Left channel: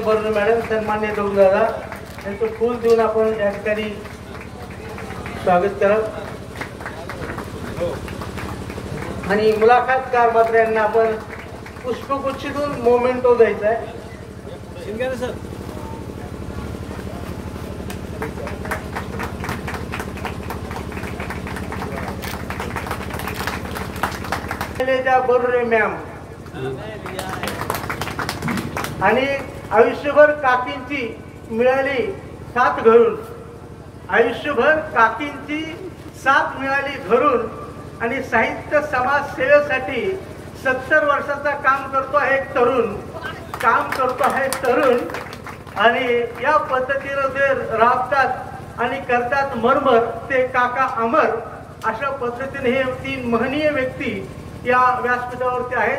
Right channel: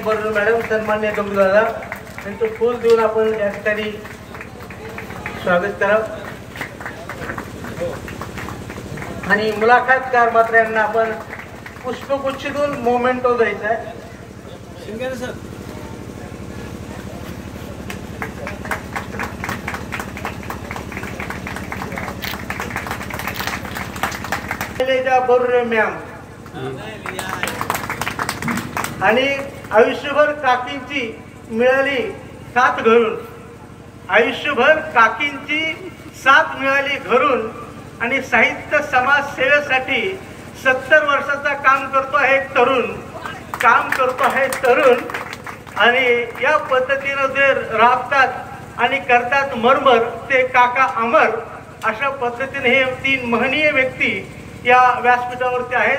बरोबर मॅडम, सन्मान्य दादा यांचं फूल देऊन आपण या ठिकाणी स्वागत करावं आणि मुलाखतकार मात्र यांना आपण पुष्पगुच्छेतून मोमेंटो द्यायचा आहे. बरोबर मॅम आणि आयुष्यभर काकींची मिळाली साथ घरून, आयुष्यभर काकींची साथ मिळाली घरून आणि साहित्य समाज सेवेसाठी 70 वर्षाचा काम करतो आहे तरुण आणि या पद्धतीने जे राबतात आणि करतात मरमर ते काका अमर. अशा पद्धतीने हे 3 महनीय व्यक्ती या व्यासपीठावरती आहेत.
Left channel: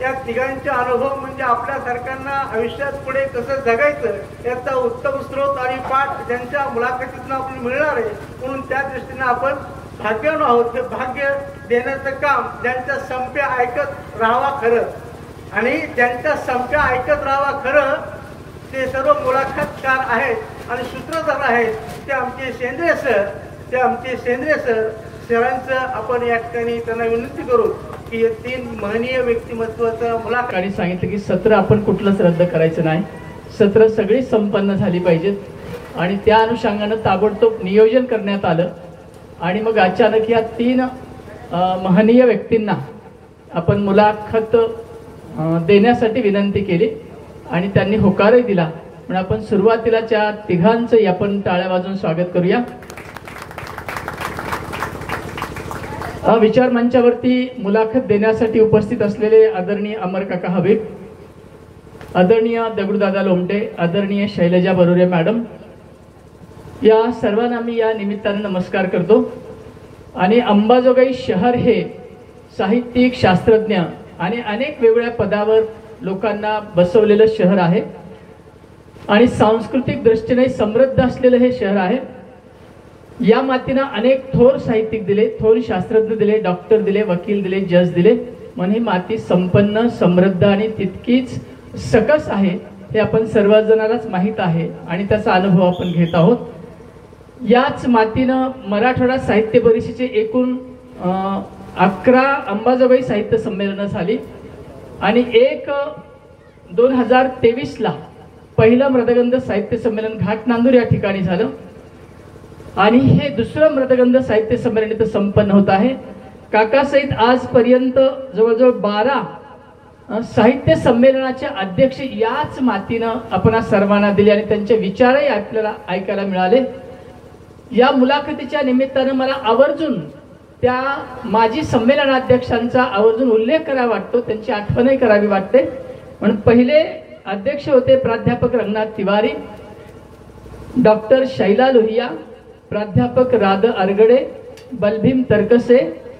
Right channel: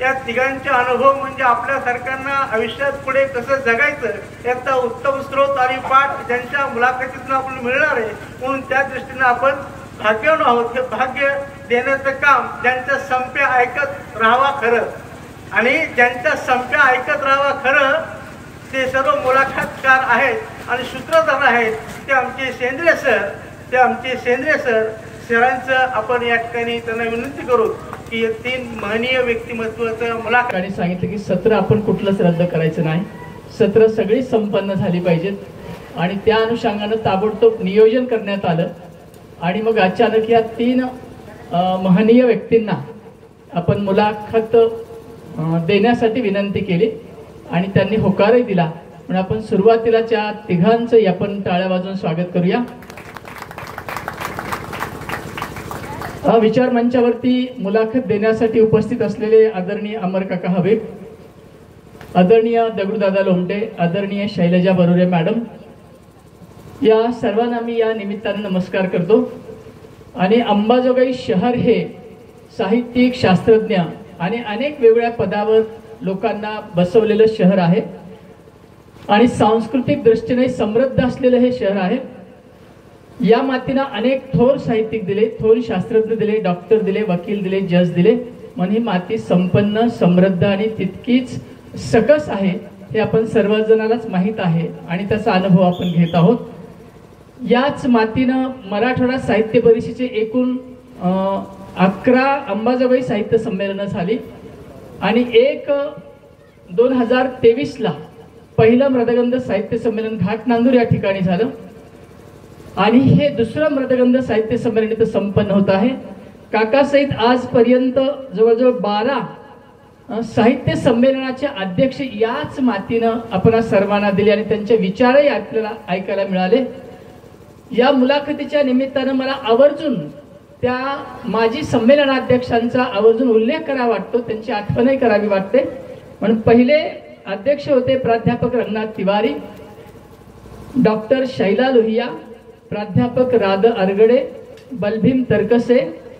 या तिघांचे अनुभव म्हणजे आपल्यासारख्यांना आयुष्यात पुढे कसं जगायचं याचा उत्तम स्रोत आणि पाठ ज्यांच्या मुलाखतीतून आपण मिळणार आहे. म्हणून त्या दृष्टीने आपण भाग्यवान आहोत. हे भाग्य देण्याचं काम ज्यांच्या संप्या ऐकत राहावा खरं आणि ज्यांच्या संप्या ऐकत राहावा खरं ते सर्व मुलाखतकार आहेत आणि सूत्रधार आहेत. ते आमचे सेंद्रिय सरांचं आपण या ठिकाणी त्यांना विनंती करू की 3 महनीय व्यक्तिमत्वाचं मुलाखत सांगितलं की सत्र आपण कुठलंच रद्द करायचं नाही. सत्र सगळी संपन्न झाली पाहिजेत आणि त्या अनुषंगानं ताबडतोब नियोजन करण्यात आलं आणि मग अचानक या 3 महनीय व्यक्तींना आपण मुलाखत देण्यासाठी विनंती केली आणि त्यांनी होकारही दिला. म्हणून आपण सुरुवातीला त्या तिघांचं आपण टाळ्या वाजवून स्वागत करूया. विचार मंचावरती मुलाखत देण्यासाठी उपस्थित असलेले आदरणीय अमर काका हबीब, आदरणीय दगडूदादा लोमटे, आदरणीय शैलजा बरोरे मॅडम, या सर्वांना मी या निमित्ताने नमस्कार करतो. आणि अंबाजोगाई शहर हे साहित्यिक, शास्त्रज्ञ आणि अनेक वेगवेगळ्या पदावर लोकांना बसवलेलं शहर आहे आणि सांस्कृतिक दृष्टीने समृद्ध असलेलं हे शहर आहे. या मातीनं अनेक थोर साहित्यिक दिले, थोर शास्त्रज्ञ दिले, डॉक्टर दिले, वकील दिले, जज दिले. म्हणून ही माती संपन्न, समृद्ध आणि तितकीच सकस आहे हे आपण सर्वजणालाच माहीत आहे आणि त्याचा अनुभव आपण घेत आहोत. याच मातीनं मराठवाडा साहित्य परिषदेचे एकूण 11 अंबाजोगाई साहित्य संमेलनं झाली आणि 2023ला पहिलं मृदगंध साहित्य संमेलन घाटनांदूर या ठिकाणी झालं आणि हे दुसरं मृदगंध साहित्य संमेलन इथं संपन्न होत आहे. काकासहित आजपर्यंत जवळजवळ 12 साहित्य संमेलनाचे अध्यक्ष याच मातीनं आपण सर्वांना दिले आणि त्यांचे विचारही आपल्याला ऐकायला मिळाले. या मुलाखतीच्या निमित्तानं मला आवर्जून त्या माजी संमेलनाध्यक्षांचा आवर्जून उल्लेख करावा वाटतो, त्यांची आठवणही करावी वाटते. म्हणून पहिले अध्यक्ष होते प्राध्यापक रंगनाथ तिवारी, डॉक्टर शैला लोहिया, प्राध्यापक राध अरगडे, बलभीम तरकसे,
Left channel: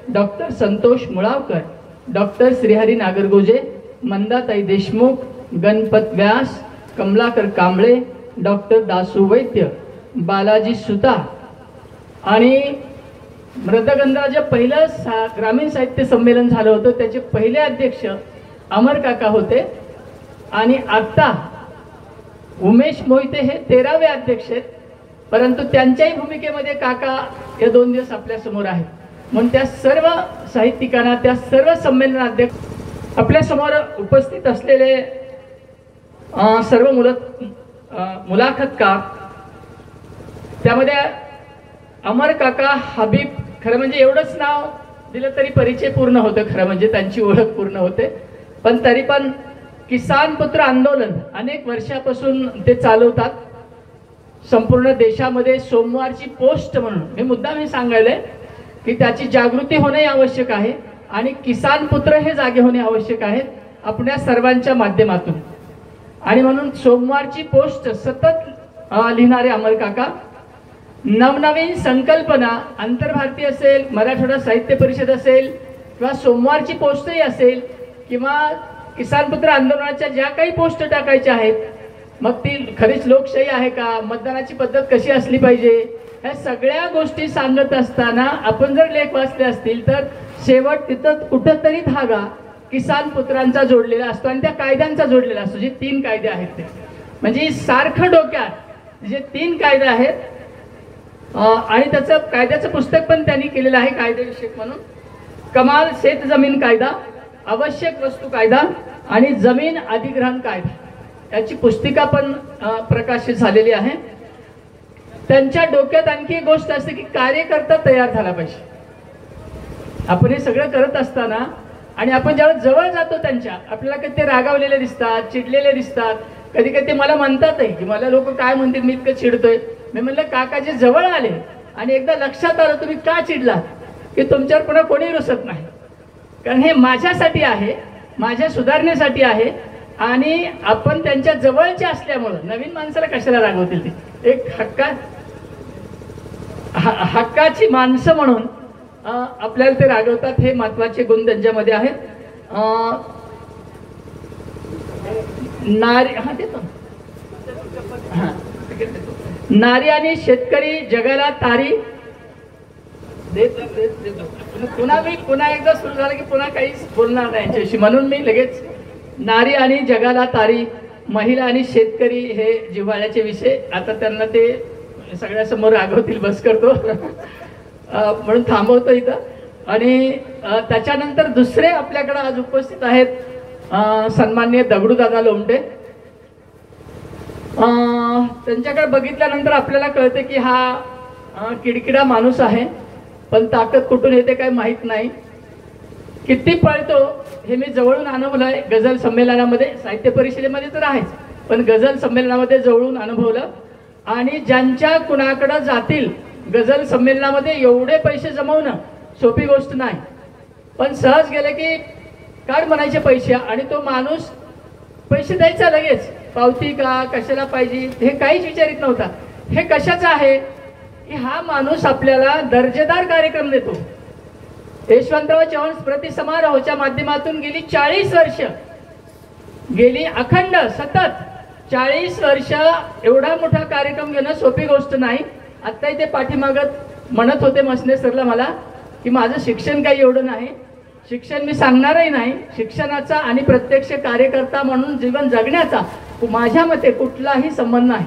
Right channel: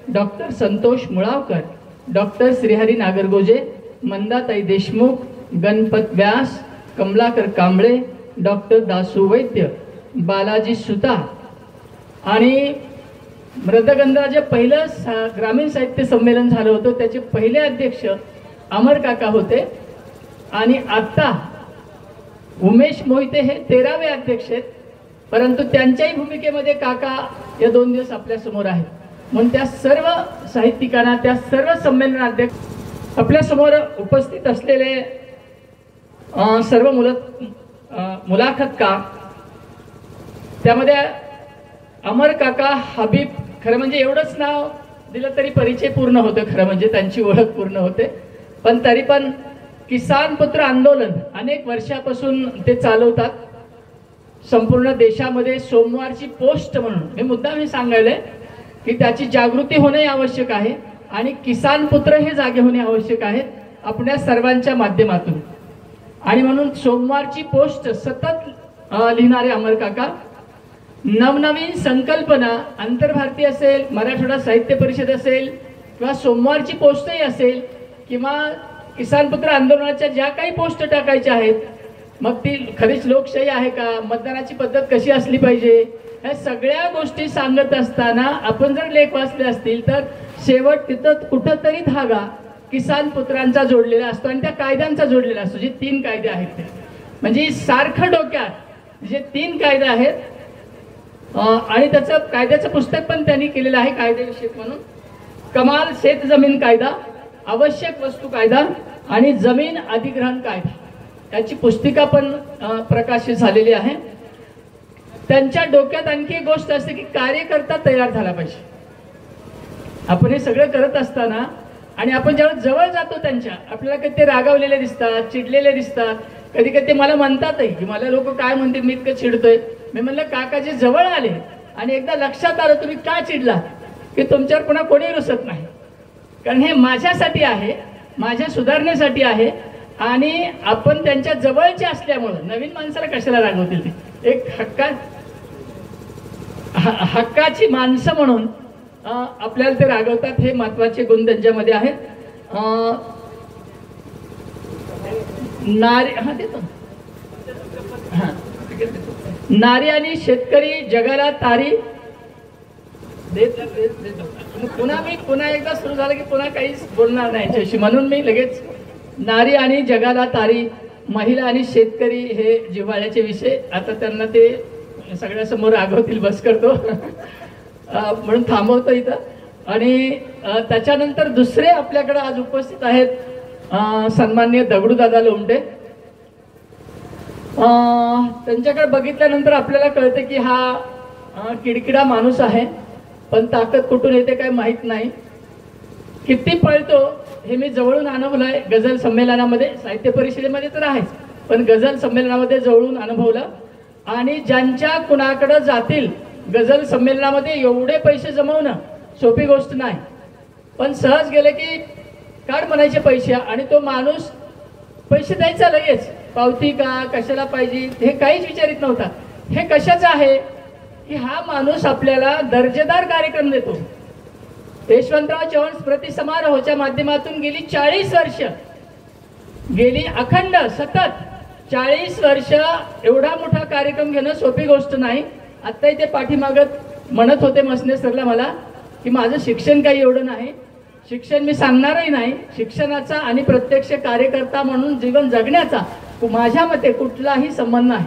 डॉक्टर संतोष मुळावकर, डॉक्टर श्रीहरी नागरगोजे, मंदाताई देशमुख, गणपत व्यास, कमलाकर कांबळे, डॉक्टर दासू वैद्य, बालाजी सुता आणि मृदगंधाचे पहिलं ग्रामीण साहित्य संमेलन झालं होतं त्याचे पहिले अध्यक्ष अमर काका होते आणि आता उमेश मोहिते हे 13वे अध्यक्ष आहेत. परंतु त्यांच्याही भूमिकेमध्ये काका या 2 दिवस आपल्या समोर आहेत. म्हणून त्या सर्व साहित्यिकांना, त्या सर्व संमेलनाध्यक्ष, आपल्या समोर उपस्थित असलेले सर्व मुलाखतकार, त्यामध्ये अमर काका हबीब, खरं म्हणजे एवढंच नाव दिलं तरी परिचय पूर्ण होतं, खरं म्हणजे त्यांची ओळख पूर्ण होते. पण तरी पण किसान पुत्र आंदोलन अनेक वर्षापासून ते चालवतात. संपूर्ण देशामध्ये सोमवारची पोस्ट म्हणून मी मुद्दाम हे सांगायलंय की त्याची जागृती होणे आवश्यक आहे आणि किसान पुत्र हे जागे होणे आवश्यक आहेत आपल्या सर्वांच्या माध्यमातून. आणि म्हणून सोमवारची पोस्ट सतत लिहिणारे अमर काका नवनवीन संकल्पना, आंतरभारतीय असेल, मराठवाडा साहित्य परिषद असेल किंवा सोमवारची पोस्टही असेल किंवा किसान पुत्र आंदोलनाच्या ज्या काही पोस्ट टाकायच्या आहेत, मग ती खरीच लोकशाही आहे का, मतदानाची पद्धत कशी असली पाहिजे, ह्या सगळ्या गोष्टी सांगत असताना आपण जर लेख वाचले असतील तर शेवट तिथं कुठंतरी धागा किसान पुत्रांचा जोडलेला असतो आणि त्या कायद्यांचा जोडलेला असतो, जे 3 कायदे आहेत ते. म्हणजे सारखं डोक्यात जे 3 कायदे आहेत आणि त्याचं कायद्याचं पुस्तक पण त्यांनी केलेलं आहे कायदेविषयक म्हणून. कमाल शेत जमीन कायदा, आवश्यक वस्तू कायदा आणि जमीन अधिग्रहण कायदा याची पुस्तिका पण प्रकाशित झालेली आहे. त्यांच्या डोक्यात आणखी एक गोष्ट असते की कार्यकर्ता तयार झाला पाहिजे. आपण हे सगळं करत असताना आणि आपण ज्यावेळेस जवळ जातो त्यांच्या, आपल्याला कधी ते रागावलेले दिसतात, चिडलेले दिसतात, कधी कधी ते मला म्हणतातही की मला लोक काय म्हणतील मी इतकं चिडतोय. मी म्हणलं काकाजी जवळ आले आणि एकदा लक्षात आलं तुम्ही का चिडलात की तुमच्यावर पुन्हा कोणी रुसत नाही, कारण हे माझ्यासाठी आहे, माझ्या सुधारण्यासाठी आहे आणि आपण त्यांच्या जवळचे असल्यामुळं नवीन माणसाला कशाला रागवतील ते. एक हक्काची माणसं म्हणून आपल्याला ते रागवतात. हे महत्वाचे गुण त्यांच्यामध्ये आहेत. नारी आणि शेतकरी जगाला तारी पुन्हा एकदा सुरू झालं की पुन्हा काहीच बोलणार नाही यांच्याशी, म्हणून मी लगेच नारी आणि जगाला तारी, महिला आणि शेतकरी हे जिव्हाळ्याचे विषय. आता त्यांना ते सगळ्यासमोर रागवतील, बस करतो म्हणून थांबवतो इथं. आणि त्याच्यानंतर दुसरे आपल्याकडे आज उपस्थित आहेत सन्माननीय दगडूदादा लोमटे. त्यांच्याकडे बघितल्यानंतर आपल्याला कळते की हा किडकिडा माणूस आहे, पण ताकद कुठून येते काय माहित नाही. किती पळतो हे मी जवळून अनुभवलं आहे. गझल संमेलनामध्ये, साहित्य परिषदेमध्ये तर आहेच, पण गझल संमेलनामध्ये जवळून अनुभवलं. आणि ज्यांच्या कुणाकडे जातील गझल संमेलनामध्ये एवढे पैसे जमवणं सोपी गोष्ट नाही, पण सहज गेले की काढ म्हणायचे पैसे आणि तो माणूस पैसे द्यायचा लगेच. पावती का, कशाला पाहिजे हे काहीच विचारित नव्हता. हे कशाचं आहे की हा माणूस आपल्याला दर्जेदार कार्यक्रम देतो. यशवंतराव चव्हाण स्मृती समारोहाच्या माध्यमातून गेली 40 वर्ष, गेली अखंड सतत 40 वर्ष एवढा मोठा कार्यक्रम घेणं सोपी गोष्ट नाही. आत्ताही ते पाठीमागत म्हणत होते मसने सरला मला की माझं शिक्षण काही एवढं नाही, शिक्षण मी सांगणारही नाही. शिक्षणाचा आणि प्रत्यक्ष कार्यकर्ता म्हणून जीवन जगण्याचा माझ्या मते कुठलाही संबंध नाही.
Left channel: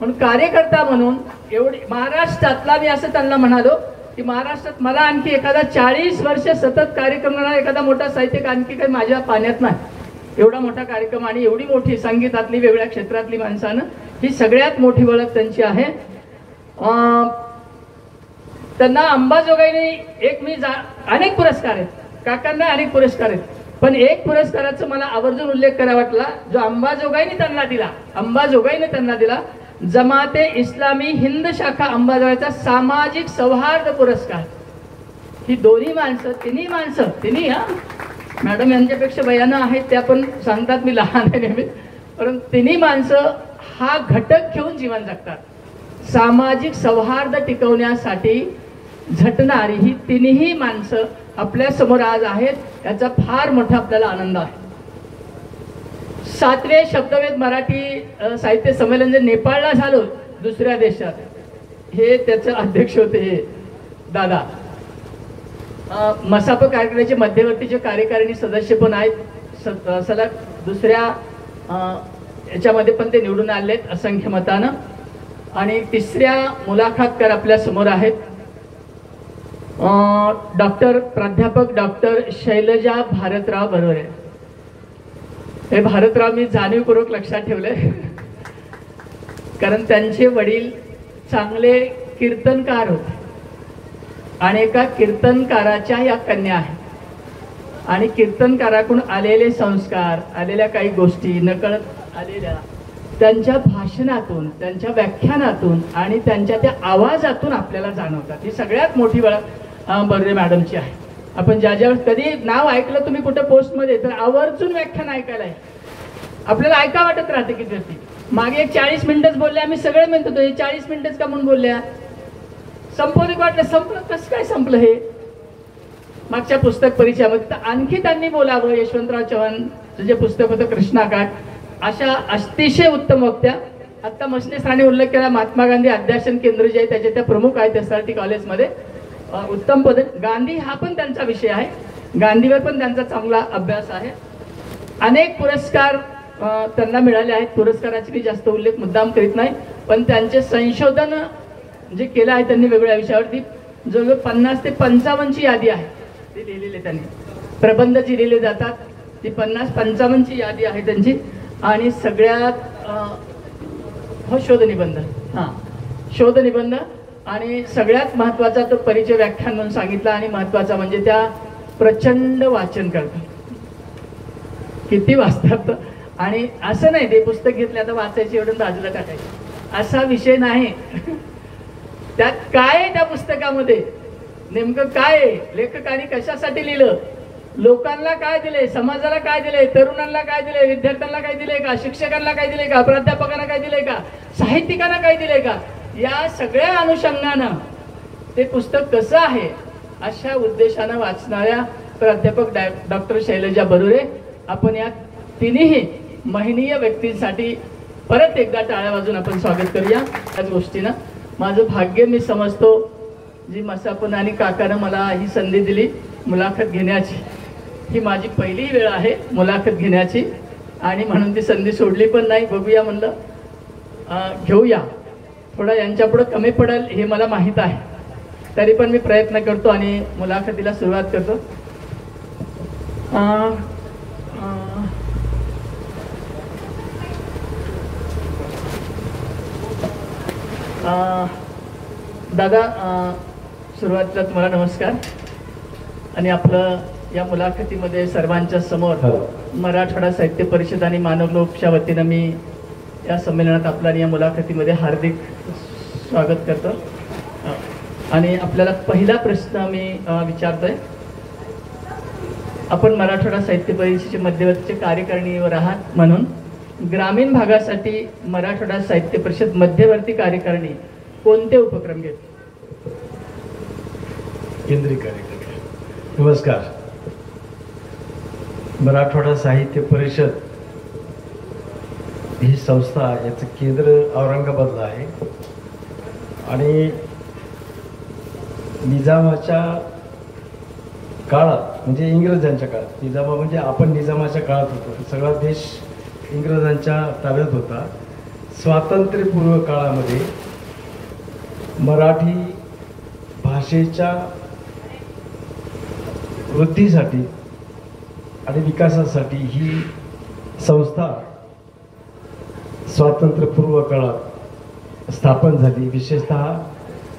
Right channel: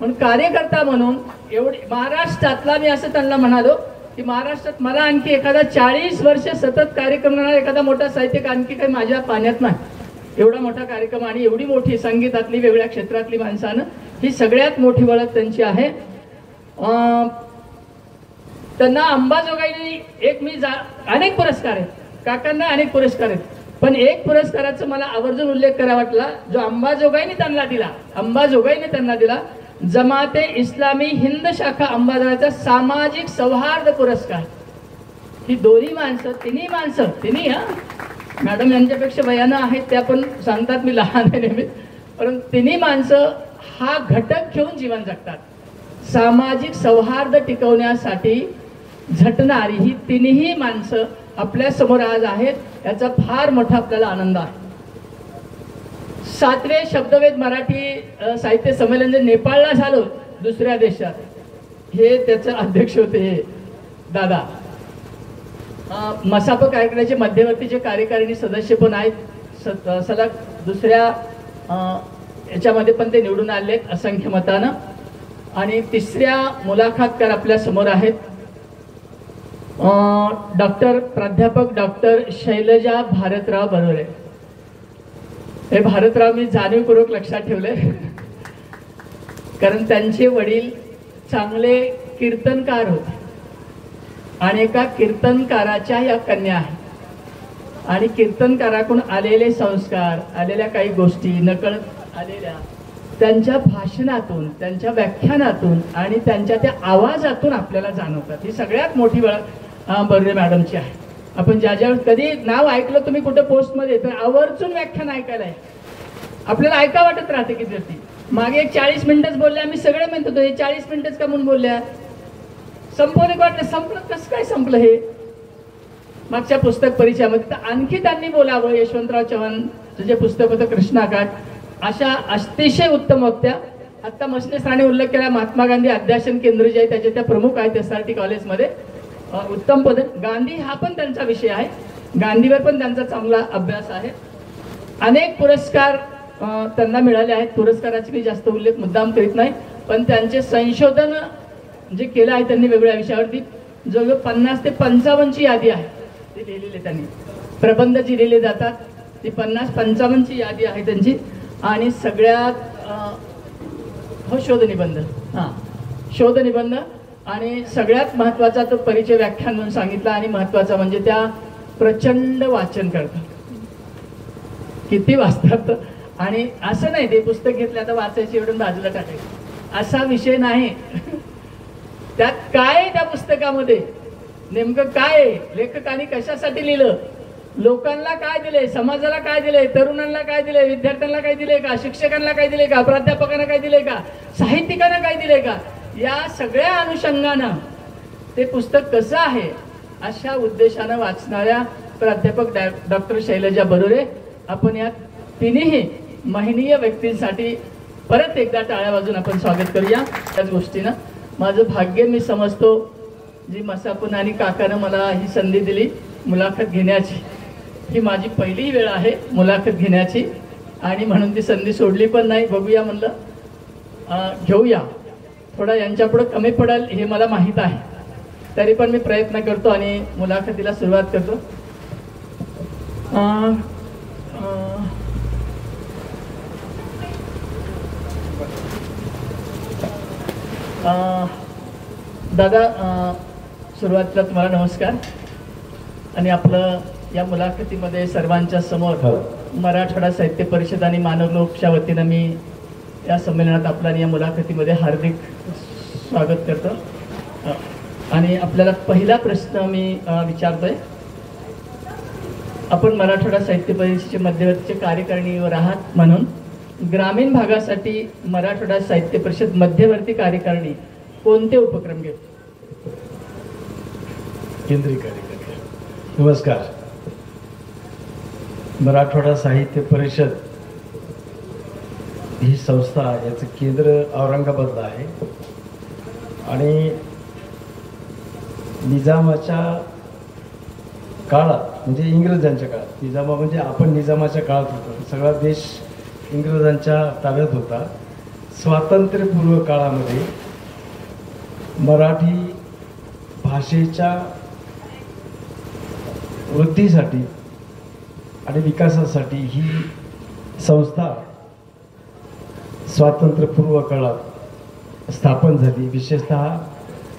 पण कार्यकर्ता म्हणून एवढी महाराष्ट्रातला, मी असं त्यांना म्हणालो की महाराष्ट्रात मला आणखी एखादा 40 वर्ष सतत कार्यक्रम करणारा एखादा मोठा साहित्यिक आणखी काही माझ्या पाण्यात नाही. एवढा मोठा कार्यक्रम आणि एवढी मोठी संगीतातली वेगळ्या क्षेत्रातली माणसानं, ही सगळ्यात मोठी ओळख त्यांची आहे. त्यांना अंबाजोगाईने अनेक पुरस्कार आहेत, काकांना अनेक पुरस्कार आहेत, पण एक पुरस्काराचा मला आवर्जून उल्लेख करा वाटला जो अंबाजोगाईने त्यांना दिला. जमाते इस्लामी हिंद शाखा अंबाजोगाईचा सामाजिक सौहार्द पुरस्कार. ही दोन्ही माणसं, तिन्ही मॅडम यांच्यापेक्षा वयानं आहेत, त्या पण सांगतात मी लहान आहे नेहमी, परंतु तिन्ही माणसं हा घटक घेऊन जीवन जगतात. सामाजिक सौहार्द टिकवण्यासाठी झटणारी ही तिन्ही माणसं आपल्या समोर आज आहेत, याचा फार मोठा आपल्याला आनंद आहे. 7वे शब्दवेध मराठी साहित्य संमेलन जे नेपाळला झालं दुसऱ्या देशात, हे त्याचे अध्यक्ष होते हे दादा. मसाप कार्यक्रमाचे मध्यवर्तीचे कार्यकारिणी सदस्य पण आहेत, सलग दुसऱ्या याच्यामध्ये पण ते निवडून आलेत असंख्य मतानं. आणि तिसऱ्या मुलाखतकार आपल्या समोर आहेत प्राध्यापक डॉक्टर शैलजा भारतराव बरोबर. हे भारतराव मी जाणीवपूर्वक लक्षात ठेवले कारण त्यांचे वडील चांगले कीर्तनकार होते आणि एका कीर्तनकाराच्या या कन्या आहेत. आणि कीर्तनकाराकडून आलेले संस्कार, आलेल्या काही गोष्टी नकळत आलेल्या त्यांच्या भाषणातून, त्यांच्या व्याख्यानातून आणि त्यांच्या त्या आवाजातून आपल्याला जाणवतात. ही सगळ्यात मोठी बर्वे मॅडमची आहे. आपण ज्यावेळेस कधी नाव ऐकलं तुम्ही कुठे पोस्टमध्ये, तर आवर्जून व्याख्यान ऐकायला आहे. आपल्याला ऐका वाटत राहते की व्यक्ती मागे 40 मिनिटच बोलल्या, आम्ही सगळे म्हणत होतो हे 40 मिनिटच का म्हणून बोलल्या, संपवलं वाटलं, संपलं कसं काय संपलं हे. मागच्या पुस्तक परिचयामध्ये तर आणखी त्यांनी बोलावं. यशवंतराव चव्हाणचं जे पुस्तक होतं कृष्णाकाठ, अशा अतिशय उत्तम वक्त्या. आता मसने सरांनी उल्लेख केला महात्मा गांधी अध्यासन केंद्र जे आहे त्याचे त्या प्रमुख आहेत SRT कॉलेजमध्ये, उत्तम पद. गांधी हा पण त्यांचा विषय आहे, गांधीवर पण त्यांचा चांगला अभ्यास आहे. अनेक पुरस्कार त्यांना मिळाले आहेत. पुरस्काराचे काही जास्त उल्लेख मुद्दाम करीत नाही, पण त्यांचे संशोधन जे केलं आहे त्यांनी वेगवेगळ्या विषयावरती जवळजवळ 50 ते 55ची यादी आहे ते लिहिलेले त्यांनी. प्रबंध जे लिहिले जातात ती 50-55ची यादी आहे त्यांची. आणि सगळ्यात शोधनिबंध, शोधनिबंध आणि सगळ्यात महत्त्वाचा तो परिचय व्याख्यान म्हणून सांगितला. आणि महत्त्वाचा म्हणजे त्या प्रचंड वाचन करतात, किती वाचतात. आणि असं नाही ते पुस्तक घेतलं आता वाचायची एवढं बाजूला टाकायचं असा विषय नाही. त्यात काय आहे त्या पुस्तकामध्ये, नेमकं काय आहे, लेखकाने कशासाठी लिहिलं, लोकांना काय दिले, समाजाला काय दिले, तरुणांना काय दिले, विद्यार्थ्यांना काय दिले का, शिक्षकांना काय दिले का, प्राध्यापकांना काय दिले का, साहित्यिकांना काय दिले का, या सगळ्या अनुषंगानं ते पुस्तक कसं आहे अशा उद्देशानं वाचणाऱ्या प्राध्यापक डॉक्टर शैलजा बरुरे, आपण या तिन्ही महनीय व्यक्तींसाठी परत एकदा टाळ्या वाजून आपण स्वागत करूया. त्याच गोष्टीनं माझं भाग्य मी समजतो जी मसापन आणि काकानं मला ही संधी दिली मुलाखत घेण्याची. ही माझी पहिली वेळ आहे मुलाखत घेण्याची आणि म्हणून ती संधी सोडली पण नाही. बघूया म्हणलं घेऊया, थोडा यांच्यापुढे कमी पडेल हे मला माहीत आहे, तरी पण मी प्रयत्न करतो आणि मुलाखतीला सुरुवात करतो. दादा, सुरुवातीला तुम्हाला नमस्कार. आणि आपलं या मुलाखतीमध्ये सर्वांच्या समोर मराठवाडा साहित्य परिषद आणि मानव लोकच्या वतीनं मी या संमेलनात आपला या मुलाखतीमध्ये हार्दिक स्वागत करतो. आणि आपल्याला पहिला प्रश्न मी विचारतोय. आपण मराठवाडा साहित्य परिषदेचे मध्यवर्तीचे कार्यकारिणीवर आहात, म्हणून ग्रामीण भागासाठी मराठवाडा साहित्य परिषद मध्यवर्ती कार्यकारिणी कोणते उपक्रम घेते? केंद्रीय कार्यकारिणी. नमस्कार. मराठवाडा साहित्य परिषद ही संस्था, याचं केंद्र औरंगाबादला आहे आणि निजामाच्या काळात म्हणजे इंग्रजांच्या काळात, निजामा म्हणजे आपण निजामाच्या काळात होतो, सगळा देश इंग्रजांच्या ताब्यात होता. स्वातंत्र्यपूर्व काळामध्ये मराठी भाषेच्या वृद्धीसाठी आणि विकासासाठी ही संस्था स्वातंत्र्यपूर्व काळात स्थापन झाली. विशेषतः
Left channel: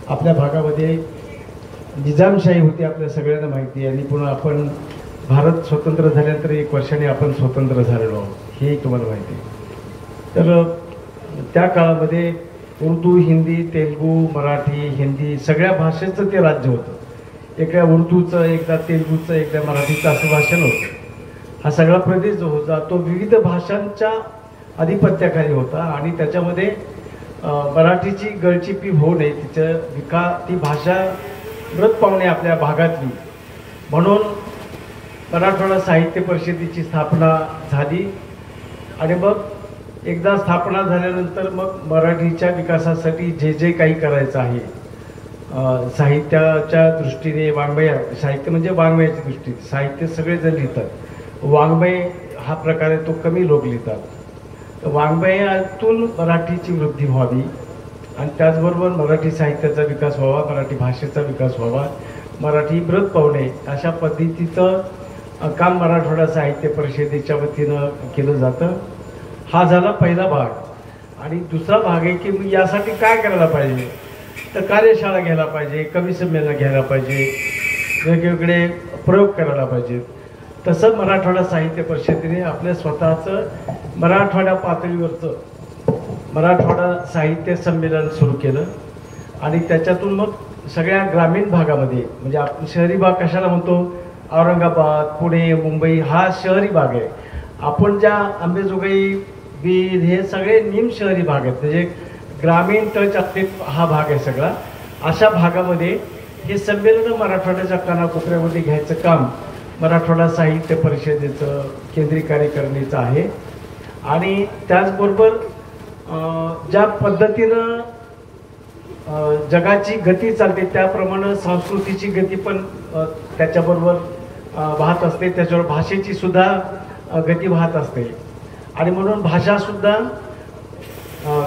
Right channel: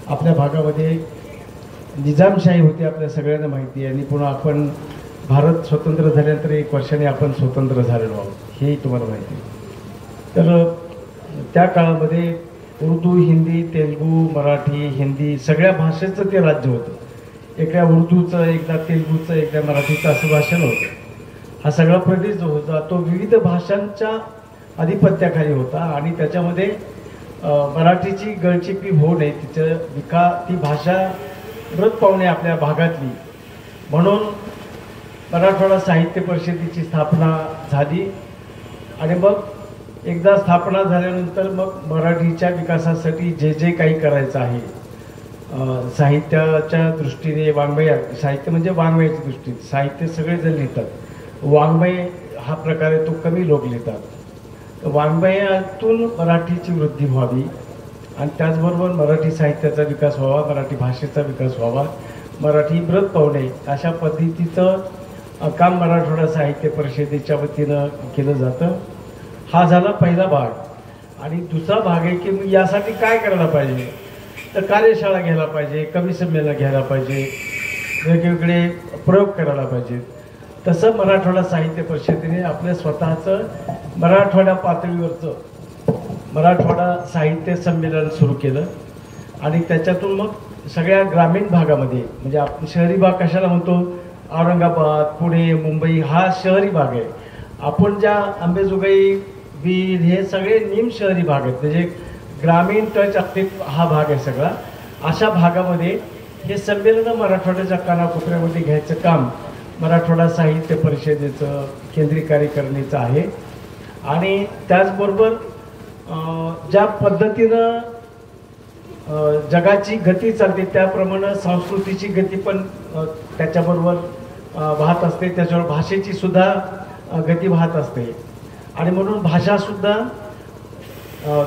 आपल्या भागामध्ये निजामशाही होती, आपल्या सगळ्यांना माहिती आहे. आणि पुन्हा आपण भारत स्वतंत्र झाल्यानंतर 1 वर्षाने आपण स्वतंत्र झालेलो आहोत, हेही तुम्हाला माहिती आहे. तर त्या काळामध्ये उर्दू, हिंदी, तेलुगू, मराठी, हिंदी सगळ्या भाषेचं ते राज्य होतं. एकदा उर्दूचं, एकदा तेलुगूचं, एकदा मराठीचं असं भाषण होतं. हा सगळा प्रदेश जो होता तो विविध भाषांच्या आधिपत्याखाली होता आणि त्याच्यामध्ये मराठीची गळचिपी होऊ नये, ती भाषा मृत पावणे आपल्या भागातली, म्हणून मराठवाडा साहित्य परिषदेची स्थापना झाली. आणि मग एकदा स्थापना झाल्यानंतर मग मराठीच्या विकासासाठी जे जे काही करायचं आहे, साहित्याच्या दृष्टीने, वाङ्मय साहित्य म्हणजे वाङ्मयाच्या दृष्टीने, साहित्य सगळेजण लिहितात, वाङ्मय हा प्रकार आहे तो कमी लोक लिहितात. वाङ्मयातून मराठीची वृद्धी व्हावी आणि त्याचबरोबर मराठी साहित्याचा विकास व्हावा, मराठी भाषेचा विकास व्हावा, मराठी मृत पावणे अशा पद्धतीचं काम मराठवाडा साहित्य परिषदेच्या वतीनं केलं जातं. हा झाला पहिला भाग. आणि दुसरा भाग आहे की मी यासाठी काय करायला पाहिजे, तर कार्यशाळा घ्यायला पाहिजे, कवी संमेलन घ्यायला पाहिजे, वेगवेगळे प्रयोग करायला पाहिजेत. तसं मराठवाडा साहित्य परिषदेने आपल्या स्वतःचं मराठवाडा पातळीवरचं मराठवाडा साहित्य संमेलन सुरू केलं. आणि त्याच्यातून मग सगळ्या ग्रामीण भागामध्ये, म्हणजे आपण शहरी भाग कशाला म्हणतो, औरंगाबाद, पुणे, मुंबई हा शहरी भाग आहे. आपण ज्या अंबेजोगाई, बीड हे सगळे निम शहरी भाग आहेत, म्हणजे ग्रामीण टच असले हा भाग आहे सगळा. अशा भागामध्ये हे संमेलन मराठवाड्याच्या कानाकोपऱ्यामध्ये घ्यायचं काम मराठवाडा साहित्य परिषदेचं केंद्रीय कार्यकारिणीचं आहे. आणि त्याचबरोबर ज्या पद्धतीनं जगाची गती चालते त्याप्रमाणे संस्कृतीची गती पण त्याच्याबरोबर वाहत असते, त्याच्यावर भाषेची सुद्धा गती वाहत असते. आणि म्हणून भाषासुद्धा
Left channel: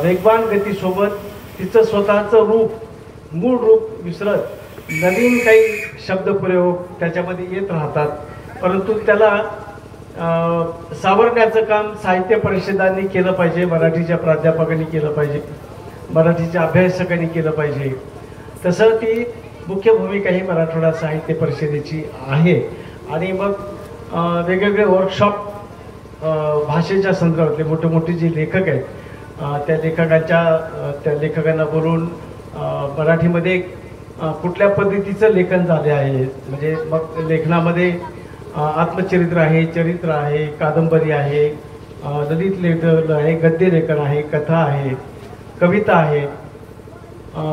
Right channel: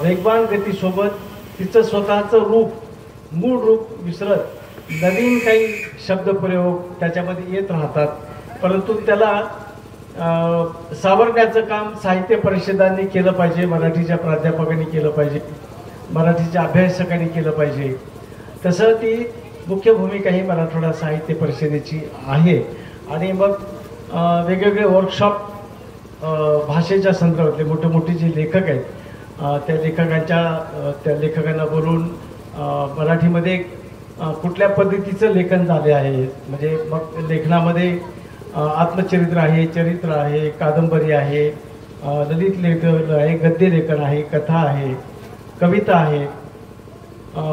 वेगवान गतीसोबत तिचं स्वतःचं रूप मूळ रूप विसरत नवीन काही शब्दप्रयोग त्याच्यामध्ये येत राहतात. परंतु त्याला सावरण्याचं काम साहित्य परिषदांनी केलं पाहिजे, मराठीच्या प्राध्यापकांनी केलं पाहिजे, मराठीच्या अभ्यासकांनी केलं पाहिजे. तसं ती मुख्य भूमिका ही मराठवाडा साहित्य परिषदेची आहे. आणि मग वेगवेगळे वर्कशॉप भाषेच्या संदर्भातले मोठे मोठे जे लेखक आहेत त्या लेखकांना बोलून मराठीमध्ये कुठल्या पद्धतीचं लेखन झाले आहे, म्हणजे मग लेखनामध्ये आत्मचरित्र आहे, चरित्र आहे, कादंबरी आहे, ललित लेखन आहे, गद्य लेखन आहे, कथा आहे, कविता आहे,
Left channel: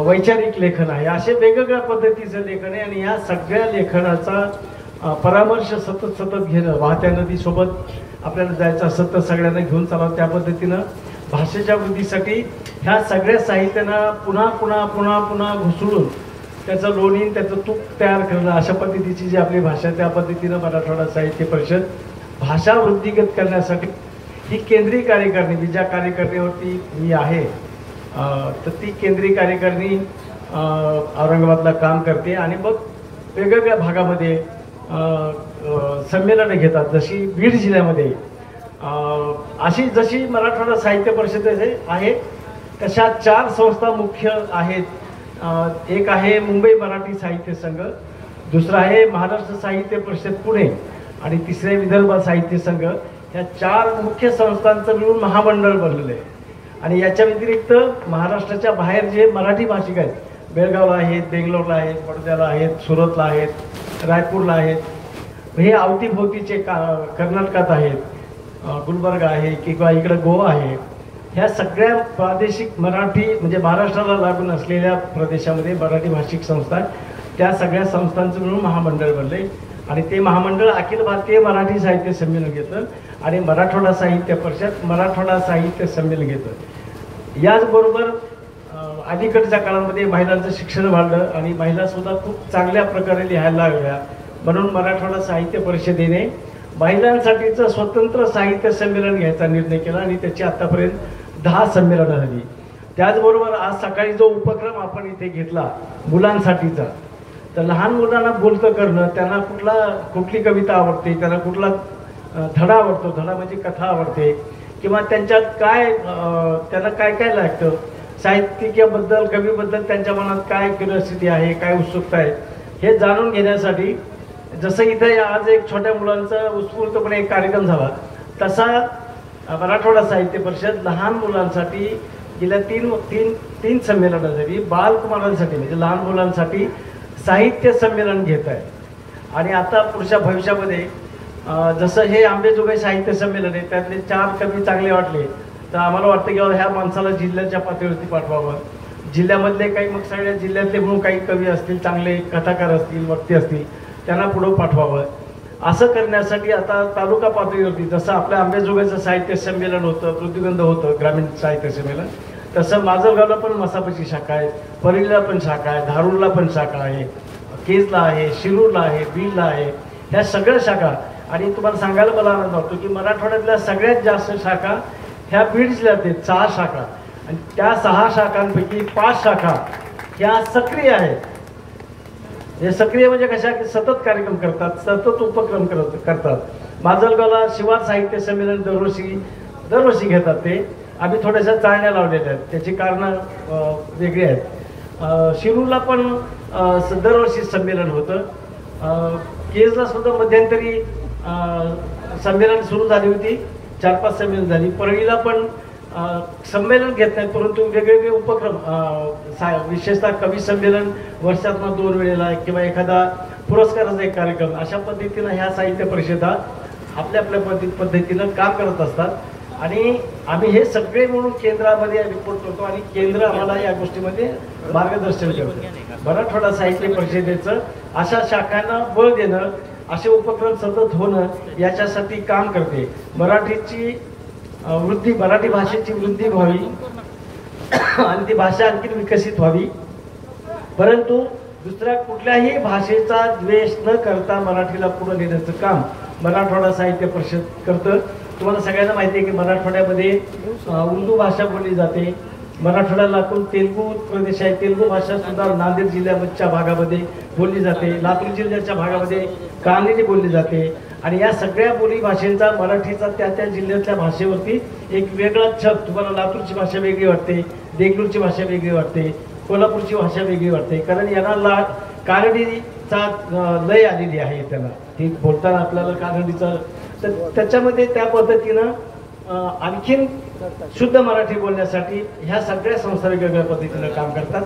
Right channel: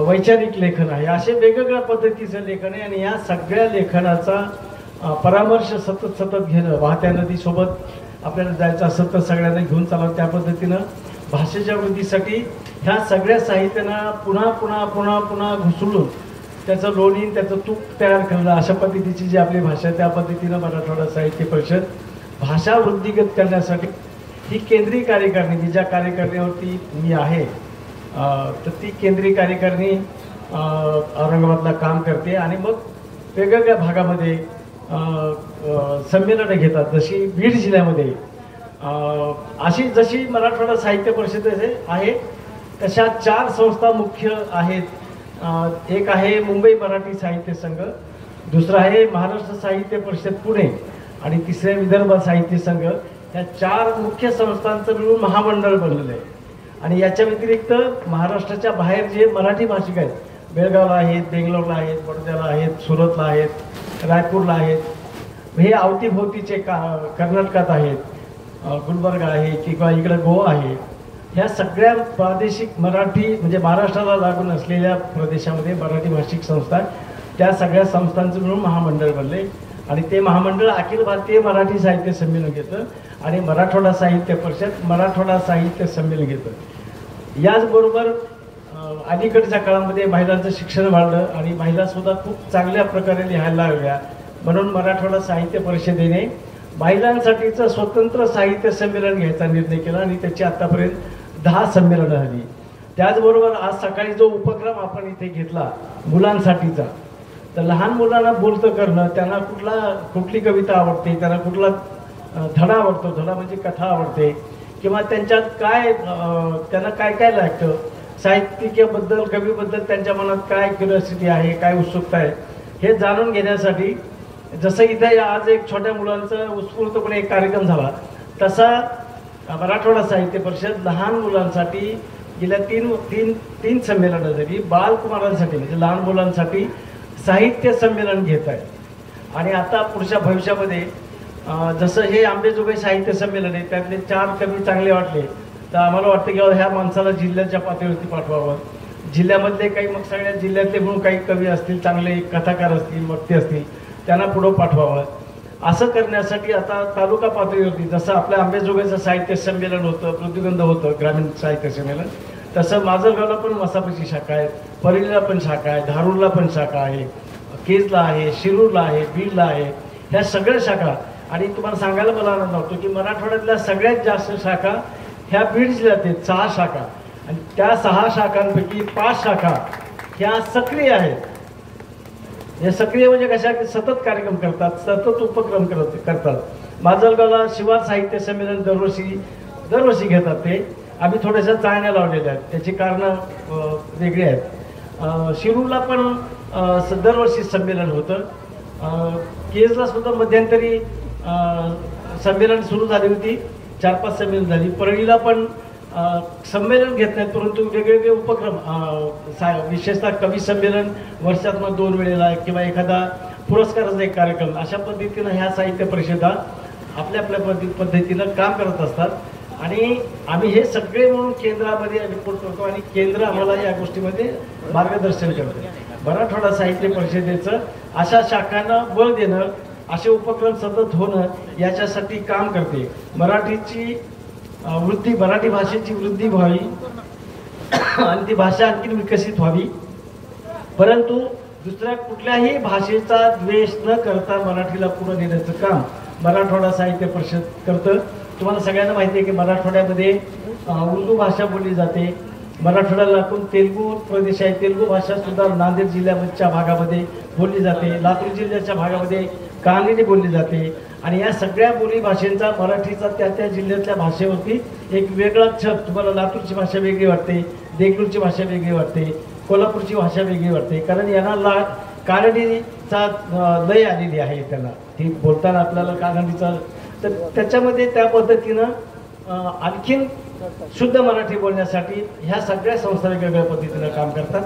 वैचारिक लेखन आहे, असे वेगवेगळ्या पद्धतीचं लेखन आहे. आणि या सगळ्या लेखनाचा परामर्श सतत घेणं, वाहत्या नदीसोबत आपल्याला जायचं असतं तर सगळ्यांना घेऊन चालावं, त्या पद्धतीनं भाषेच्या वृद्धीसाठी ह्या सगळ्या साहित्यांना पुन्हा पुन्हा पुन्हा पुन्हा घुसळून त्याचं लोणी त्याचं तूप तयार करणं, अशा पद्धतीची जी आपली भाषा त्या पद्धतीनं मराठवाडा साहित्य परिषद भाषा वृद्धिगत करण्यासाठी ही केंद्रीय कार्यकारिणी, मी ज्या कार्यकारिणीवरती मी आहे तर ती केंद्रीय कार्यकारिणी औरंगाबादला काम करते. आणि मग वेगवेगळ्या भागामध्ये संमेलनं घेतात. जशी बीड जिल्ह्यामध्ये अशी जशी मराठवाडा साहित्य परिषद आहे तशा 4 संस्था मुख्य आहेत. एक आहे मुंबई मराठी साहित्य संघ, दुसरा आहे महाराष्ट्र साहित्य परिषद पुणे आणि तिसरे विदर्भ साहित्य संघ. ह्या 4 मुख्य संस्थांचं मिळून महामंडळ बनलेलं आहे. आणि याच्या व्यतिरिक्त महाराष्ट्राच्या बाहेर जे मराठी भाषिक आहेत, बेळगावला आहेत, बेंगलोरला आहेत, वर्ध्याला आहेत, सुरतला आहेत, रायपूरला आहेत, हे अवतीभोवतीचे कर्नाटकात आहेत, गुलबर्गा आहे किंवा इकडं गोवा आहे, ह्या सगळ्या प्रादेशिक मराठी म्हणजे महाराष्ट्राला लागून असलेल्या प्रदेशामध्ये मराठी भाषिक संस्था, त्या सगळ्या संस्थांचं मिळून महामंडळ बनले. आणि ते महामंडळ अखिल भारतीय मराठी साहित्य संमेलन घेतं आणि मराठवाडा साहित्य परिषद मराठवाडा साहित्य संमेलन घेतं. याचबरोबर अलीकडच्या काळामध्ये महिलांचं शिक्षण वाढलं आणि महिलासुद्धा खूप चांगल्या प्रकारे लिहायला लागल्या. म्हणून मराठवाडा साहित्य परिषदेने महिलांसाठीचं स्वतंत्र साहित्य संमेलन घ्यायचा निर्णय केला आणि त्याची आतापर्यंत 10 संमेलनं झाली. त्याचबरोबर आज सकाळी जो उपक्रम आपण इथे घेतला मुलांसाठीचा, तर लहान मुलांना बोलतं करणं, त्यांना कुठली कविता आवडते, त्यांना कुठला धडा आवडतो, धडा म्हणजे कथा आवडते, किंवा त्यांच्यात त्यांना काय लागतं, साहित्यिकाबद्दल कवीबद्दल त्यांच्या मनात काय क्युरिओसिटी आहे, काय उत्सुकता आहे, हे जाणून घेण्यासाठी जसं इथं आज एक छोट्या मुलांचा उत्स्फूर्तपणे एक कार्यक्रम झाला, तसा मराठवाडा साहित्य परिषद लहान मुलांसाठी गेल्या तीन संमेलनं झाली. बालकुमारांसाठी म्हणजे लहान मुलांसाठी साहित्य संमेलन घेत आहे. आणि आता पुढच्या भविष्यामध्ये जसं हे आंबेजोगाई साहित्य संमेलन आहे, त्यातले 4 कवी चांगले वाटले तर आम्हाला वाटतं की ह्या माणसाला जिल्ह्याच्या पातळीवरती पाठवावं. जिल्ह्यामधले काही मग सगळ्या जिल्ह्यातले म्हणून काही कवी असतील, चांगले कथाकार असतील, वक्ते असतील, त्यांना पुढं पाठवावं. असं करण्यासाठी आता तालुका पातळीवरती जसं आपल्या आंबेजोगाईचं साहित्य संमेलन होतं, प्रतिबंध होतं ग्रामीण साहित्य संमेलन, तसं माजलगावला पण मसापची शाखा आहे, परळीला पण शाखा आहे, धारूरला पण शाखा आहे, केजला आहे, शिरूरला आहे, बीडला आहे, ह्या सगळ्या शाखा. आणि तुम्हाला सांगायला मला आनंद वाटतो की मराठवाड्यातल्या सगळ्यात जास्त शाखा ह्या बीड जिल्ह्यात आहेत, 6 शाखा. आणि त्या 6 शाखांपैकी 5 शाखा ह्या सक्रिय आहेत. हे सक्रिय म्हणजे कशा की सतत कार्यक्रम करतात, सतत उपक्रम करतात. माजलगावला शिवार साहित्य संमेलन दरवर्षी घेतात. ते आम्ही थोड्याशा चाळण्या लावलेल्या आहेत, त्याची कारणं वेगळी आहेत. शिरूरला पण दरवर्षी संमेलन होतं. केजला सुद्धा मध्यंतरी संमेलन सुरू झाली होती, 4-5 संमेलन झाली. परळीला पण संमेलन घेत नाहीत, परंतु वेगवेगळे उपक्रम, विशेषतः कवी संमेलन वर्षातनं 2 वेळेला किंवा एखादा पुरस्काराचा एक कार्यक्रम, अशा पद्धतीनं ह्या साहित्य परिषदा आपल्या पद्धतीनं काम करत असतात. आणि आम्ही हे सगळे म्हणून केंद्रामध्ये रिपोर्ट करतो आणि केंद्र आम्हाला या गोष्टीमध्ये मार्गदर्शन करतं. मराठवाडा साहित्य परिषदेचं अशा शाखांना बळ देणं, असे उपक्रम सतत होणं याच्यासाठी काम करते. मराठीची वृद्धी, मराठी भाषेची वृद्धी व्हावी आणि ती भाषा आणखी विकसित व्हावी. परंतु दुसऱ्या कुठल्याही भाषेचा द्वेष न करता मराठीला पुढे नेण्याचं काम मराठवाडा साहित्य परिषद करतं. तुम्हाला सगळ्यांना माहिती आहे की मराठवाड्यामध्ये उर्दू भाषा बोलली जाते. मराठवाड्यातून तेलुगू प्रदेश आहे, तेलुगू भाषा सुद्धा नांदेड जिल्ह्याच्या भागामध्ये बोलली जाते. लातूर जिल्ह्याच्या भागामध्ये कानडी बोलली जाते. आणि या सगळ्या बोली भाषेचा मराठीचा त्या त्या जिल्ह्यातल्या भाषेवरती एक वेगळा छत. तुम्हाला लातूरची भाषा वेगळी वाटते, देगलूरची भाषा वेगळी वाटते, कोल्हापूरची भाषा वेगळी वाटते, कारण यांना कानडीचा लय आलेली आहे. त्यांना ती बोलताना आपल्याला कानडीचा, तर त्याच्यामध्ये त्या पद्धतीनं आणखीन शुद्ध मराठी बोलण्यासाठी ह्या सगळ्या संस्था वेगवेगळ्या पद्धतीनं काम करतात.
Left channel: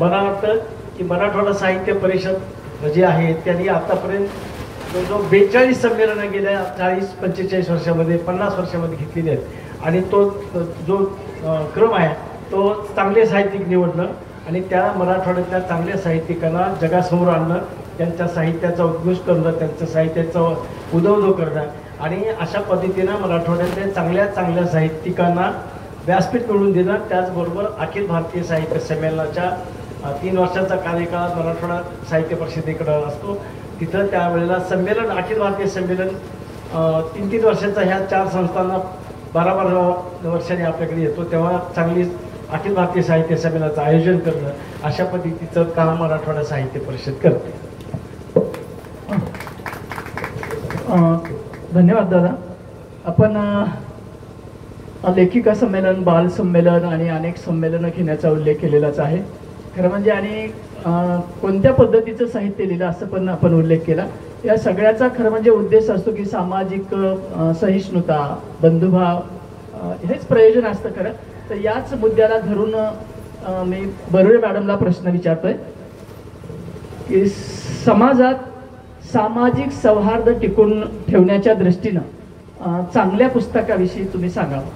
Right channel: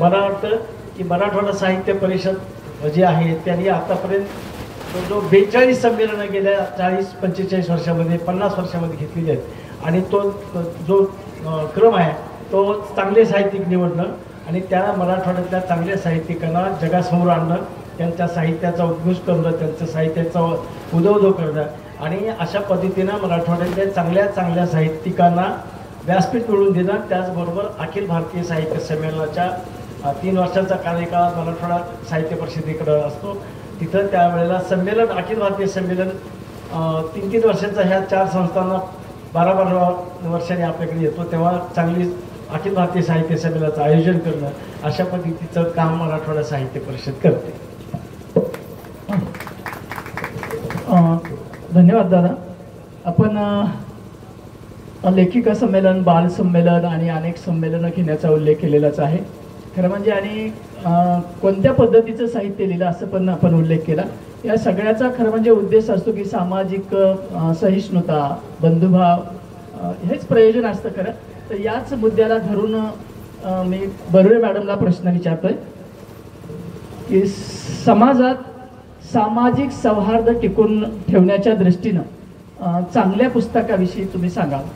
मला वाटतं की मराठवाडा साहित्य परिषद जी आहे त्यांनी आतापर्यंत जो 42 संमेलनं गेल्या 40-45 वर्षामध्ये 50 वर्षामध्ये घेतलेली आहेत. आणि तो जो क्रम आहे तो चांगले साहित्यिक निवडणं आणि त्या मराठवाड्यातल्या चांगल्या साहित्यिकांना जगासमोर आणणं, त्यांच्या साहित्याचा उद्घोष करणं, त्यांच्या साहित्याचा उदो करणं आणि अशा पद्धतीनं मराठवाड्यातल्या चांगल्या साहित्यिकांना व्यासपीठ मिळवून देणं. त्याचबरोबर अखिल भारतीय साहित्य संमेलनाच्या 3 वर्षाचा कार्यकाळ मराठवाडा साहित्य परिषदेकडं असतो. तिथं त्यावेळेला संमेलन, अखिल भारतीय संमेलन 3-3 वर्षाचा ह्या 4 संस्थांना 12-12 वर्षांनी आपल्याकडे येतो. तेव्हा चांगली अखिल भारतीय साहित्य संमेलनाचं आयोजन करणं, अशा पद्धतीचं काम मराठवाडा साहित्य परिषद करते. धन्यवाद दादा. आपण लेखिका संमेलन, बाल संमेलन आणि अनेक संमेलनं घेण्याचा उल्लेख केलेलाच आहे. खरं म्हणजे आणि कोणत्या पद्धतीचं साहित्य लिहिलं असं पण आपण उल्लेख केला. या सगळ्याचा खरं म्हणजे उद्देश असतो की सामाजिक सहिष्णुता, बंधुभाव हेच प्रयोजन असतं खरं. तर याच मुद्द्याला धरून मी बरुळे मॅडमला प्रश्न विचारतोय की समाजात सामाजिक सौहार्द टिकून ठेवण्याच्या दृष्टीनं चांगल्या पुस्तकाविषयी तुम्ही सांगावं.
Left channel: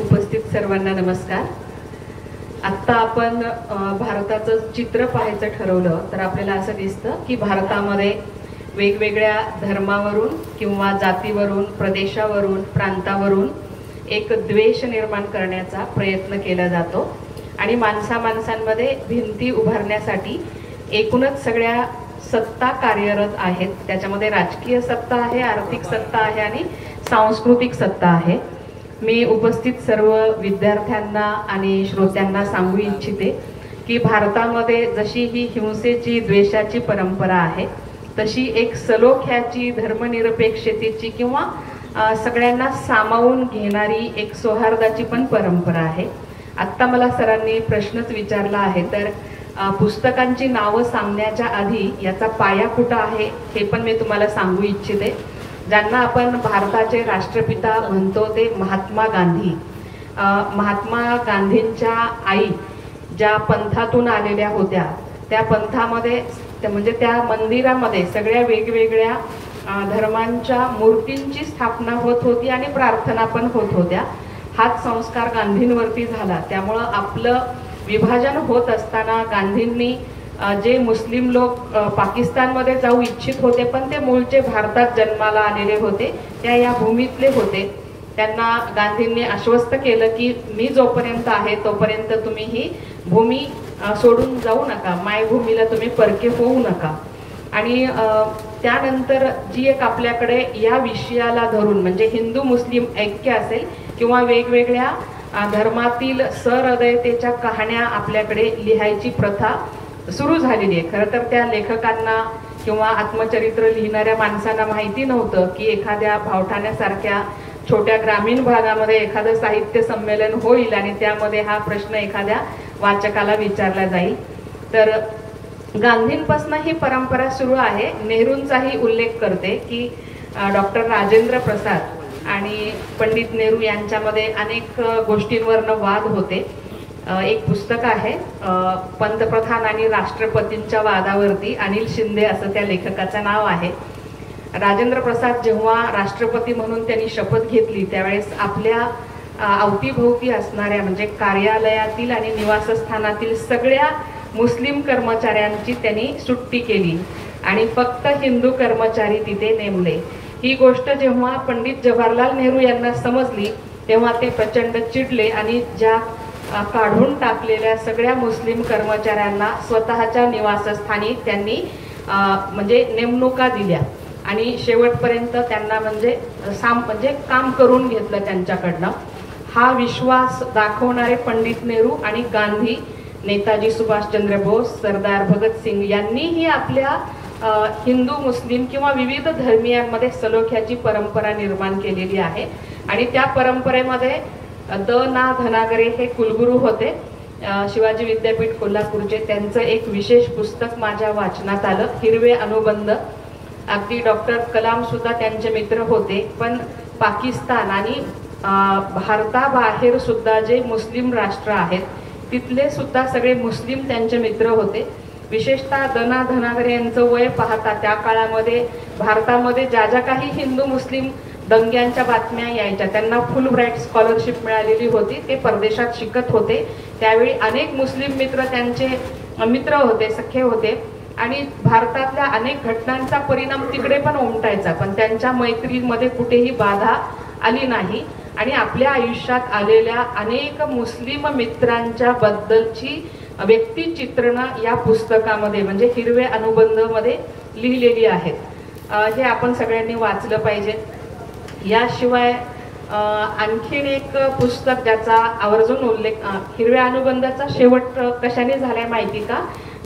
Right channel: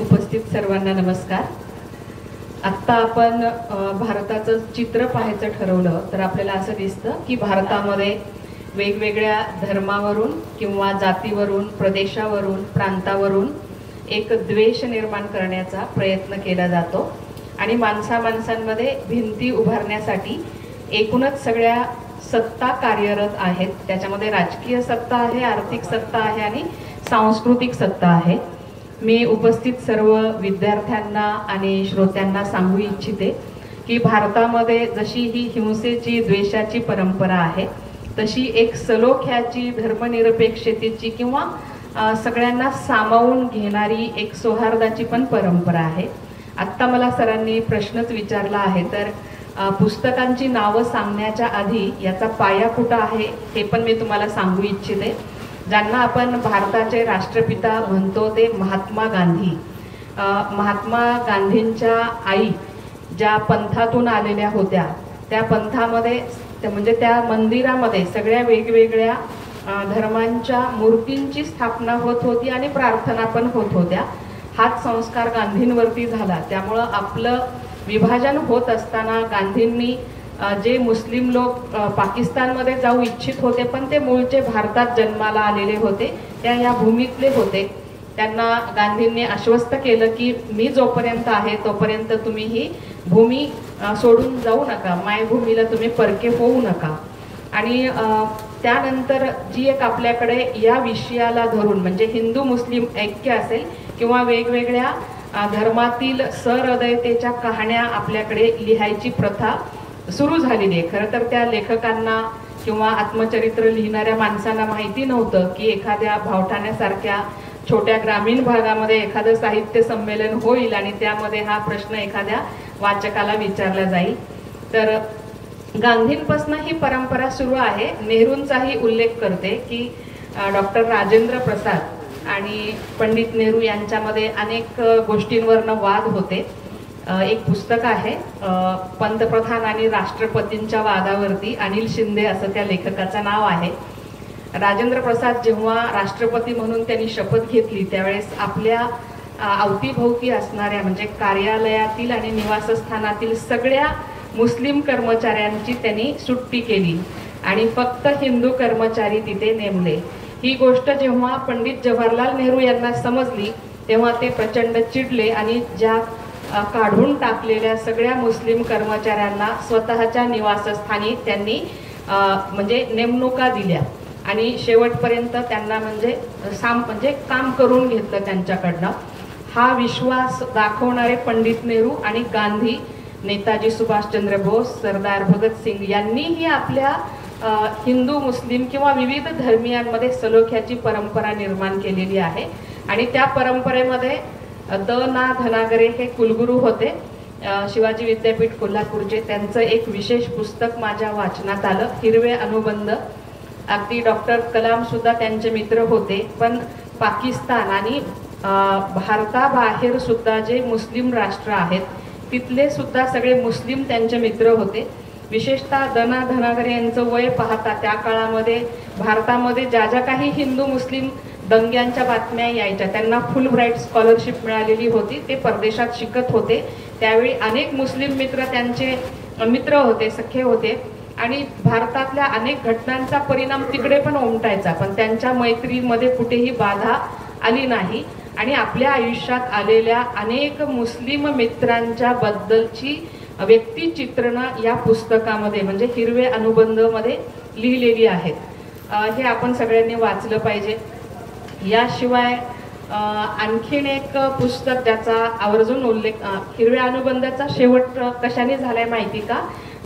उपस्थित सर्वांना नमस्कार. आत्ता आपण भारताचं चित्र पाहायचं ठरवलं तर आपल्याला असं दिसतं की भारतामध्ये वेगवेगळ्या धर्मावरून किंवा जातीवरून, प्रदेशावरून, प्रांतावरून एक द्वेष निर्माण करण्याचा प्रयत्न केला जातो आणि माणसांमध्ये भिंती उभारण्यासाठी एकूणच सगळ्या सत्ता कार्यरत आहेत. त्याच्यामध्ये राजकीय सत्ता आहे, आर्थिक सत्ता आहे आणि सांस्कृतिक सत्ता आहे. मी उपस्थित सर्व विद्यार्थ्यांना आणि श्रोत्यांना सांगू इच्छिते की भारतामध्ये जशी ही हिंसेची, द्वेषाची परंपरा आहे तशी एक सलोख्याची, धर्मनिरपेक्षतेची किंवा सगळ्यांना सामावून घेणारी एक सौहार्दाची पण परंपरा आहे. आत्ता मला सरांनी प्रश्नच विचारला आहे तर पुस्तकांची नावं सांगण्याच्या आधी याचा पाया कुठं आहे हे पण मी तुम्हाला सांगू इच्छिते. ज्यांना आपण भारताचे राष्ट्रपिता म्हणतो ते महात्मा गांधी. महात्मा गांधींच्या आई ज्या पंथातून आलेल्या होत्या त्या पंथामध्ये म्हणजे त्या मंदिरामध्ये सगळ्या वेगवेगळ्या धर्मांच्या मूर्तींची स्थापना होत होती आणि प्रार्थना पण होत होत्या. हाच संस्कार गांधींवरती झाला. त्यामुळं आपलं विभाजन होत असताना गांधींनी जे मुस्लिम लोक पाकिस्तानमध्ये जाऊ इच्छित होते पण ते मूळचे भारतात जन्माला आलेले होते, त्या या भूमीतले होते, त्यांना गांधींनी आश्वस्त केलं की मी जोपर्यंत आहे तोपर्यंत तुम्ही ही भूमी सोडून जाऊ नका, मायभूमीला तुम्ही परके होऊ नका. आणि त्यानंतर जी एक आपल्याकडे या विषयाला धरून म्हणजे हिंदू मुस्लिम ऐक्य असेल किंवा वेगवेगळ्या धर्मातील सहृदयतेच्या कहाण्या आपल्याकडे लिहायची प्रथा सुरू झालेली आहे. खरं तर त्या लेखकांना किंवा आत्मचरित्र लिहिणाऱ्या माणसांना माहिती नव्हतं की एखाद्या भावठाण्यासारख्या छोट्या ग्रामीण भागामध्ये एखादं साहित्य संमेलन होईल आणि त्यामध्ये हा प्रश्न एखाद्या वाचकाला विचारला जाईल. तर गांधींपासून ही परंपरा सुरू आहे. नेहरूंचाही उल्लेख करते की डॉक्टर राजेंद्र प्रसाद आणि पंडित नेहरू यांच्यामध्ये अनेक गोष्टींवरनं वाद होते. एक पुस्तक आहे पंतप्रधान आणि राष्ट्रपतींच्या वादावरती, अनिल शिंदे असं त्या लेखकाचं नाव आहे. राजेंद्र प्रसाद जेव्हा राष्ट्रपती म्हणून त्यांनी शपथ घेतली त्यावेळेस आपल्या अवतीभोवती असणाऱ्या म्हणजे कार्यालयातील आणि निवासस्थानातील सगळ्या मुस्लिम कर्मचाऱ्यांची त्यांनी सुट्टी केली आणि फक्त हिंदू कर्मचारी तिथे नेमले. ही गोष्ट जेव्हा पंडित जवाहरलाल नेहरू यांना समजली तेव्हा ते प्रचंड चिडले आणि ज्या काढून टाकलेल्या सगळ्या मुस्लिम कर्मचाऱ्यांना स्वतःच्या निवासस्थानी त्यांनी म्हणजे नेमणुका दिल्या. आणि शेवटपर्यंत त्यांना म्हणजे काम करून घेतलं त्यांच्याकडनं. हा विश्वास दाखवणारे पंडित नेहरू आणि गांधी, नेताजी सुभाषचंद्र बोस, सरदार भगतसिंग यांनीही आपल्या हिंदू मुस्लिम किंवा विविध धर्मियांमध्ये सलोख्याची परंपरा निर्माण केलेली आहे. आणि त्या परंपरेमध्ये द ना धनागरे हे कुलगुरू होते शिवाजी विद्यापीठ कोल्हापूरचे. त्यांचं एक विशेष पुस्तक माझ्या वाचनात आलं, हिरवे अनुबंध. अगदी डॉक्टर कलाम सुद्धा त्यांचे मित्र होते. पण पाकिस्तान आणि भारताबाहेर सुद्धा जे मुस्लिम राष्ट्र आहेत तिथले सुद्धा सगळे मुस्लिम त्यांचे मित्र होते. विशेषतः द ना धनागरे यांचं वय पाहता त्या काळामध्ये भारतामध्ये ज्या ज्या काही हिंदू मुस्लिम दंग्यांच्या बातम्या यायच्या, त्यांना फुल ब्राईट स्कॉलरशिप मिळालेली होती. ते परदेशात शिकत होते. त्यावेळी अनेक मुस्लिम मित्र त्यांचे मित्र होते, सख्खे होते. आणि भारतातल्या अनेक घटनांचा परिणाम तिकडे पण उमटायचा, पण त्यांच्या मैत्रीमध्ये कुठेही बाधा आली नाही. आणि आपल्या आयुष्यात आलेल्या अनेक मुस्लिम मित्रांच्या बद्दलची व्यक्तिचित्रणं या पुस्तकामध्ये म्हणजे हिरवे अनुबंध मध्ये लिहिलेली आहेत. हे आपण सगळ्यांनी वाचलं पाहिजे. याशिवाय आणखीन एक पुस्तक ज्याचा आवर्जून उल्लेख, हिरव्या अनुबंधाचा शेवट कशाने झालाय माहिती का?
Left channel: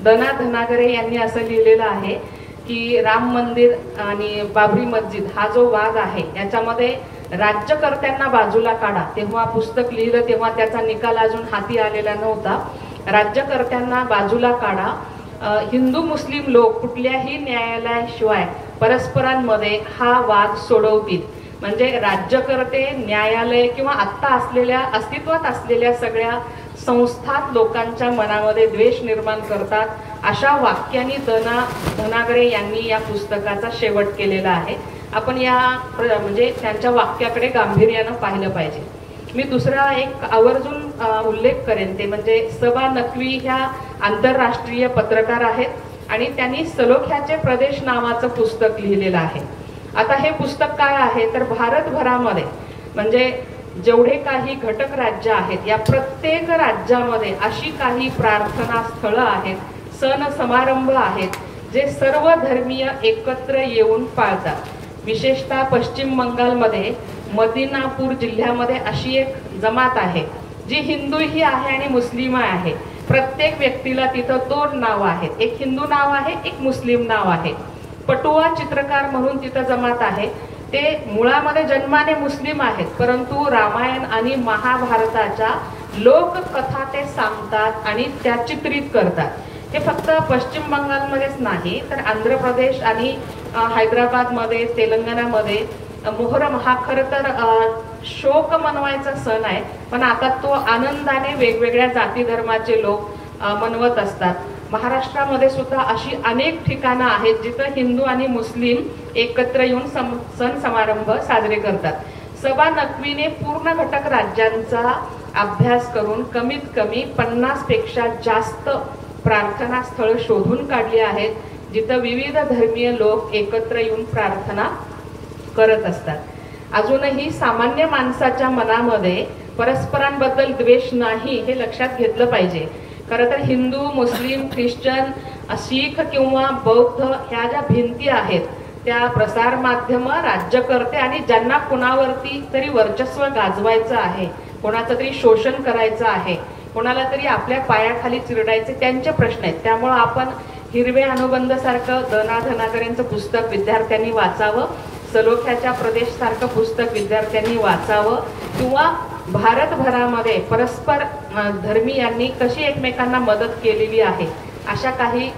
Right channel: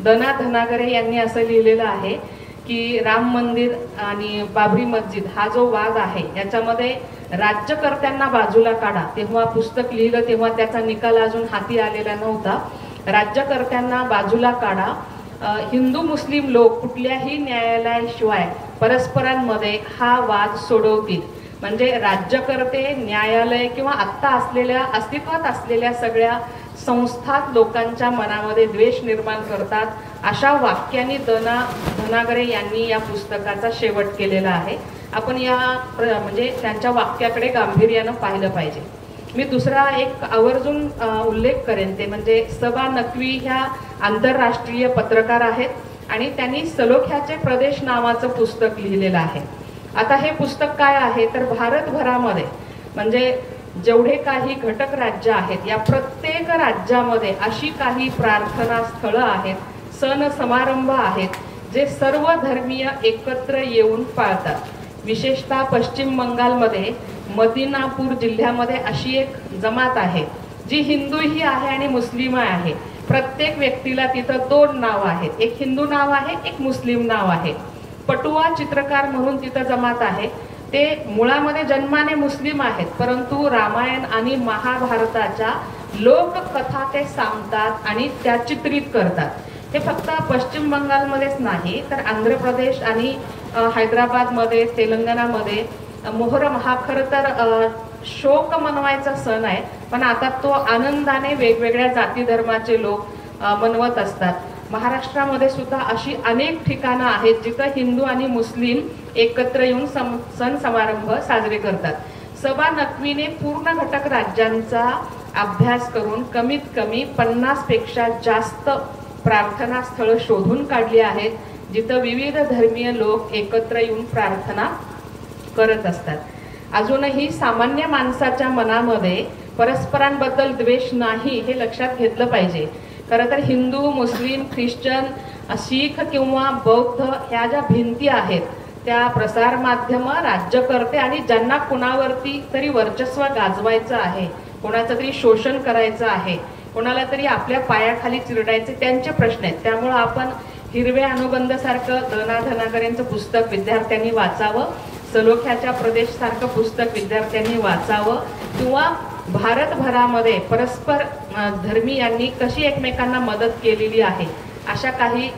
द ना धनागरे यांनी असं लिहिलेलं आहे की राम मंदिर आणि बाबरी मस्जिद हा जो वाद आहे याच्यामध्ये राज्यकर्त्यांना बाजूला काढा. तेव्हा पुस्तक लिहिलं तेव्हा त्याचा निकाल अजून हाती आलेला नव्हता. राज्यकर्त्यांना बाजूला काढा. हिंदू मुस्लिम लोक कुठल्याही न्यायालयाशिवाय परस्परांमध्ये हा वाद सोडवतील. म्हणजे राज्यकर्ते, न्यायालय किंवा आत्ता असलेल्या अस्तित्वात असलेल्या सगळ्या संस्थात लोकांच्या मनामध्ये द्वेष निर्माण करतात. अशा वाक्यांनी द ना धनागरे यांनी या पुस्तकाचा शेवट केलेला आहे. आपण या म्हणजे त्यांच्या वाक्याकडे गांभीर्यानं पाहिलं पाहिजे. मी दुसरा एक आवर्जून उल्लेख करेन ते म्हणजे सबा नक्वी ह्या आंतरराष्ट्रीय पत्रकार आहेत आणि त्यांनी सलोख्याचे प्रदेश नावाचं पुस्तक लिहिलेलं आहे. आता हे पुस्तक काय आहे तर भारतभरामध्ये म्हणजे जेवढे काही घटक राज्य आहेत या प्रत्येक राज्यामध्ये अशी काही प्रार्थना स्थळं आहेत, सण समारंभ आहेत जे सर्व धर्मीय एकत्र येऊन पाळतात. विशेषतः पश्चिम बंगालमध्ये मदिनापूर जिल्ह्यामध्ये अशी एक जमात आहे जी हिंदूही आहे आणि मुस्लिम आहे. प्रत्येक व्यक्तीला तिथं दोन नाव आहेत, एक हिंदू नाव आहे, एक मुस्लिम नाव आहे. पटुआ चित्रकार म्हणून तिथं जमात आहे. ते मुळामध्ये जन्माने मुस्लिम आहेत, परंतु रामायण आणि महाभारताच्या लोककथा ते सांगतात आणि त्या चित्रित करतात. हे फक्त पश्चिम बंगालमध्येच नाही तर आंध्र प्रदेश आणि हैदराबादमध्ये, तेलंगणामध्ये मोहरम हा खरं तर शोक मनवायचा सण आहे, पण आता तो आनंदाने वेगवेगळ्या जाती धर्माचे लोक मनवत असतात. महाराष्ट्रामध्ये सुद्धा अशी अनेक ठिकाणं आहेत जिथं हिंदू आणि मुस्लिम एकत्र येऊन सण समारंभ साजरे करतात. सबा नक्वीने पूर्ण घटक राज्यांचा अभ्यास करून कमीत कमी 50 पेक्षा जास्त प्रार्थना स्थळं शोधून काढली आहेत जिथं विविध धर्मीय लोक एकत्र येऊन प्रार्थना करत असतात. अजूनही सामान्य माणसाच्या मनामध्ये परस्परांबद्दल द्वेष नाही हे लक्षात घेतलं पाहिजे. खरं तर हिंदू, मुस्लिम, ख्रिश्चन, शीख किंवा बौद्ध ह्या ज्या भिंती आहेत त्या प्रसार माध्यम, राज्यकर्ते आणि ज्यांना कुणावरती तरी वर्चस्व गाजवायचं आहे, कोणाचं तरी शोषण करायचं आहे, कोणाला तरी आपल्या पायाखाली चिरडायचे त्यांचे प्रश्न आहेत. त्यामुळं आपण हिरवे अनुबंध सारखं द ना धनागरेंचं पुस्तक विद्यार्थ्यांनी वाचावं, सलोख्याच्या प्रदेश सारखं पुस्तक विद्यार्थ्यांनी वाचावं किंवा भारतभरामध्ये परस्पर धर्मीयांनी कशी एकमेकांना मदत केलेली आहे अशा काही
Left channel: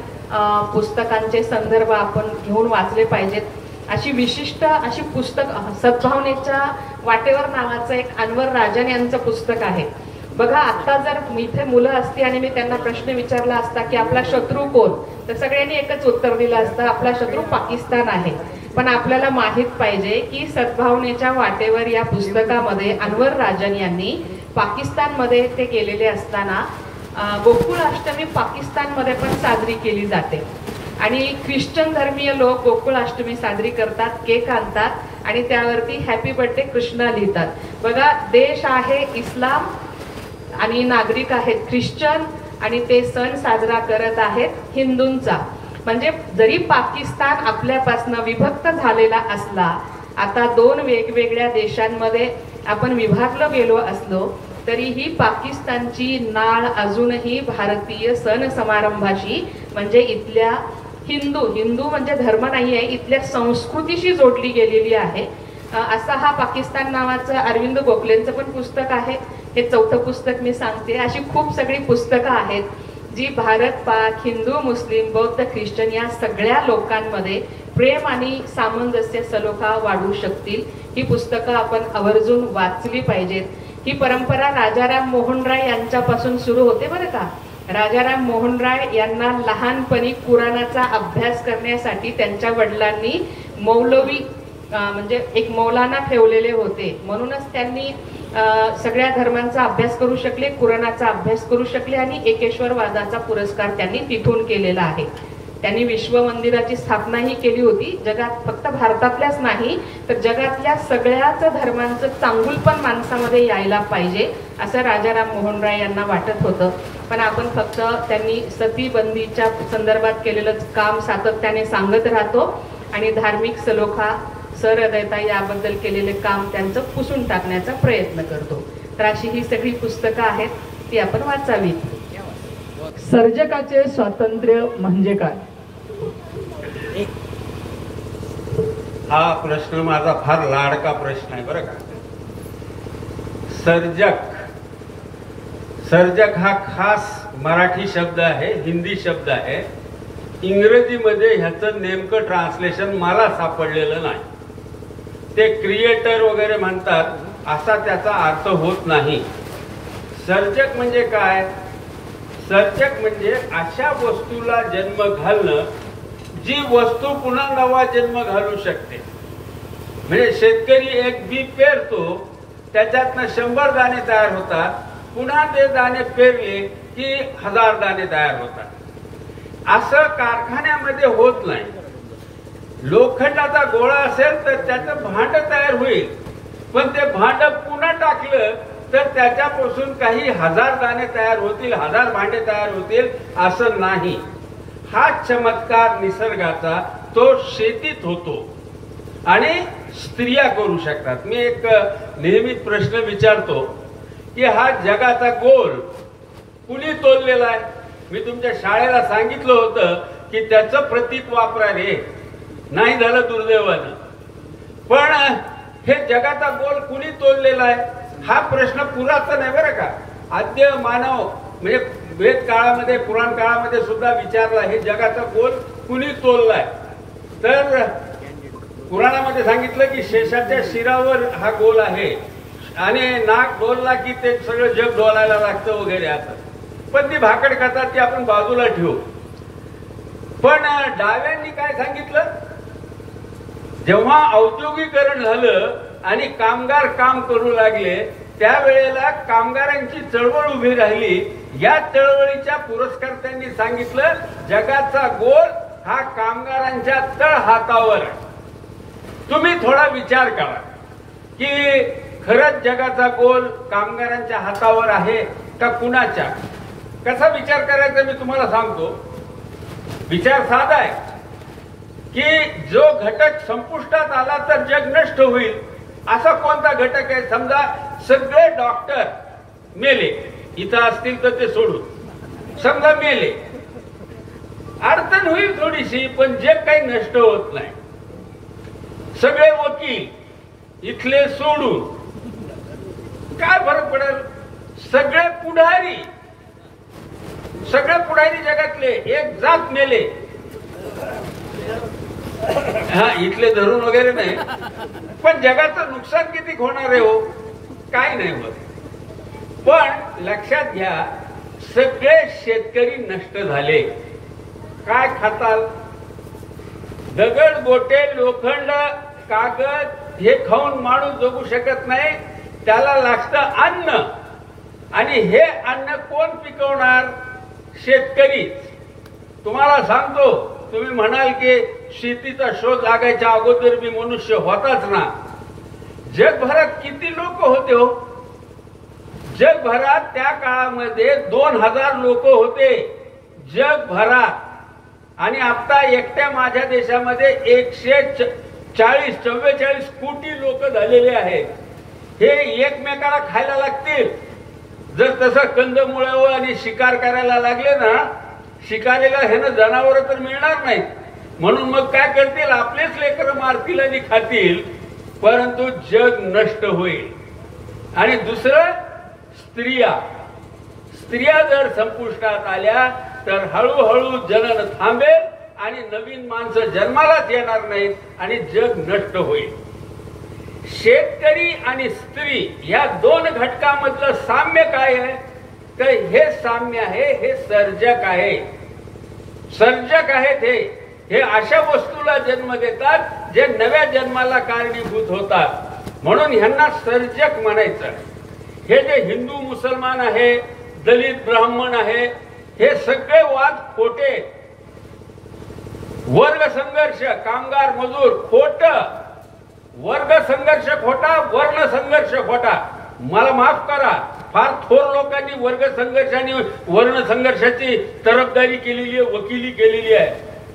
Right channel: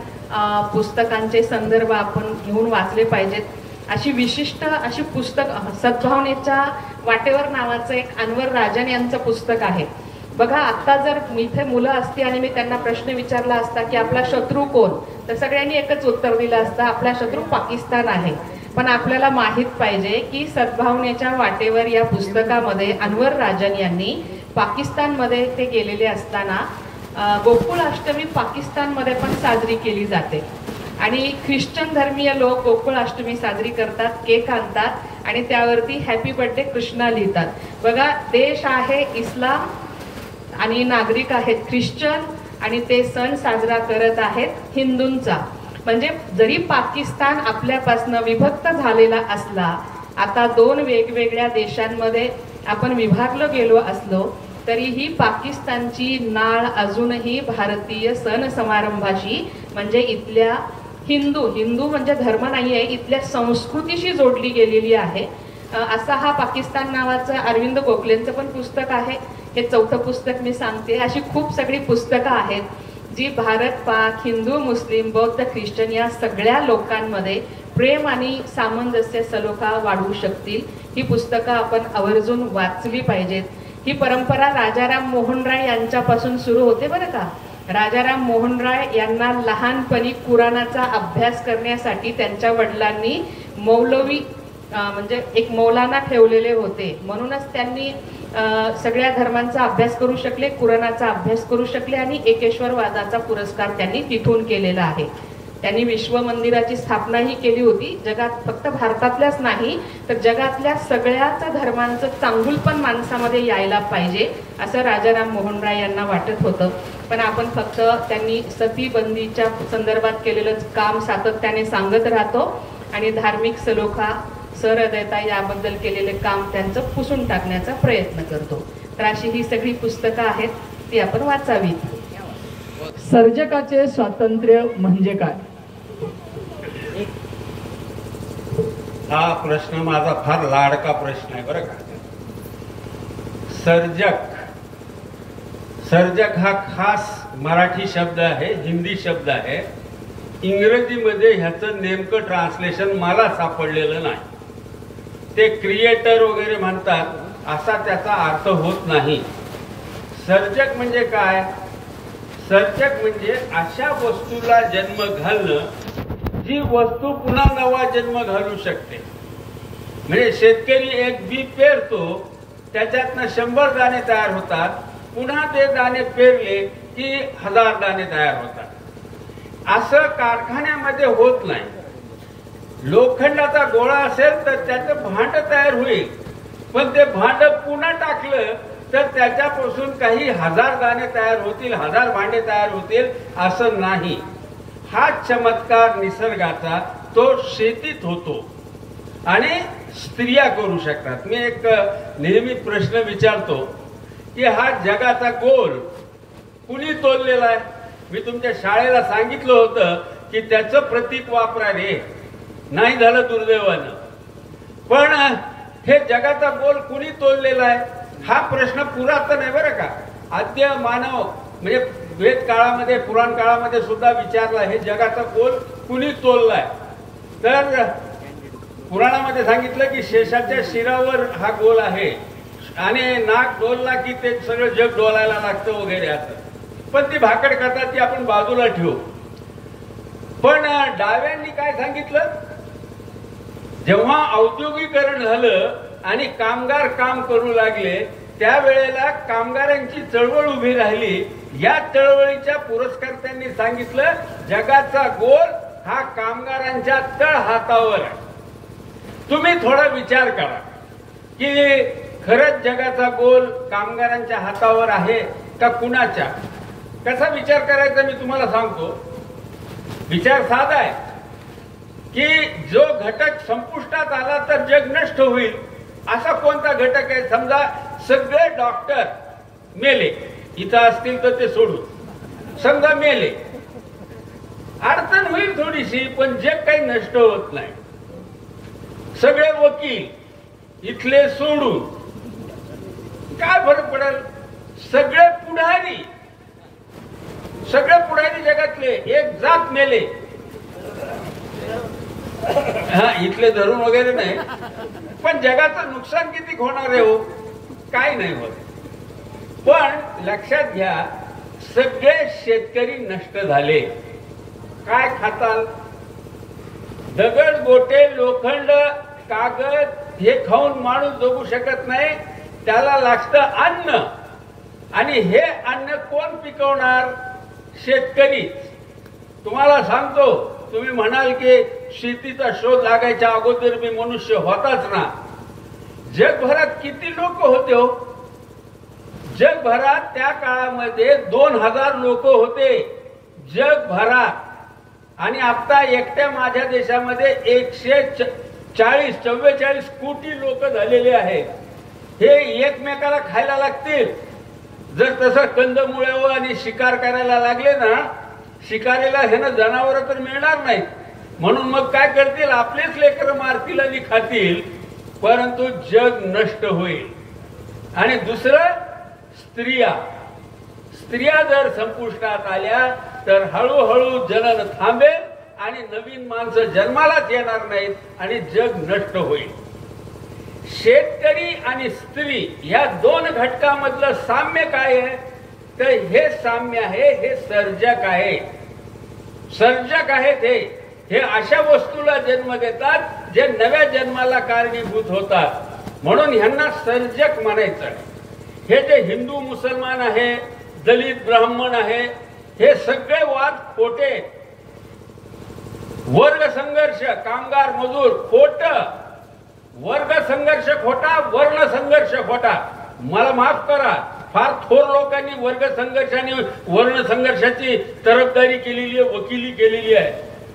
पुस्तकांचे संदर्भ आपण घेऊन वाचले पाहिजेत. अशी विशिष्ट अशी पुस्तक सद्भावनेच्या वाटेवर नावाचं एक अनवर राजन यांचं पुस्तक आहे. बघा, आता जर इथे मुलं असती आणि मी त्यांना प्रश्न विचारला असता की आपला शत्रू कोण, तर सगळ्यांनी एकच उत्तर दिलं असतं, आपला शत्रू पाकिस्तान आहे. पण आपल्याला माहित पाहिजे की सद्भावनेच्या वाटेवर या पुस्तकामध्ये अनवर राजन यांनी पाकिस्तानमध्ये ते गेलेले असताना गोकुळाष्टमी पाकिस्तानमध्ये पण साजरी केली जाते आणि ख्रिश्चन धर्मीय लोक गोकुळाष्टमी साजरी करतात, केक आणतात आणि त्यावरती हॅपी बर्थडे कृष्णा लिहितात. बघा, देश आहे इस्लाम आणि नागरिक आहेत ख्रिश्चन आणि ते सण साजरा करत आहेत हिंदूंचा. म्हणजे जरी पाकिस्तान आपल्यापासून विभक्त झालेला असला, आता 2 वेगवेगळ्या देशांमध्ये आपण विभागलो गेलो असलो, तरीही पाकिस्तानची नाळ अजूनही भारतीय सण समारंभाशी म्हणजे इथल्या हिंदू म्हणजे धर्म नाही आहे, इथल्या संस्कृतीशी जोडली गेलेली आहे. असा हा पाकिस्तान नावाचं अरविंद गोखलेंचं पण पुस्तक आहे. हे 4थं पुस्तक मी सांगते. अशी खूप सगळी पुस्तकं आहेत जी भारत, पाक, हिंदू, मुस्लिम, बौद्ध, ख्रिश्चन या सगळ्या लोकांमध्ये प्रेम आणि सामंजस्य सलोखा वाढवू शकतील. ही पुस्तकं आपण आवर्जून वाचली पाहिजेत. ही परंपरा राजाराम मोहन राय यांच्यापासून सुरू होते बरं का. राजाराम मोहन राय यांना लहानपणी कुराणाचा अभ्यास करण्यासाठी त्यांच्या वडिलांनी मौलवी म्हणजे एक मौलाना ठेवलेले होते. म्हणूनच त्यांनी सगळ्या धर्मांचा अभ्यास करू शकले, कुराणाचा अभ्यास करू शकले आणि एकेश्वरवादाचा पुरस्कार त्यांनी तिथून केलेला आहे. त्यांनी विश्व मंदिराची स्थापनाही केली होती. जगात फक्त भारतातल्याच नाही तर जगातल्या सगळ्याच धर्मांचं चांगुलपण माणसामध्ये यायला पाहिजे असं राजाराम मोहन राय यांना वाटत होतं. पण आपण फक्त त्यांनी सतीबंदीच्या संदर्भात केलेलं काम सातत्याने सांगत राहतो आणि धार्मिक सलोखा, सहृदयता याबद्दल केलेले काम त्यांचं पुसून टाकण्याचा प्रयत्न करतो. तर अशी ही सगळी पुस्तकं आहेत, ती आपण वाचावीत. सर्जकाचे स्वातंत्र्य म्हणजे काय? हा प्रश्न माझा फार लाडका प्रश्न आहे बरं का. सर्जक हा खास मराठी शब्द आहे, हिंदी शब्द आहे. इंग्रजीमध्ये ह्याचं नेमकं ट्रान्सलेशन मला सापडलेलं नाही. ते क्रिएटर वगैरे म्हणतात, असा त्याचा अर्थ होत नाही. सर्जक म्हणजे काय? सर्जक म्हणजे अशा वस्तूला जन्म घालणं जी वस्तू पुन्हा नवा जन्म घालू शकते. म्हणजे शेतकरी एक बी पेरतो, त्याच्यातनं 100 दाणे तयार होतात, पुन्हा ते दाणे पेरले की 1000 दाणे तयार होतात. असं कारखान्यामध्ये होत नाही. लोखंडाचा गोळा असेल तर त्याचं भांड तयार होईल, पण ते भांड पुन्हा टाकलं तर त्याच्यापासून काही 1000 दाणे तयार होतील, 1000 भांडे तयार होतील असं नाही. हा चमत्कार निसर्गाचा तो शेतीत होतो आणि स्त्रिया करू शकतात. मी एक नेहमीच प्रश्न विचारतो की हा जगाचा गोल कुणी तोललेला आहे? मी तुमच्या शाळेला सांगितलं होतं की त्याचं प्रतीक वापरा रे, नाही झालं दुर्दैवानं. पण हे जगाचा गोल कुणी तोललेला आहे हा प्रश्न पुरातन आहे बरं का. आद्य मानव म्हणजे वेद काळामध्ये, पुराण काळामध्ये सुद्धा विचारला हे जगाचा गोल कुणी तोललाय. तर पुराणामध्ये सांगितलं की शेषाच्या शिरावर हा गोल आहे आणि नाक डोलला की ते सगळं जग डोलायला लागतं वगैरे असं. पण ती भाकड कथा ती आपण बाजूला ठेवू. पण डाव्यांनी काय सांगितलं? जेव्हा औद्योगिकरण झालं आणि कामगार काम करू लागले त्यावेळेला कामगारांची चळवळ उभी राहिली. या चळवळीच्या पुरस्कर्त्यांनी सांगितलं जगाचा गोल हा कामगारांच्या तळ हातावर आहे. तुम्ही थोडा विचार करा की खरंच जगाचा गोल कामगारांच्या हातावर आहे का कुणाच्या? कसा विचार करायचा मी तुम्हाला सांगतो. विचार साधा आहे की जो घटक संपुष्टात आला तर जग नष्ट होईल असा कोणता घटक आहे? समजा सगळे डॉक्टर मेले, इथं असतील तर ते सोडून, समजा मेले, अडचण होईल थोडीशी, पण जग काही नष्ट होत नाही. सगळे वकील इथले सोडून काय फरक पडेल? सगळे पुढारी जगातले एक जात मेले, हा इथले धरून वगैरे नाही, पण जगाचं नुकसान किती होणार आहे हो? काय नाही होत. पण लक्षात घ्या सगळे शेतकरी नष्ट झाले. काय खाताल? दगड, गोटे, लोखंड, कागद हे खाऊन माणूस जगू शकत नाही. त्याला लागतं अन्न आणि हे अन्न कोण पिकवणार? शेतकरी. तुम्हाला सांगतो, तुम्ही म्हणाल की शेतीचा शोध लागायच्या अगोदर मी मनुष्य होताच ना. जगभरात किती लोक होते हो? जगभरात त्या काळामध्ये 2000 लोक होते जगभरात. आणि आता एकट्या माझ्या देशामध्ये 144 कोटी लोक झालेले आहेत. हे एकमेकाला खायला लागतील. जर तसं कंदमुळावर आणि शिकार करायला लागले ना, शिकारीला हे ना जनावर तर मिळणार नाहीत. म्हणून मग काय करतील, आपलेच लेकर मारतील आणि खातील, परंतु जग नष्ट होईल. आणि दुसरं, स्त्रिया जर संपुष्टात आल्या तर हळूहळू जनन थांबेल आणि नवीन माणसं जन्मालाच येणार नाहीत आणि जग नष्ट होईल. शेतकरी आणि स्त्री या दोन घटकामधलं साम्य काय आहे, तर हे साम्य आहे, हे सर्जक आहे. सर्जक आहेत हे अशा वस्तूला जन्म देतात जे नव्या जन्माला कारणीभूत होतात. म्हणून ह्यांना सर्जक म्हणायचं. हे जे हिंदू मुसलमान आहे, दलित ब्राह्मण आहे, हे सगळे वाद खोटे. वर्ग संघर्ष, कामगार मजूर खोट, वर्ग संघर्ष खोटा, वर्ण संघर्ष खोटा. मला माफ करा, फार थोर लोकांनी वर्ग संघर्ष आणि वर्ण संघर्षाची तरफदारी केलेली आहे, वकिली केलेली आहे,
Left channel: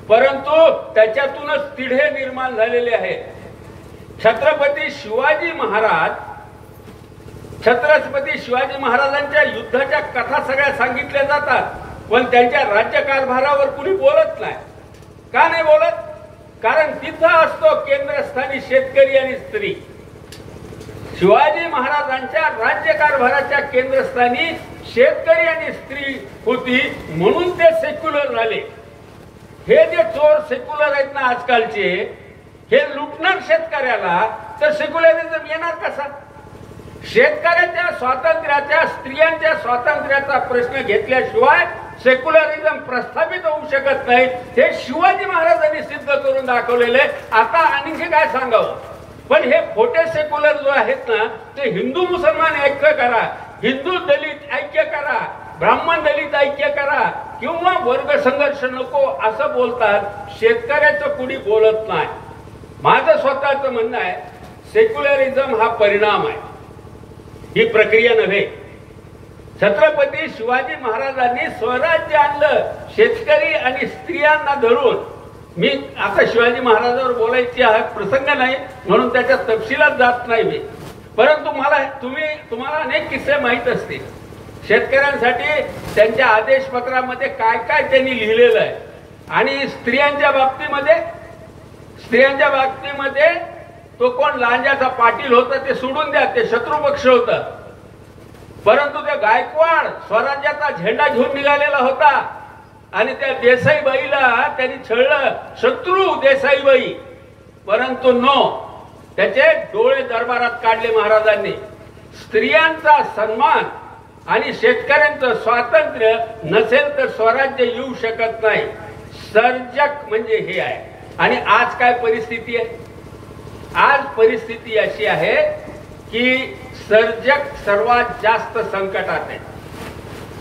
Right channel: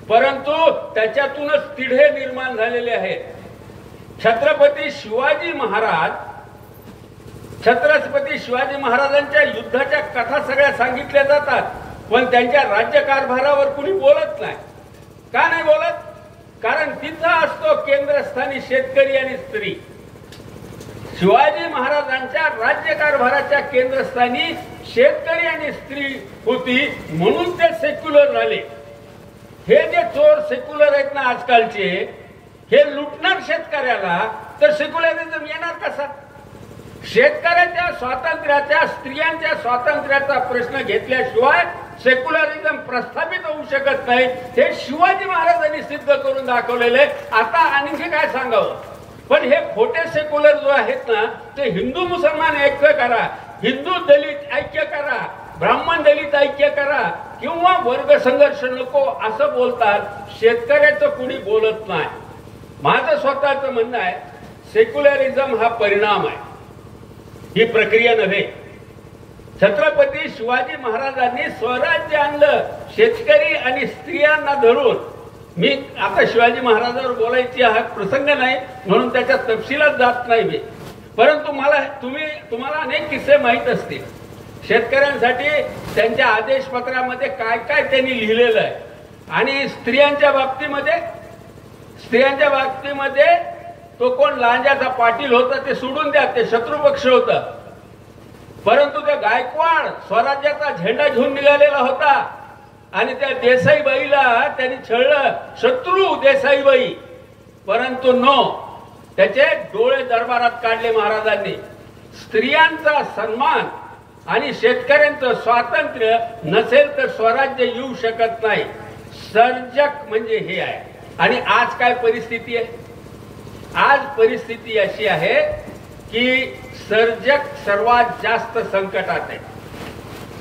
परंतु त्याच्यातूनच तिढे निर्माण झालेले आहेत. छत्रपती शिवाजी महाराजांच्या युद्धाच्या कथा सगळ्या सांगितल्या जातात, पण त्यांच्या राज्यकारभारावर कुणी बोलत नाही. का नाही बोलत? कारण तिथं असतो केंद्रस्थानी शेतकरी आणि स्त्री. शिवाजी महाराजांच्या राज्यकारभाराच्या केंद्रस्थानी शेतकरी आणि स्त्री होती, म्हणून ते सेक्युलर झाले. हे जे चोर सेक्युलर आहेत ना आजकालचे, हे लुटणार शेतकऱ्याला, तर सेक्युलरिझम येणार कसा? शेतकऱ्याच्या स्वातंत्र्याच्या, स्त्रियांच्या स्वातंत्र्याचा प्रश्न घेतल्याशिवाय सेक्युलरिझम प्रस्थापित होऊ शकत नाही. हे शिवाजी महाराजांनी सिद्ध करून दाखवलेले. आता आणखी काय सांगावं? पण हे खोटे सेक्युलर जो आहेत ना, ते हिंदू मुसलमान ऐक्य करा, हिंदू दलित ऐक्य करा, ब्राह्मण दलित ऐक्य करा, किंवा वर्ग संघर्ष नको असं बोलतात. शेतकऱ्याचं कुणी बोलत नाही. माझं स्वतःचं म्हणणं आहे, सेक्युलरिझम हा परिणाम आहे, ही प्रक्रिया नव्हे. छत्रपती शिवाजी महाराजांनी स्वराज्य आणलं शेतकरी आणि स्त्रियांना धरून. मी आता शिवाजी महाराजांवर बोलायची हा प्रसंग नाही, म्हणून त्याच्या तपशिलात जात नाही मी. परंतु तुम्हाला अनेक किस्से माहीत असतील. शेतकऱ्यांसाठी त्यांच्या आदेशपत्रामध्ये काय काय त्यांनी लिहिलेलं आहे. आणि स्त्रियांच्या बाबतीमध्ये तो कोण लांजाचा पाटील होता ते सोडून द्या, ते शत्रुपक्ष होता, परंतु ते गायकवाड स्वराज्याचा झेंडा घेऊन निघालेला होता आणि त्या देसाईबाईला त्यांनी छळलं, शत्रू देसाईबाई. परंतु त्याचे डोळे दरबारात काढले महाराजांनी. स्त्रियांचा सन्मान आणि शेतकऱ्यांचं स्वातंत्र्य नसेल तर स्वराज्य येऊ शकत नाही. सर्जक म्हणजे हे आहे. आणि आज काय परिस्थिती आहे? आज परिस्थिती अशी आहे की सर्जक सर्वात जास्त संकटात आहे.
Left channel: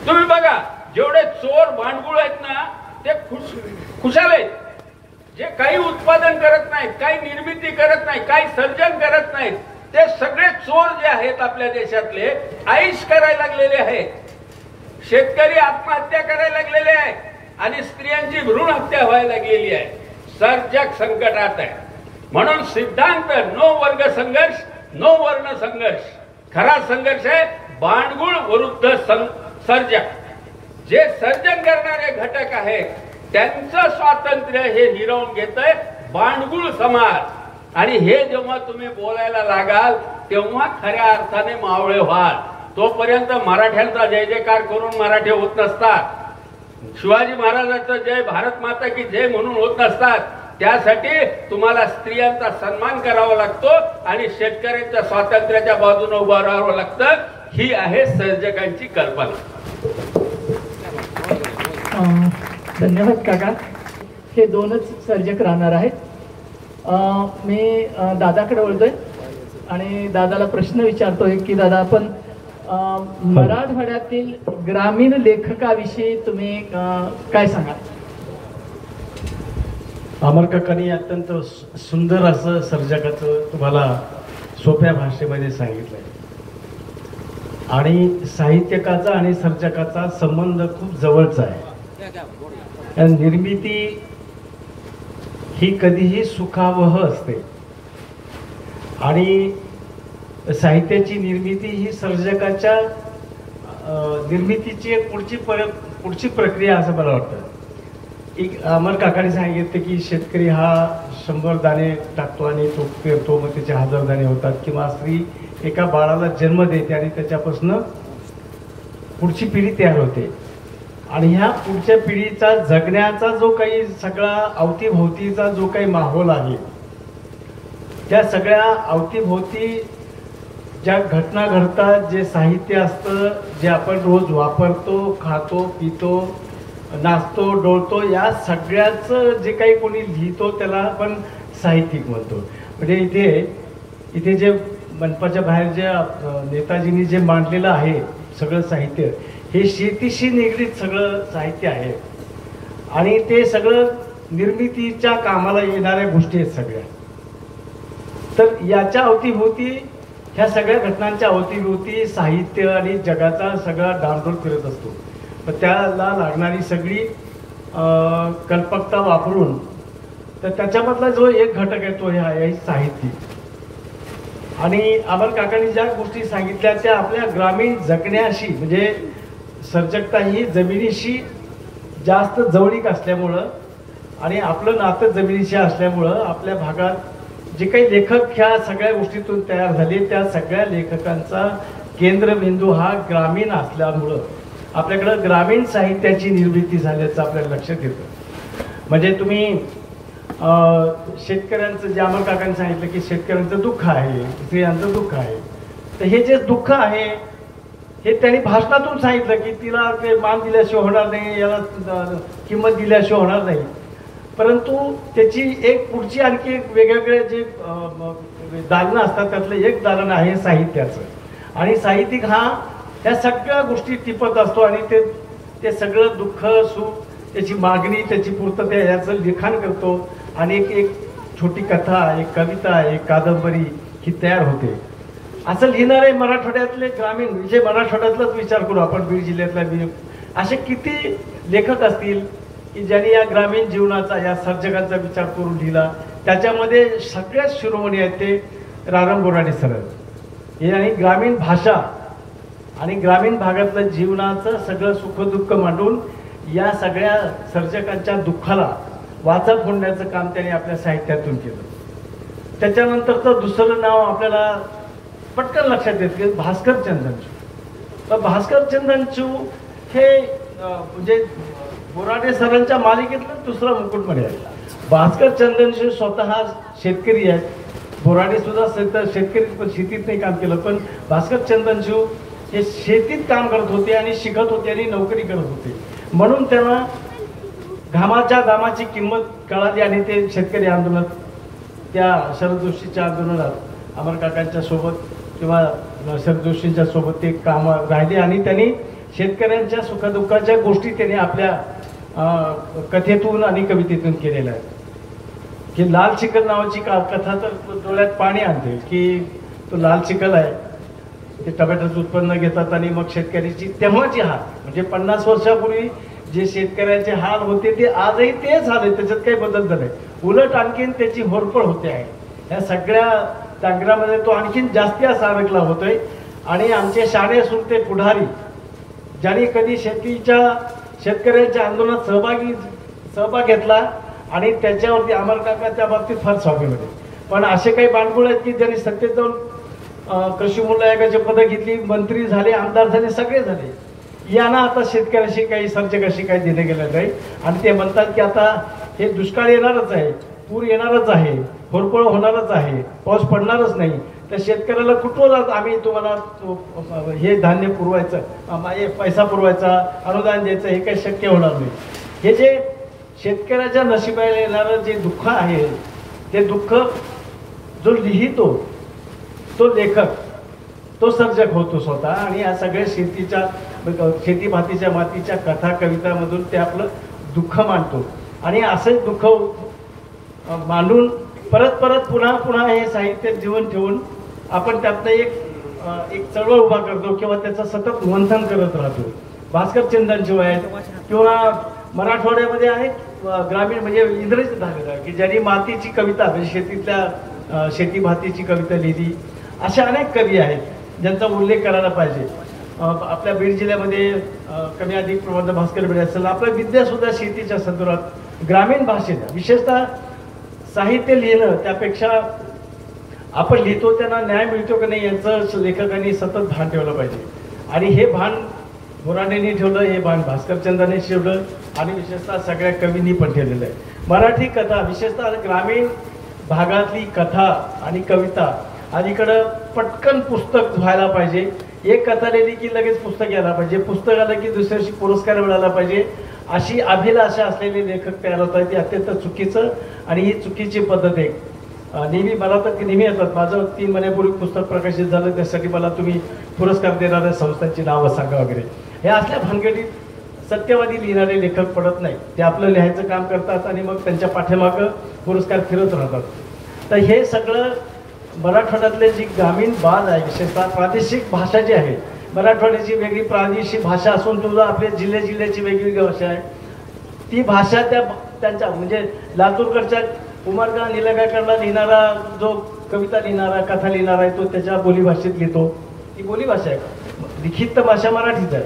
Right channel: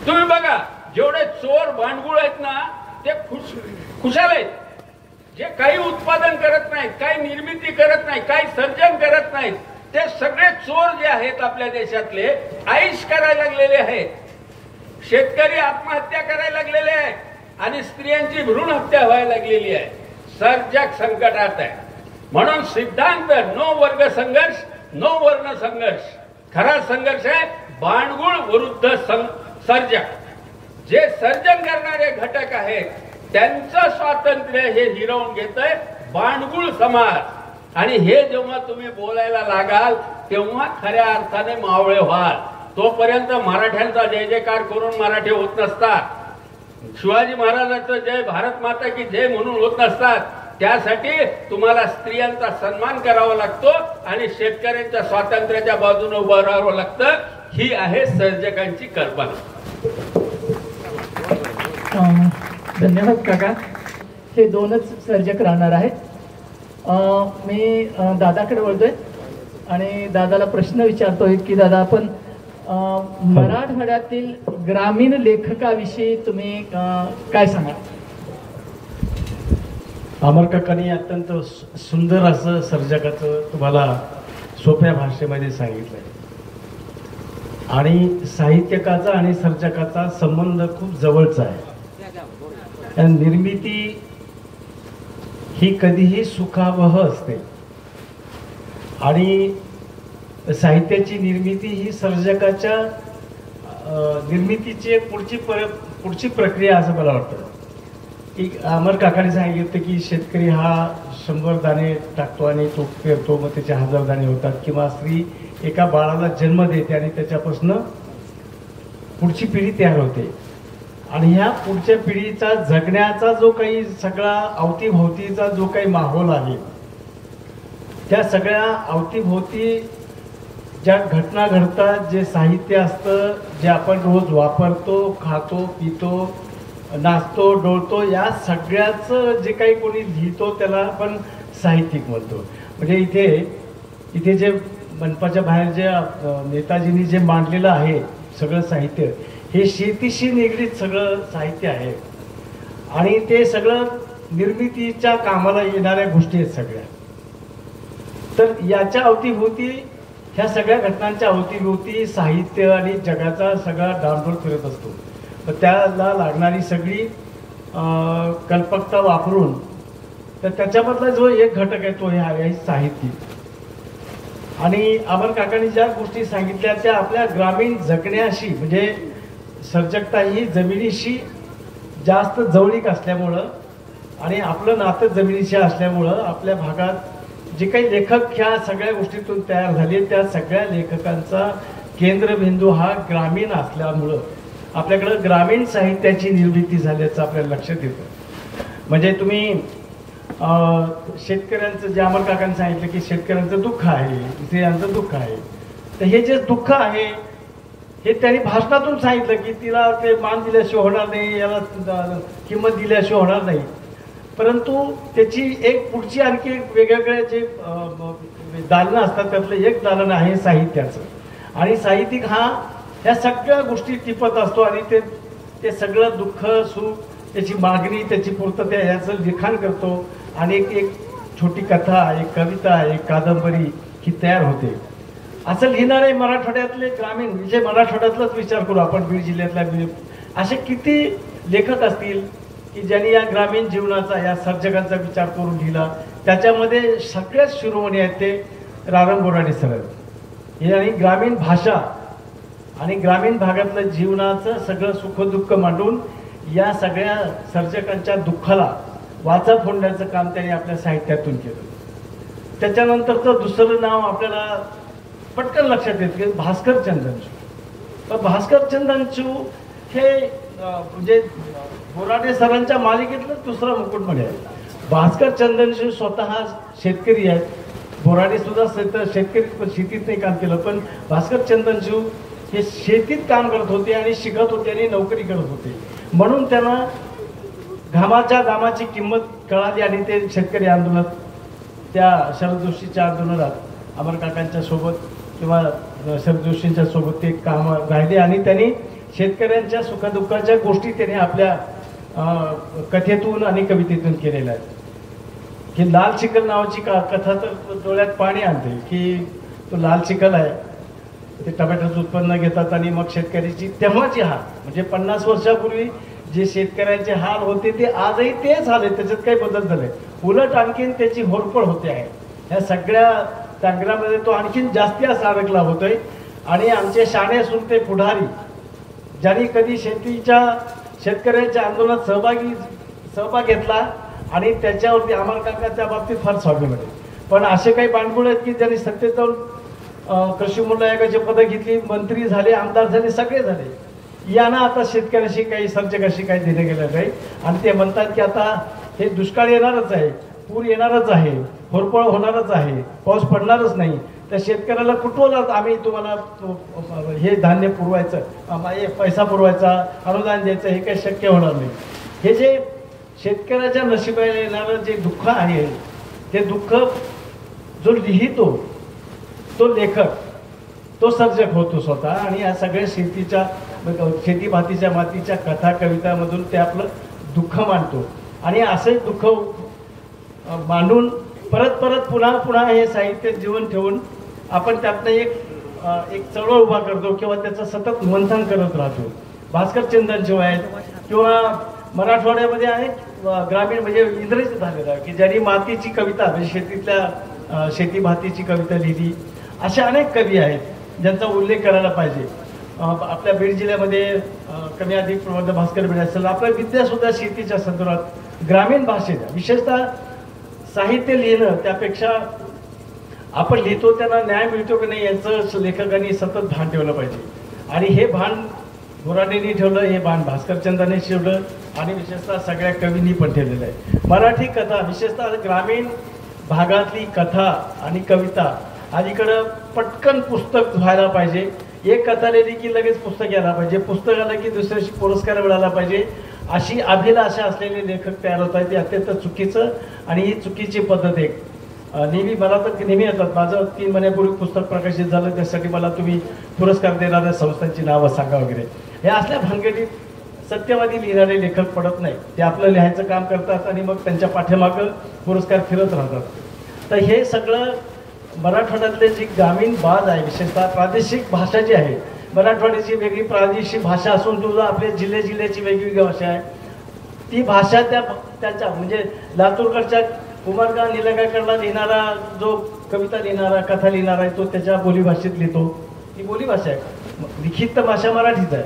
तुम्ही बघा, जेवढे चोर भांडगुळ आहेत ना, ते खुशाल आहेत. जे काही उत्पादन करत नाहीत, काही निर्मिती करत नाही, काही सर्जन करत नाहीत, ते सगळे चोर जे आहेत आपल्या देशातले, आईश करायला लागलेले आहेत. शेतकरी आत्महत्या करायला लागलेले आहेत आणि स्त्रियांची भ्रूण हत्या व्हायला लागलेली आहे. सर्जक संकटात आहे. म्हणून सिद्धांत नो वर्ग संघर्ष, नो वर्ण संघर्ष. खरा संघर्ष आहे भांडगुळ विरुद्ध सर्जक. जे सर्जन करणारे घटक आहेत त्यांचं स्वातंत्र्य हे हिरावून घेतंय भांडगुळ समाज. आणि हे जेव्हा तुम्ही बोलायला लागाल तेव्हा खऱ्या अर्थाने मावळे व्हाल. तोपर्यंत मराठ्यांचा जय जयकार करून मराठी होत नसतात. शिवाजी महाराजांचं जय, भारत माता की जय म्हणून होत नसतात. त्यासाठी तुम्हाला स्त्रियांचा सन्मान करावा लागतो आणि शेतकऱ्यांच्या स्वातंत्र्याच्या बाजूने उभं राहावं लागतं. ही आहे सर्जकांची कल्पना. धन्यवाद काका. हे दोनच सर्जक राहणार आहेत. मी दादाकडे वळतोय आणि दादाला प्रश्न विचारतोय की दादा, आपण मराठवाड्यातील ग्रामीण लेखकाविषयी तुम्ही काय सांगा? अमर काकांनी अत्यंत सुंदर असं सर्जकाचं तुम्हाला सोप्या भाषेमध्ये सांगितलंय. आणि साहित्यकाचा आणि सर्जकाचा संबंध खूप जवळचा आहे. निर्मिती ही कधीही सुखावह असते आणि साहित्याची निर्मिती ही सर्जकाच्या निर्मितीची एक पुढची प्रक्रिया असं मला वाटतं. एक अमर काकाने सांगितलं की शेतकरी हा 100 दाणे टाकतो आणि तो पेरतो, मग त्याचे 1000 दाणे होतात, किंवा स्त्री एका बाळाला जन्म देते आणि त्याच्यापासून पुढची पिढी तयार होते. आणि ह्या पुढच्या पिढीचा जगण्याचा जो काही सगळा अवतीभोवतीचा जो काही माहोल आहे, त्या सगळ्या अवतीभोवती ज्या घटना घडतात, जे साहित्य असतं, जे आपण रोज वापरतो, खातो, पितो, नाचतो, डोळतो, या सगळ्याचं जे काही कोणी लिहितो त्याला आपण साहित्यिक म्हणतो. म्हणजे इथे जे मनपाच्या बाहेर जे नेताजींनी जे मांडलेलं आहे सगळं साहित्य, हे शेतीशी निगडीत सगळं साहित्य आहे आणि ते सगळं निर्मितीच्या कामाला येणाऱ्या गोष्टी आहेत सगळ्या. तर याच्या अवतीभोवती, ह्या सगळ्या घटनांच्या अवतीभोवती साहित्य आणि जगाचा सगळा डांडोल फिरत असतो. तर त्याला लागणारी सगळी कल्पकता वापरून, तर त्याच्यामधला जो एक घटक आहे तो आहे साहित्य. आणि अमर काकांनी ज्या गोष्टी सांगितल्या त्या आपल्या ग्रामीण जगण्याशी, म्हणजे सर्जकता ही जमिनीशी जास्त जवळीक असल्यामुळं आणि आपलं नातं जमिनीशी असल्यामुळं आपल्या भागात जे काही लेखक ह्या सगळ्या गोष्टीतून तयार झाले, त्या सगळ्या लेखकांचा केंद्रबिंदू हा ग्रामीण असल्यामुळं आपल्याकडं ग्रामीण साहित्याची निर्मिती झाल्याचं आपल्याला लक्षात येतं. म्हणजे तुम्ही शेतकऱ्यांचं, जे अमर काकांनी सांगितलं की शेतकऱ्यांचं दुःख आहे, स्त्रियांचं दुःख आहे, तर हे जे दुःख आहे हे त्यांनी भाषणातून सांगितलं की तिला ते मान दिल्याशिवाय होणार नाही, याला किंमत दिल्याशिवाय होणार नाही. परंतु त्याची एक पुढची आणखी वेगवेगळे जे दालनं असतात त्यातलं एक दालन आहे साहित्याचं. आणि साहित्यिक हा ह्या सगळ्या गोष्टी टिपत असतो आणि ते सगळं दुःख, सुख, त्याची मागणी, त्याची पूर्तता याचं लिखाण करतो आणि एक छोटी कथा, एक कविता, एक कादंबरी ही तयार होते. असं लिहिणारे मराठवाड्यातले ग्रामीण, म्हणजे मराठवाड्यातलाच विचार करू आपण, बीड जिल्ह्यातला असे किती लेखक असतील की ज्यांनी या ग्रामीण जीवनाचा, या सर्जकांचा विचार करून लिहिला. त्याच्यामध्ये सगळ्यात शिरोमणी आहेत ते रारंग बोराडे सर हे. आणि ग्रामीण भाषा आणि ग्रामीण भागातलं जीवनाचं सगळं सुखदुःख मांडून या सगळ्या सर्जकांच्या दुःखाला वाचा फोडण्याचं काम त्यांनी आपल्या साहित्यातून केलं. त्याच्यानंतरचं दुसरं नाव आपल्याला पटकन लक्षात येतं की भास्कर चंदनचू. तर भास्कर चंदनचू हे म्हणजे बोराडे सरांच्या मालिकेतलं दुसरा मुकुटमणी आहे. भास्कर चंदनचू स्वतः शेतकरी आहेत. बोराडे सुद्धा शेतकरी, शेतीत नाही काम केलं, पण भास्कर चंदनचू हे शेतीत काम करत होते आणि शिकत होते आणि नोकरी करत होते. म्हणून त्यांना घामाच्या दामाची किंमत कळाली आणि ते शेतकरी आंदोलनात, त्या शरद जोशीच्या आंदोलनात अमर काकांच्या सोबत किंवा शरद जोशींच्या सोबत ते काम राहिले आणि त्यांनी शेतकऱ्यांच्या सुखदुःखाच्या गोष्टी त्यांनी आपल्या कथेतून आणि कवितेतून केलेल्या आहेत. की लाल चिखल नावाची कथा तर डोळ्यात पाणी आणते की तो लाल चिखल आहे, ते टोमॅटोचं उत्पन्न घेतात आणि मग शेतकऱ्याची तेव्हाची हाल, म्हणजे 50 वर्षापूर्वी जे शेतकऱ्यांचे हाल होते ते आजही तेच हाल आहे, त्याच्यात काही बदल झाले. उलट आणखीन त्याची होरपळ होते आहे. ह्या सगळ्या संग्रामामध्ये तो आणखीन जास्ती असा अडकला होतोय. आणि आमचे शाणे सुरते पुढारी ज्यांनी कधी शेतकऱ्यांच्या आंदोलनात सहभाग घेतला आणि त्याच्यावरती अमर काकाच्या बाबतीत फार स्वाभिमान. पण असे काही बांडगुळ आहेत की ज्यांनी सत्तेत जाऊन कृषी मूल्य आयोगाची पदं घेतली, मंत्री झाले, आमदार झाले, सगळे झाले. यांना आता शेतकऱ्याशी काही, सर्जकाशी काही देणं गेलं नाही. आणि ते म्हणतात की आता हे दुष्काळ येणारच आहे, पूर येणारच आहे, होरपळ होणारच आहे, पाऊस पडणारच नाही, तर शेतकऱ्याला कुठवत आम्ही तुम्हाला हे धान्य पुरवायचं, पैसा पुरवायचा, अनुदान द्यायचं, हे काही शक्य होणार नाही. हे जे शेतकऱ्याच्या नशिबाला येणारं जे दुःख आहे, ते दुःख जो लिहितो तो लेखक, तो सर्जक होतो स्वतः. आणि या सगळ्या शेतीभातीच्या मातीच्या कथा कवितामधून ते आपलं दुःख मांडतो. आणि असं दुःख मांडून परत पुन्हा हे साहित्य जीवन ठेवून आपण त्यातनं एक चळवळ उभा करतो किंवा त्याचं सतत मंथन करत राहतो. भास्कर चंदनचू आहेत किंवा मराठवाड्यामध्ये आहेत ग्रामीण म्हणजे इंग्रजीत झालेलं आहे की ज्यांनी मातीची कविता म्हणजे शेतीतल्या शेती भातीची कविता लिहिली. अशा अनेक कवी आहेत ज्यांचा उल्लेख करायला पाहिजे. आपल्या बीड जिल्ह्यामध्ये कमी अधिक प्रबंध भास्कर भिडे असेल. आपल्या विद्यासुद्धा शेतीच्या संदर्भात ग्रामीण भाषेत विशेषतः साहित्य लिहिणं त्यापेक्षा आपण लिहितो त्यांना न्याय मिळतो की नाही यांचं लेखकांनी सतत भान ठेवलं पाहिजे. आणि हे भान बोराडेंनी ठेवलं, हे भान भास्करचंद्रांनी ठेवलं आणि विशेषतः सगळ्या कवींनी पण ठेवलेलं आहे. मराठी कथा विशेषतः ग्रामीण भागातली कथा आणि कविता अलीकडं पटकन पुस्तक व्हायला पाहिजे. एक कथा लिहिली की लगेच पुस्तक यायला पाहिजे, पुस्तक आलं की दुसऱ्या दिवशी पुरस्कार मिळाला पाहिजे, अशी अभिलाषा असलेले लेखक तयार होत आहेत. ते अत्यंत चुकीचं आणि ही चुकीची पद्धत आहे. नेहमी मला तर नेहमी येतात, माझं 3 महिन्यापूर्वी पुस्तक प्रकाशित झालं, त्यासाठी मला तुम्ही पुरस्कार देणाऱ्या संस्थांची नावं सांगा वगैरे. हे असल्या भानगडीत सत्यवादी लिहिणारे लेखक पडत नाही. ते आपलं लिहायचं काम करतात आणि मग त्यांच्या पाठीमागं पुरस्कार फिरत राहतात. तर हे सगळं मराठवाड्यातले जी ग्रामीण बाज आहे, विशेषतः प्रादेशिक भाषा जी आहे, मराठवाड्याची वेगळी प्रादेशिक भाषा असून तुझा आपल्या जिल्ह्याची वेगवेगळी भाषा आहे. ती भाषा त्यांच्या म्हणजे लातूरकडच्या कुमारगा निलंगेकरला लिहिणारा जो कविता लिहिणारा कथा लिहिणारा आहे तो त्याच्या बोलीभाषेत लिहितो. ती बोलीभाषा आहे. लिखित भाषा मराठीच आहे.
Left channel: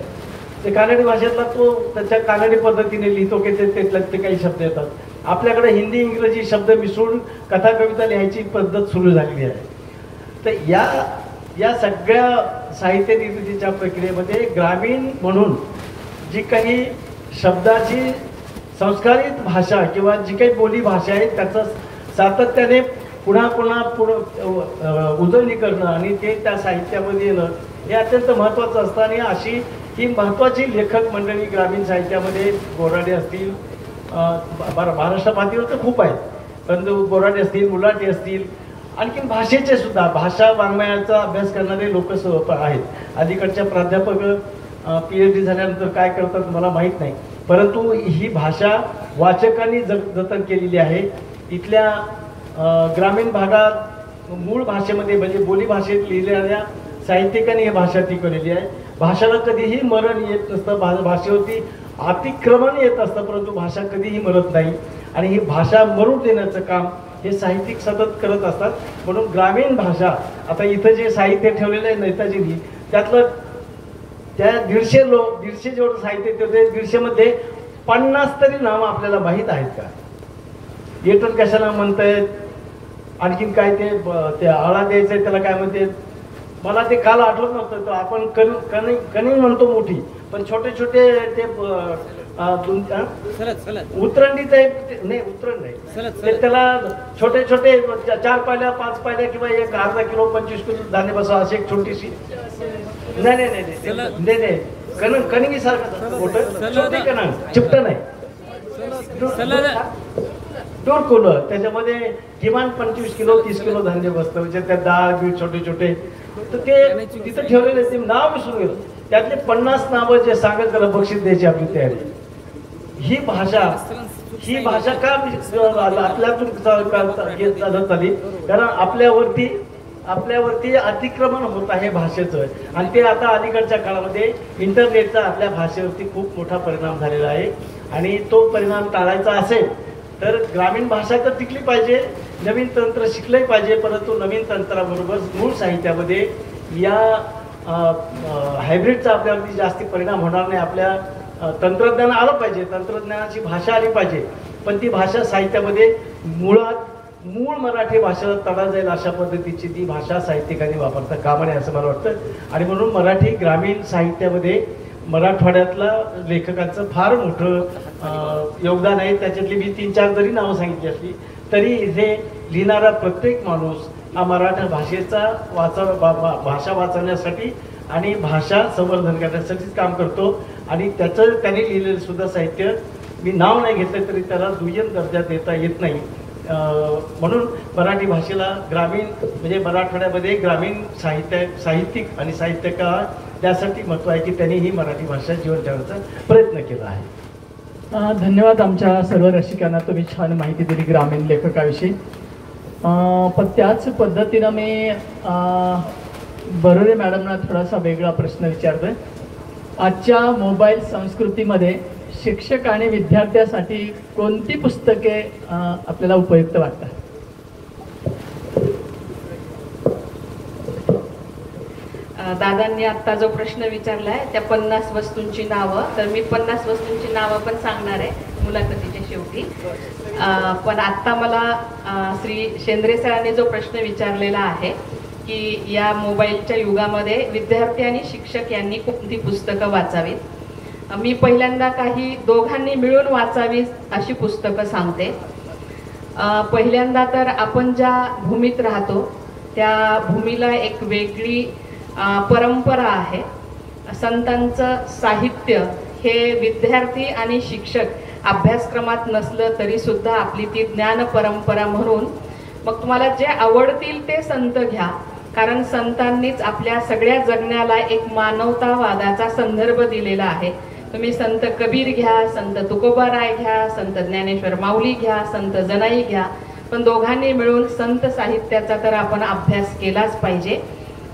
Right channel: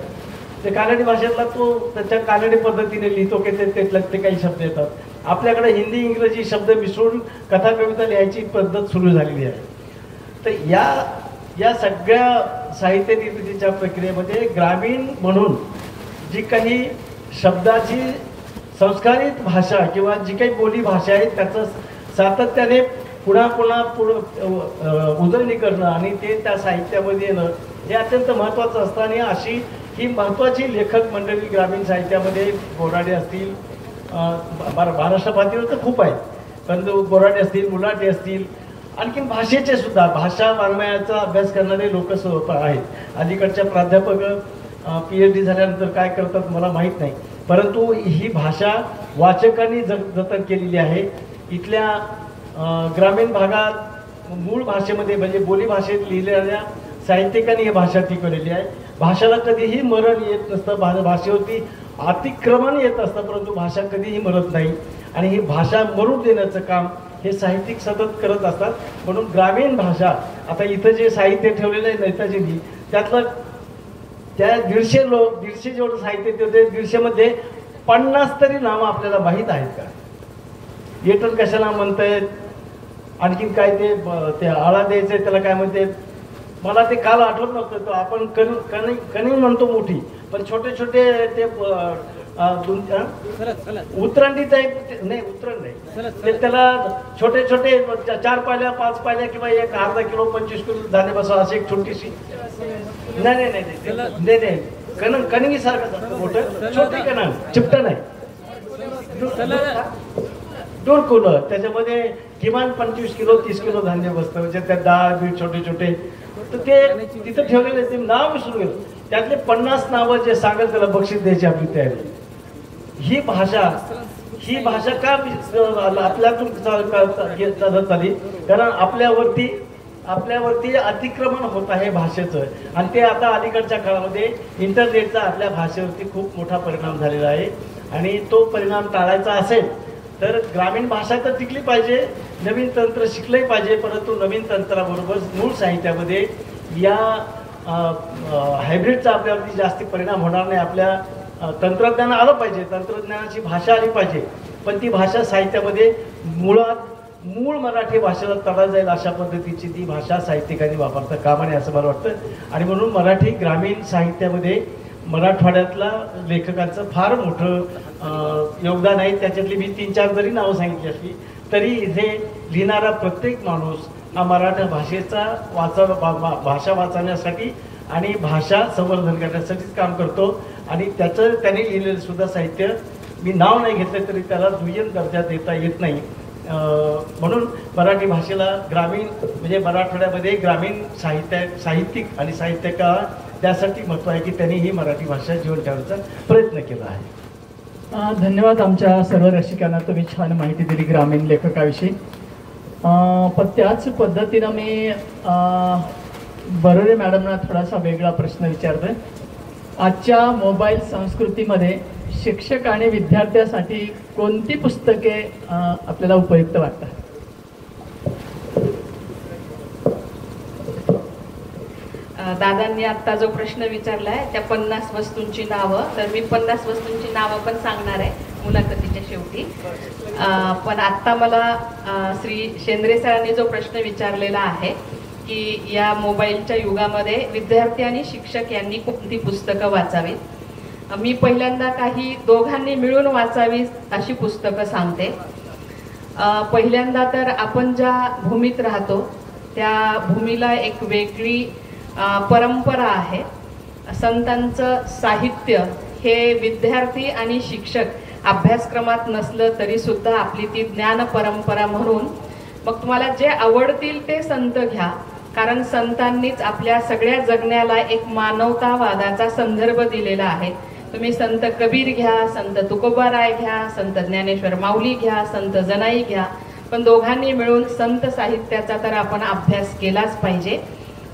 ते कानडी भाषेतला तो त्याच्या कानडी पद्धतीने लिहितो की ते काही शब्द येतात. आपल्याकडे हिंदी इंग्रजी शब्द मिसळून कथा कविता लिहायची पद्धत सुरू झालेली आहे. तर या सगळ्या साहित्य निर्मितीच्या प्रक्रियेमध्ये ग्रामीण म्हणून जी काही शब्दाची संस्कारित भाषा किंवा जी काही बोली भाषा आहे त्याचं सातत्याने पुन्हा उजळणी करणं आणि ते त्या साहित्यामध्ये येणं हे अत्यंत महत्त्वाचं असतं. आणि अशी ही महत्त्वाची लेखक मंडळी ग्रामीण साहित्यामध्ये बोराडे असतील, महाराष्ट्र पातळीवर तर खूप आहेत, परंतु बोराडे असतील, मुलाटे असतील, आणखीन भाषेचे सुद्धा भाषा वाङ्मयाचा अभ्यास करणारे लोक आहेत. अलीकडच्या प्राध्यापक PhD झाल्यानंतर काय करतात मला माहीत नाही, परंतु ही भाषा वाचकांनी जतन केलेली आहे. इथल्या ग्रामीण भागात मूळ भाषेमध्ये म्हणजे बोली भाषेत लिहिलेल्या साहित्यिकांनी ही भाषा टिकवलेली आहे. भाषेला कधीही मरण येत नसतं, भाषेवरती अतिक्रमण येत असतं, परंतु भाषा कधीही मरत नाही. आणि ही भाषा मरून देण्याचं काम हे साहित्यिक सतत करत असतात. म्हणून ग्रामीण भाषा आता इथं जे साहित्य ठेवलेलं आहे नेताजींनी त्यातलं त्या 150 जेवढं साहित्य ठेवते 150 मध्ये 50 तरी नावं आपल्याला माहीत आहेत का? येटन कशाला म्हणतायत, आणखीन काय ते आळा द्यायचंय त्याला काय म्हणते मला ते काल आठवत नव्हतं. आपण कणी म्हणतो मोठी, पण छोटे छोटे ते उतरंडीचं नाही, उतरण नाही, त्याला छोटे छोटे 4 पायल्या 5 पायल्या किंवा एक अर्धा किलो 25 किलो धान्य बसा अशी एक छोटीशी नाही कणगी सारखं मोठं छोटे कण चिपट नाही डोरकुलं त्याच्यामध्ये किमान 25 किलो 30 किलो धान्य बसतं. म्हणजे त्या डाळ बीट छोटे छोटे तर ते तिथं ठेवलेले ते नाव विसरून गेलं. त्यातले 50 नावं जे सांगेल त्याला बक्षीस द्यायची आपली तयारी. ही भाषा का आपल्यातून चालत आली? कारण आपल्यावरती अतिक्रमण होत आहे भाषेचं. आणि ते आता अलीकडच्या काळामध्ये इंटरनेटचा आपल्या भाषेवरती खूप मोठा परिणाम झालेला आहे. आणि तो परिणाम टाळायचा असेल तर ग्रामीण भाषा तर टिकली पाहिजे, नवीन तंत्र शिकले पाहिजे, परंतु नवीन तंत्राबरोबर मूळ साहित्यामध्ये या हायब्रिडचा आपल्यावरती जास्ती परिणाम होणार नाही. आपल्या तंत्रज्ञान आलं पाहिजे, तंत्रज्ञानाची भाषा आली पाहिजे, पण ती भाषा साहित्यामध्ये मूळ मराठी भाषेला तडा जाईल अशा पद्धतीची ती भाषा साहित्यिकांनी वापरता कामा नये असं मला वाटतं. आणि म्हणून मराठी ग्रामीण साहित्यामध्ये मराठवाड्यातला लेखकांचं फार मोठं योगदान आहे. त्याच्यातली मी 3-4 जरी नावं सांगितली असली तरी इथे लिहिणारा प्रत्येक माणूस हा मराठा भाषेचा भाषा वाचवण्यासाठी आणि भाषा संवर्धन करण्यासाठीच काम करतो. आणि त्यांनी लिहिलेलं सुद्धा साहित्य मी नाव नाही घेतलं तरी त्याला दुय्यम दर्जा देता येत नाही. म्हणून मराठी भाषेला ग्रामीण म्हणजे मराठवाड्यामध्ये ग्रामीण साहित्यिक आणि साहित्यकार त्यासाठी महत्त्व आहे की त्यांनी ही मराठी भाषा जीवन ठेवण्याचा प्रयत्न केला आहे. धन्यवाद आमच्या सर्व रसिकांना, तुम्ही छान माहिती दिली ग्रामीण लेखकाविषयी. पण त्याच पद्धतीनं मी बरोरे मॅडमना थोडासा वेगळा प्रश्न विचारतोय. आजच्या मोबाईल संस्कृतीमध्ये शिक्षक आणि विद्यार्थ्यासाठी कोणती पुस्तके आपल्याला उपयुक्त वाटतात? दादांनी आता जो प्रश्न विचारलाय त्या 50 वस्तूंची नावं, तर मी 50 वस्तूंची नावं पण सांगणार आहे मुलाखतीच्या शेवटी. पण आता मला श्री शेंद्रे सरांनी जो प्रश्न विचारलेला आहे की या मोबाईलच्या युगामध्ये विद्यार्थी आणि शिक्षक यांनी कोणती पुस्तकं वाचावीत, मी पहिल्यांदा काही दोघांनी मिळून वाचावीत अशी पुस्तकं सांगते. पहिल्यांदा तर आपण ज्या भूमीत राहतो त्या भूमीला एक वेगळी परंपरा आहे. संतांचं साहित्य हे विद्यार्थी आणि शिक्षक अभ्यासक्रमात नसलं तरी सुद्धा आपली ती ज्ञान परंपरा म्हणून, मग तुम्हाला जे आवडतील ते संत घ्या, कारण संतांनीच आपल्या सगळ्या जगण्याला एक मानवतावादाचा संदर्भ दिलेला आहे. तुम्ही संत कबीर घ्या, संत तुकोबाराय घ्या, संत ज्ञानेश्वर माऊली घ्या, संत जनाई घ्या, पण दोघांनी मिळून संत साहित्याचा तर आपण अभ्यास केलाच पाहिजे.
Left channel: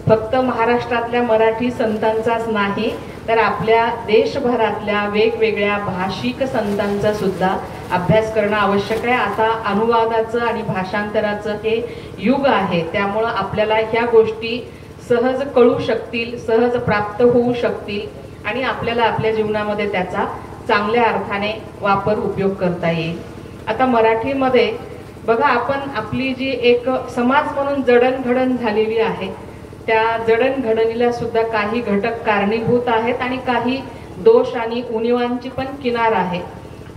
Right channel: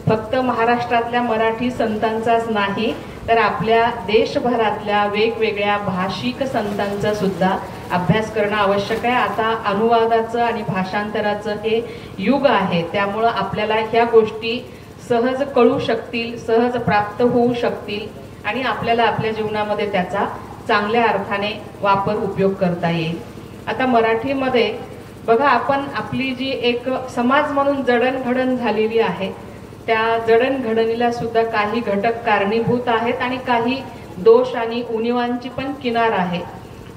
फक्त महाराष्ट्रातल्या मराठी संतांचाच नाही तर आपल्या देशभरातल्या वेगवेगळ्या भाषिक संतांचा सुद्धा अभ्यास करणं आवश्यक आहे. आता अनुवादाचं आणि भाषांतराचं हे युग आहे, त्यामुळं आपल्याला ह्या गोष्टी सहज कळू शकतील, सहज प्राप्त होऊ शकतील आणि आपल्याला आपल्या जीवनामध्ये त्याचा चांगल्या अर्थाने वापर उपयोग करता येईल. आता मराठीमध्ये बघा, आपण आपली जी एक समाज म्हणून जडणघडण झालेली आहे त्या जडणघडणीला सुद्धा काही घटक कारणीभूत आहेत आणि काही दोष आणि उणिवांची पण किनार आहे.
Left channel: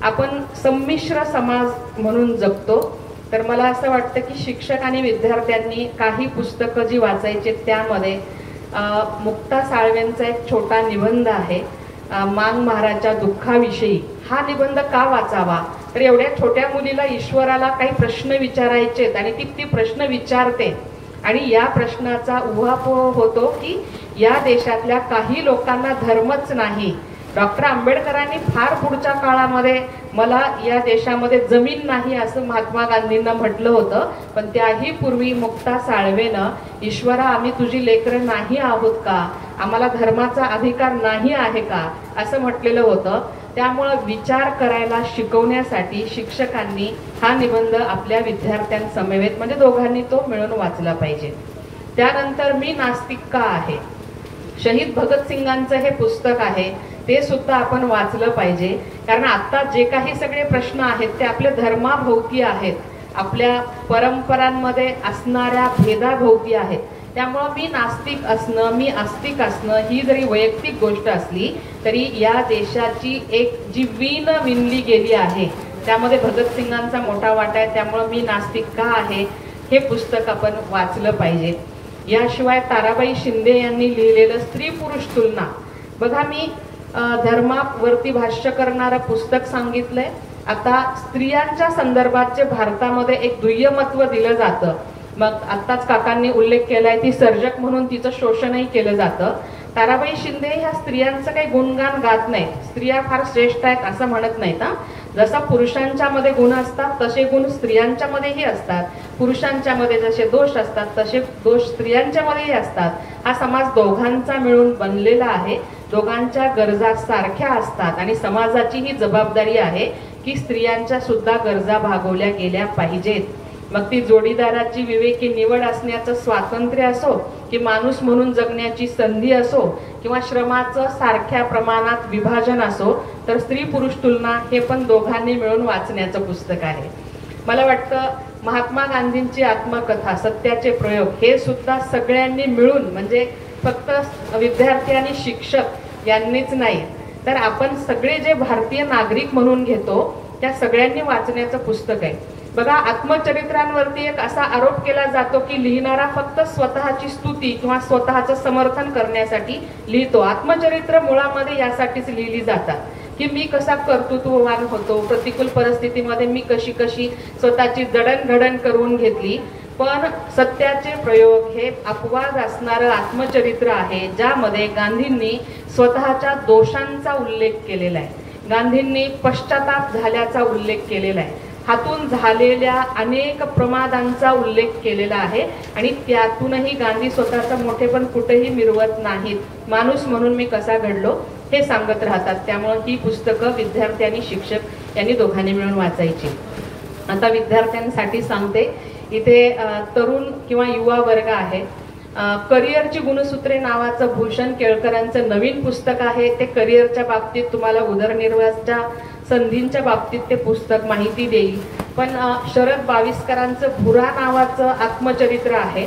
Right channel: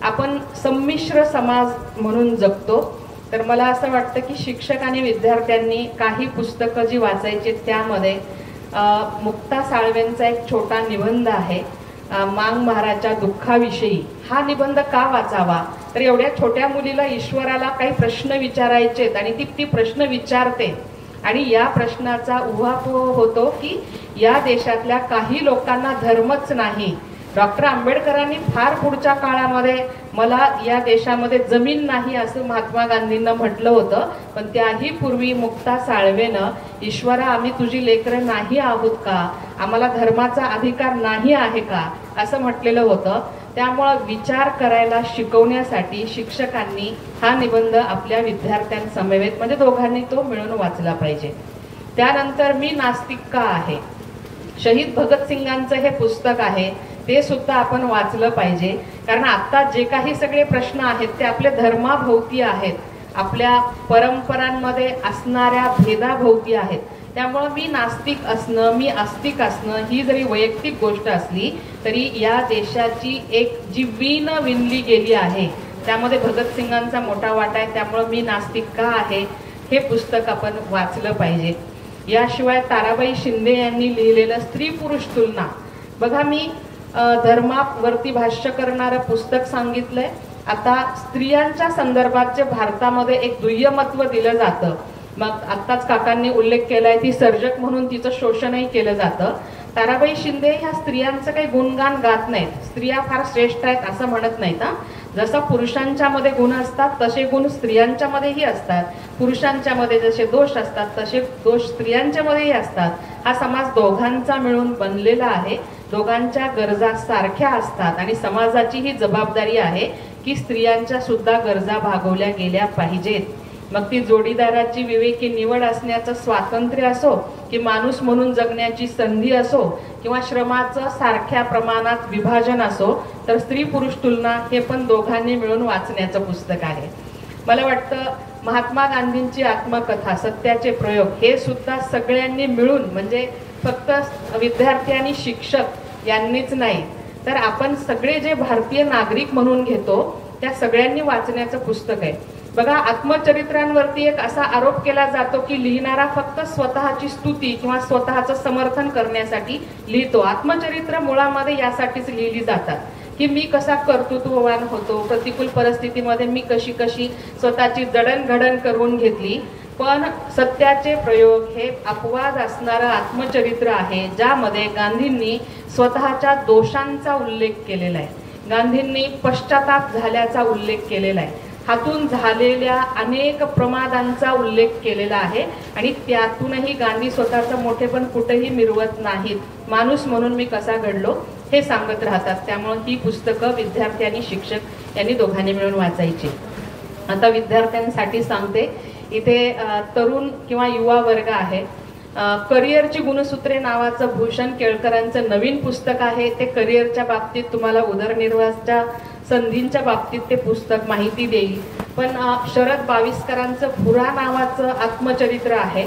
आपण संमिश्र समाज म्हणून जगतो, तर मला असं वाटतं की शिक्षक आणि विद्यार्थ्यांनी काही पुस्तकं जी वाचायची त्यामध्ये मुक्ता साळवेंचा एक छोटा निबंध आहे, मांग महाराजच्या दुःखाविषयी. हा निबंध का वाचावा, तर एवढ्या छोट्या मुलीला ईश्वराला काही प्रश्न विचारायचेत आणि ती प्रश्न विचारते आणि या प्रश्नाचा उहापोह होतो की या देशातल्या काही लोकांना धर्मच नाही. डॉक्टर आंबेडकरांनी फार पुढच्या काळामध्ये मला या देशामध्ये जमीन नाही असं महात्मा गांधींना म्हटलं होतं, पण त्याही पूर्वी मुक्ता साळवेनं ईश्वरा आम्ही तुझी लेकरं नाही आहोत का, आम्हाला धर्माचा अधिकार नाही आहे का असं म्हटलेलं होतं. त्यामुळं विचार करायला शिकवण्यासाठी शिक्षकांनी हा निबंध आपल्या विद्यार्थ्यांसमवेत म्हणजे दोघांनी तो मिळून वाचला पाहिजे. त्यानंतर मी नास्तिक का आहे, शहीद भगतसिंगांचं हे पुस्तक आहे, ते सुद्धा आपण वाचलं पाहिजे. कारण आता जे काही सगळे प्रश्न आहेत ते आपल्या धर्माभोवती आहेत, आपल्या परंपरांमध्ये असणाऱ्या भेदाभोवती आहेत. त्यामुळं मी नास्तिक असणं, मी आस्तिक असणं ही जरी वैयक्तिक गोष्ट असली तरी या देशाची एक जी वीण विणली गेली आहे त्यामध्ये भगतसिंगांचा मोठा वाटा आहे. त्यामुळं मी नास्तिक का आहे हे पुस्तक आपण वाचलं पाहिजे. याशिवाय ताराबाई शिंदे यांनी लिहिलेलं स्त्री पुरुष तुलना, बघा मी धर्मावरती भाष्य करणारं पुस्तक सांगितलंय. आता स्त्रियांच्या संदर्भात जे भारतामध्ये एक दुय्यमत्व दिलं जातं, मग आत्ताच काकांनी उल्लेख केलाय ती सर्जक म्हणून तिचं शोषणही केलं जातं. ताराबाई शिंदे ह्या स्त्रियांचं काही गुणगान गात नाहीत, स्त्रिया फार श्रेष्ठ आहेत असं म्हणत नाहीत. जसं पुरुषांच्या मध्ये गुण असतात तसे गुण स्त्रियांच्या मध्येही असतात, पुरुषांच्या मध्ये जसे दोष असतात तसे दोष स्त्रियांच्या मध्येही असतात. हा समाज दोघांचा मिळून बनलेला आहे, दोघांच्या गरजा सारख्या असतात आणि समाजाची ही जबाबदारी आहे की स्त्रियांच्या सुद्धा गरजा भागवल्या गेल्या पाहिजेत. मग ती जोडीदाराची विवेकी निवड असण्याचं स्वातंत्र्य असो की माणूस म्हणून जगण्याची संधी असो किंवा श्रमाचं सारख्या प्रमाणात विभाजन असो, तर स्त्री पुरुष तुलना हे पण दोघांनी मिळून वाचण्याचं पुस्तक आहे. मला वाटतं महात्मा गांधींची आत्मकथा सत्याचे प्रयोग हे सुद्धा सगळ्यांनी मिळून, म्हणजे फक्त विद्यार्थी आणि शिक्षक यांनीच नाही तर आपण सगळे जे भारतीय नागरिक म्हणून घेतो त्या सगळ्यांनी वाचण्याचं पुस्तक आहे. बघा, आत्मचरित्रांवरती एक असा आरोप केला जातो की लिहिणारा फक्त स्वतःची स्तुती किंवा स्वतःचं समर्थन करण्यासाठी लिहितो. आत्मचरित्र मुळामध्ये यासाठीच लिहिली जातात की मी कसा कर्तृत्ववान होतो, प्रतिकूल परिस्थितीमध्ये मी कशी कशी स्वतःची जडणघडण करून घेतली. पण सत्याचे प्रयोग हे अपवाद असणारं आत्मचरित्र आहे ज्यामध्ये गांधींनी स्वतःच्या दोषांचा उल्लेख केलेला आहे, गांधींनी पश्चाताप झाल्याचा उल्लेख केलेला आहे, हातून झालेल्या अनेक प्रमादांचा उल्लेख केलेला आहे आणि त्यातूनही गांधी स्वतःचं मोठेपण कुठेही मिरवत नाहीत. माणूस म्हणून मी कसा घडलो हे सांगत राहतात. त्यामुळे ही पुस्तकं विद्यार्थी आणि शिक्षक यांनी दोघांनी मिळून वाचायची. आता विद्यार्थ्यांसाठी सांगते, इथे तरुण किंवा युवा वर्ग आहे. करिअरची गुणसूत्रे नावाचं भूषण केळकरांचं नवीन पुस्तक आहे. ते करिअरच्या बाबतीत तुम्हाला उदरनिर्वाहाच्या संधींच्या बाबतीत ते पुस्तक माहिती देईल. पण शरद बाविस्करांचं भुरा नावाचं आत्मचरित्र आहे,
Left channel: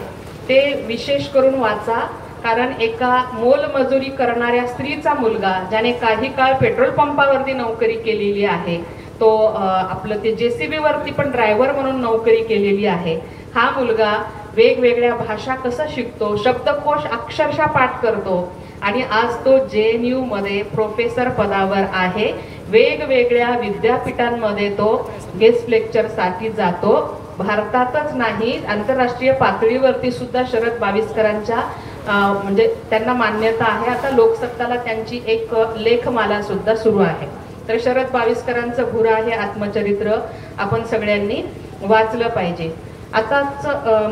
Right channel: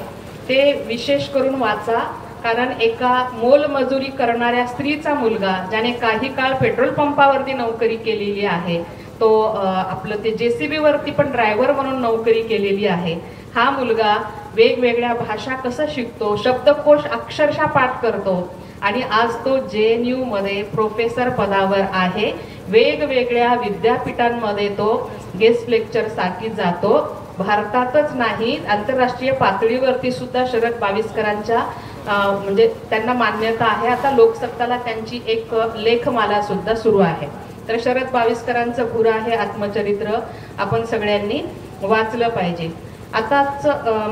ते विशेष करून वाचा. कारण एका मोलमजुरी करणाऱ्या स्त्रीचा मुलगा, ज्याने काही काळ पेट्रोल पंपावरती नोकरी केलेली आहे, तो आपलं ते JCB वरती पण ड्रायव्हर म्हणून नोकरी केलेली आहे, हा मुलगा वेगवेगळ्या भाषा कसं शिकतो, शब्दकोश अक्षरशः पाठ करतो आणि आज तो JNU मध्ये प्रोफेसर पदावर आहे. वेगवेगळ्या विद्यापीठांमध्ये तो गेस्ट लेक्चर साठी जातो. भारतातच नाही, आंतरराष्ट्रीय पातळीवरती सुद्धा शरद बाविस्करांच्या म्हणजे त्यांना मान्यता आहे. आता लोकसत्ताला त्यांची एक लेखमाला सुद्धा सुरू आहे. तर शरद बाविस्करांचं भुरा हे आत्मचरित्र आपण सगळ्यांनी वाचलं पाहिजे. आताच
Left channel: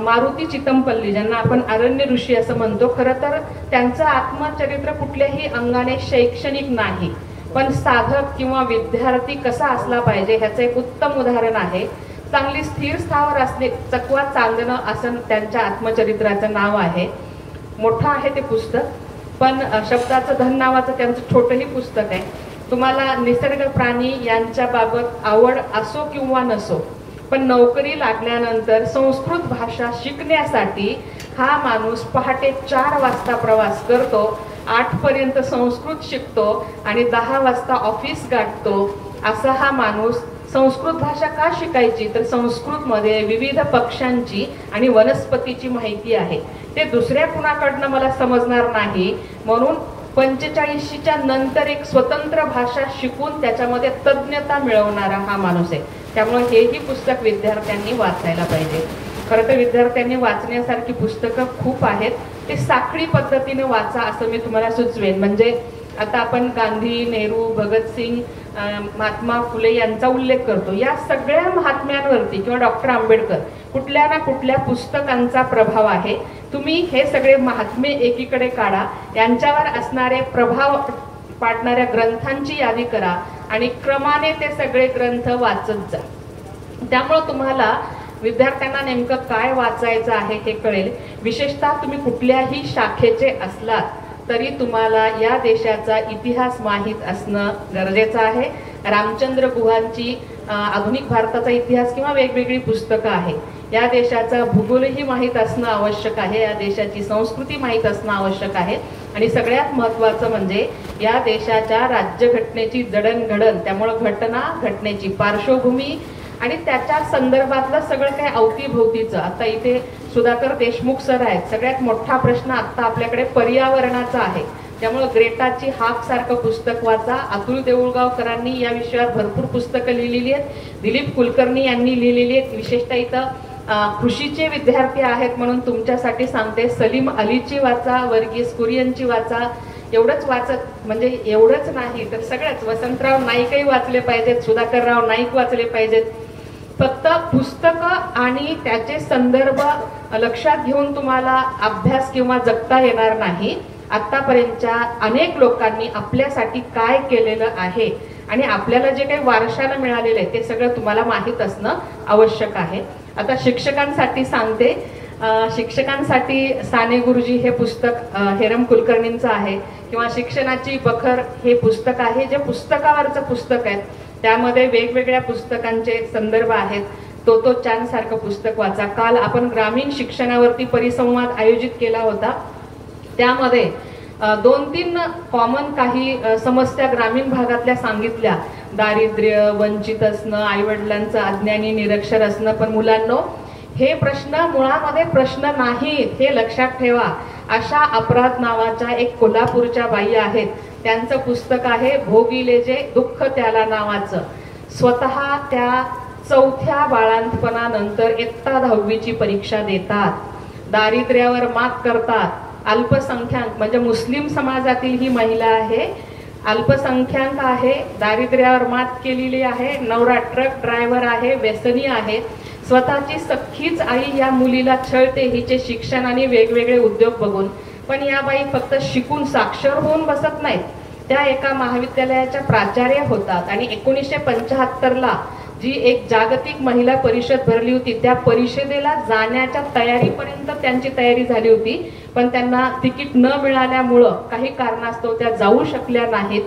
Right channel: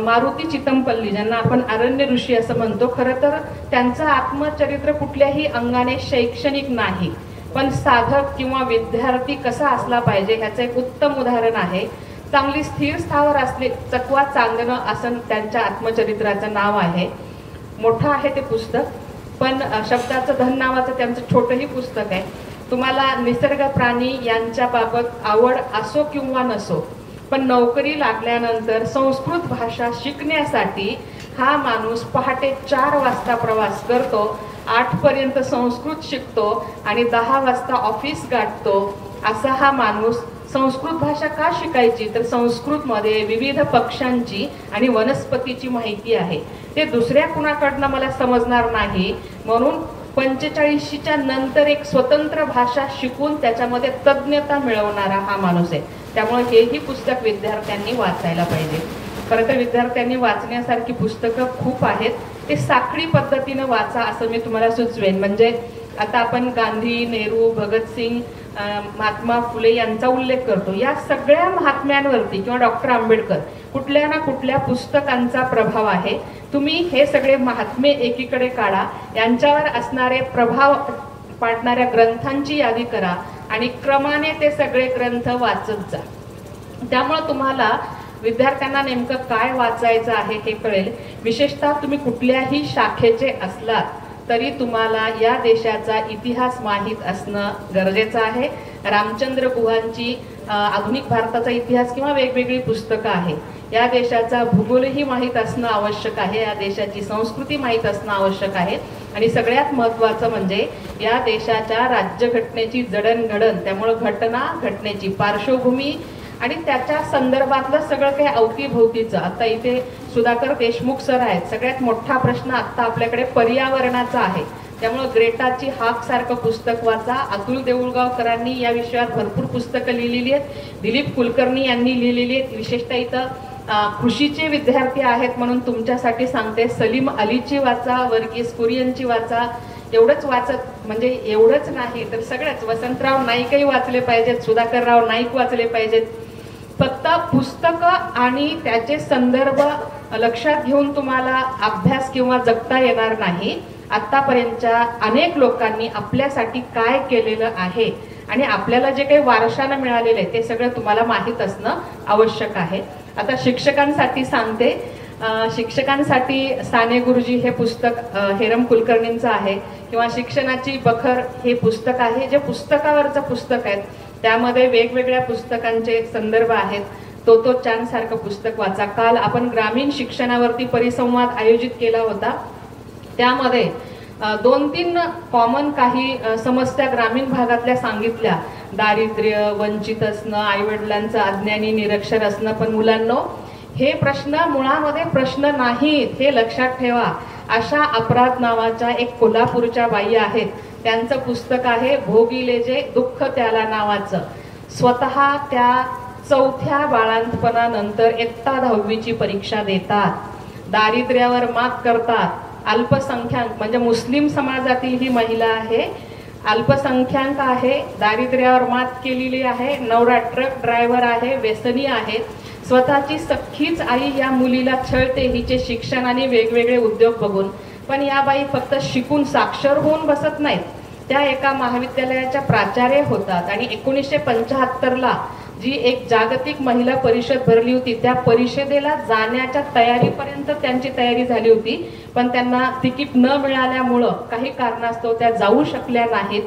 मारुती चितमपल्ली, ज्यांना आपण अरण्य ऋषी असं म्हणतो, खरं तर त्यांचं आत्मचरित्र कुठल्याही अंगाने शैक्षणिक नाही, पण साधक किंवा विद्यार्थी कसा असला पाहिजे ह्याचं एक उत्तम उदाहरण आहे. चांगली स्थिर स्थावर असले चकवा चांदणं असं त्यांच्या आत्मचरित्राचं नाव आहे. मोठं आहे ते पुस्तक, पण शब्दाचं धन नावाचं त्यांचं छोटंही पुस्तक आहे. तुम्हाला निसर्ग प्राणी यांच्या बाबत आवड असो किंवा नसो, पण नोकरी लागल्यानंतर संस्कृत भाषा शिकण्यासाठी हा माणूस पहाटे 4 वाजता प्रवास करतो, 8 पर्यंत संस्कृत शिकतो आणि 10 वाजता ऑफिस गाठतो. असा हा माणूस संस्कृत भाषा का शिकायची, तर संस्कृतमध्ये विविध पक्ष्यांची आणि वनस्पतीची माहिती आहे. ते दुसऱ्या कुणाकडनं मला समजणार नाही, म्हणून 45च्या नंतर एक स्वतंत्र भाषा शिकून त्याच्यामध्ये तज्ञता मिळवणारा हा माणूस आहे. त्यामुळे हेही पुस्तक विद्यार्थ्यांनी वाचायला पाहिजे. खरं तर विद्यार्थ्यांनी वाचण्यासारखी पुस्तकं खूप आहेत. ते साखळी पद्धतीनं वाचा असं मी तुम्हाला सुचवेन. म्हणजे आता आपण गांधी, नेहरू, भगतसिंग, महात्मा फुले यांचा उल्लेख करतो. या सगळ्या महात्म्यांवरती किंवा डॉक्टर आंबेडकर, कुठल्या ना कुठल्या पुस्तकांचा प्रभाव आहे. तुम्ही हे सगळे महात्मे एकीकडे काढा, यांच्यावर असणारे प्रभाव पाडणाऱ्या ग्रंथांची यादी करा आणि क्रमाने ते सगळे ग्रंथ वाचत जा. त्यामुळे तुम्हाला विद्यार्थ्यांना नेमकं काय वाचायचं आहे हे कळेल. विशेषतः तुम्ही कुठल्याही शाखेचे असलात तरी तुम्हाला या देशाचा इतिहास माहीत असणं गरजेचं आहे. रामचंद्र गुहांची आधुनिक भारताचा इतिहास किंवा वेगवेगळी पुस्तकं आहे. या देशाचा भूगोलही माहीत असणं आवश्यक आहे. या देशाची संस्कृती माहीत असणं आवश्यक आहे. आणि सगळ्यात महत्त्वाचं म्हणजे या देशाच्या राज्यघटनेची जडणघडण, त्यामुळं घटना, घटनेची पार्श्वभूमी आणि त्याच्या संदर्भातलं सगळं काही अवतीभोवतीचं. आता इथे सुधाकर देशमुख सर आहेत. सगळ्यात मोठा प्रश्न आता आपल्याकडे पर्यावरणाचा आहे. त्यामुळे ग्रेटाची हाक सारखं पुस्तक वाचा. अतुल देऊळगावकरांनी या विषयावर भरपूर पुस्तकं लिहिलेली आहेत. दिलीप कुलकर्णी यांनी लिहिलेली आहेत. विशेषतः इथं कृषीचे विद्यार्थी आहेत म्हणून तुमच्यासाठी सांगते, सलीम अलीची वाचा, वर्गीस कुरियनची वाचा. एवढंच वाचत म्हणजे एवढंच नाही तर सगळंच, वसंतराव नाईकही वाचले पाहिजेत, सुधाकरराव नाईक वाचले पाहिजेत. फक्त पुस्तकं आणि त्याचे संदर्भ लक्षात घेऊन तुम्हाला अभ्यास किंवा जगता येणार नाही. आतापर्यंतच्या अनेक लोकांनी आपल्यासाठी काय केलेलं आहे आणि आपल्याला जे काही वारशाला मिळालेलं आहे ते सगळं तुम्हाला माहीत असणं आवश्यक आहे. आता शिक्षकांसाठी सांगते, शिक्षकांसाठी साने गुरुजी हे पुस्तक हेरम कुलकर्णींचं आहे, किंवा शिक्षणाची बखर हे पुस्तक आहे, जे पुस्तकावरचं पुस्तक आहे. त्यामध्ये वेगवेगळ्या पुस्तकांचे संदर्भ आहेत. तो चांद सारखं पुस्तक वाचा. काल आपण ग्रामीण शिक्षणावरती परिसंवाद आयोजित केला होता. त्यामध्ये 2-3 कॉमन काही समस्या ग्रामीण भागातल्या सांगितल्या. दारिद्र्य, वंचित असणं, आईवडिलांचं अज्ञानी निरक्षर असणं. पण मुलांनो, हे प्रश्न मुळामध्ये प्रश्न नाहीत, हे लक्षात ठेवा. अशा अपराध नावाच्या एक कोल्हापूरच्या बाई आहेत. त्यांचं पुस्तक आहे भोगिले जे दुःख त्याला नावाचं. स्वतः त्या 4थ्या बाळंतपणानंतर इयत्ता 10वीची परीक्षा देतात, दारिद्र्यावर मात करतात. अल्पसंख्याक म्हणजे मुस्लिम समाजातील ही महिला आहे, अल्पसंख्याक आहे, दारिद्र्यावर मात केलेली आहे, नवरा ट्रक ड्रायव्हर आहे, व्यसनी आहे. स्वतःची सख्खीच आई या मुलीला छळते हिचे शिक्षण आणि वेगवेगळे उद्योग बघून. पण या बाई फक्त शिकून साक्षर होऊन बसत नाहीत, त्या एका महाविद्यालयाच्या प्राचार्य होतात आणि 1975ला जी एक जागतिक महिला परिषद भरली होती त्या परिषदेला जाण्याच्या तयारीपर्यंत त्यांची तयारी झाली होती, पण त्यांना तिकीट न मिळाल्यामुळं काही कारणास्तव त्या जाऊ शकल्या नाहीत.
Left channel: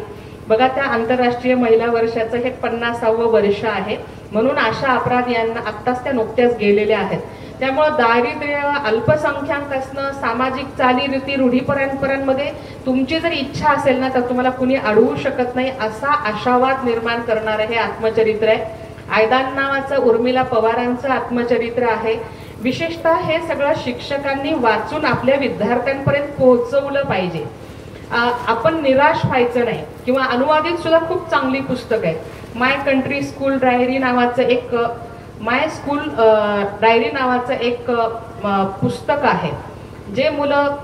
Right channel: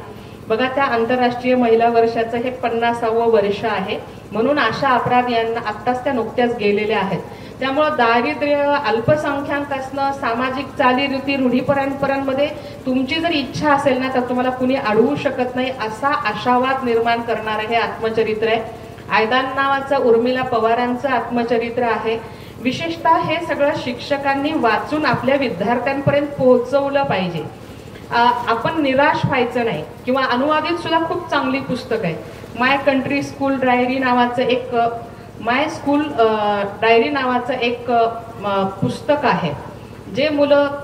बघा, त्या आंतरराष्ट्रीय महिला वर्षाचं हे 50वे वर्ष आहे. म्हणून आशा अपराध यांना आत्ताच त्या नुकत्याच गेलेल्या आहेत. त्यामुळं दारिद्र्य, अल्पसंख्याक असणं, सामाजिक चालीरीती, रूढी परंपरांमध्ये तुमची जर इच्छा असेल ना तर तुम्हाला कुणी अडवू शकत नाही, असा आशावाद निर्माण करणारं हे आत्मचरित्र आहे. आयदान नावाचं उर्मिला पवारांचं आत्मचरित्र आहे. विशेषतः हे सगळं शिक्षकांनी वाचून आपल्या विद्यार्थ्यांपर्यंत पोहोचवलं पाहिजे. आपण निराश व्हायचं नाही. किंवा अनुवादित सुद्धा खूप चांगली पुस्तक आहे. माय कंट्री स्कूल डायरी नावाचं एक पुस्तक आहे, जे मुलं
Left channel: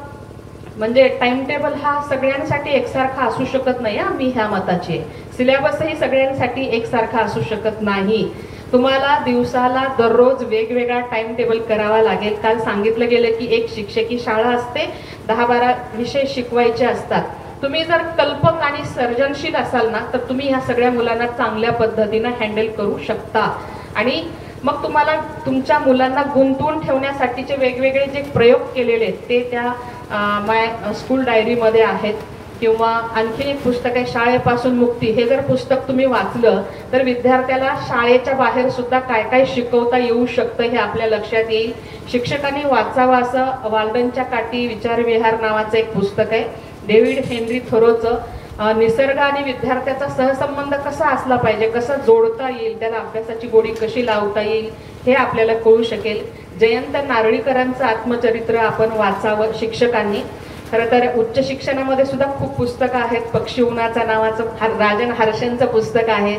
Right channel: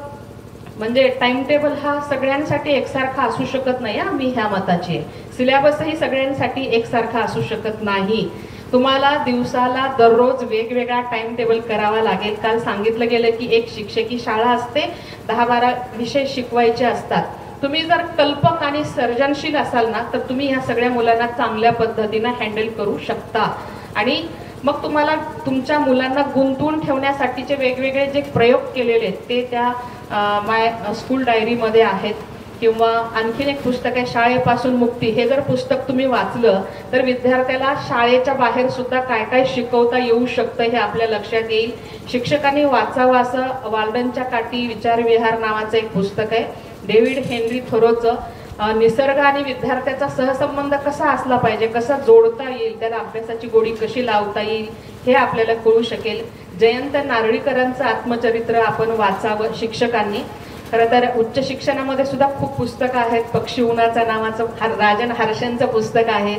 म्हणजे टाइम टेबल हा सगळ्यांसाठी एकसारखा असू शकत नाही. मी ह्या मताची आहे. सिलेबसही सगळ्यांसाठी एकसारखा असू शकत नाही. तुम्हाला दिवसाला दररोज वेगवेगळा टाइम टेबल करावा लागेल. काल सांगितलं गेलं की एक शिक्षकी शाळा असते, 10-12 विषय शिकवायचे असतात. तुम्ही जर कल्पक आणि सर्जनशील असाल ना तर तुम्ही ह्या सगळ्या मुलांना चांगल्या पद्धतीने हँडल करू शकता. आणि मग तुम्हाला तुमच्या मुलांना गुंतवून ठेवण्यासाठीचे वेगवेगळे जे प्रयोग केलेले आहेत ते त्या माय स्कूल डायरीमध्ये आहेत. किंवा आणखीन एक पुस्तक आहे, शाळेपासून मुक्ती. हे जर पुस्तक तुम्ही वाचलं तर विद्यार्थ्याला शाळेच्या बाहेर सुद्धा काय काय शिकवता येऊ शकतं हे आपल्या लक्षात येईल. शिक्षकांनी वाचावं असं वाल्डनच्या काठी विचारविहार नावाचं एक पुस्तक आहे. डेव्हिड हेनरी थोरोचं निसर्ग आणि विद्यार्थ्याचा सहसंबंध कसा असला पाहिजे, कसा जोडता येईल, त्याला अभ्यासाची गोडी कशी लावता येईल हे आपल्याला कळू शकेल. जयंत नारळीकरांचं आत्मचरित्र आपण वाचावं शिक्षकांनी. खरं तर उच्च शिक्षणामध्ये सुद्धा खूप पुस्तकं आहेत. पक्षी उन्हाचा नावाचं राजन हर्षेंचं पुस्तक आहे.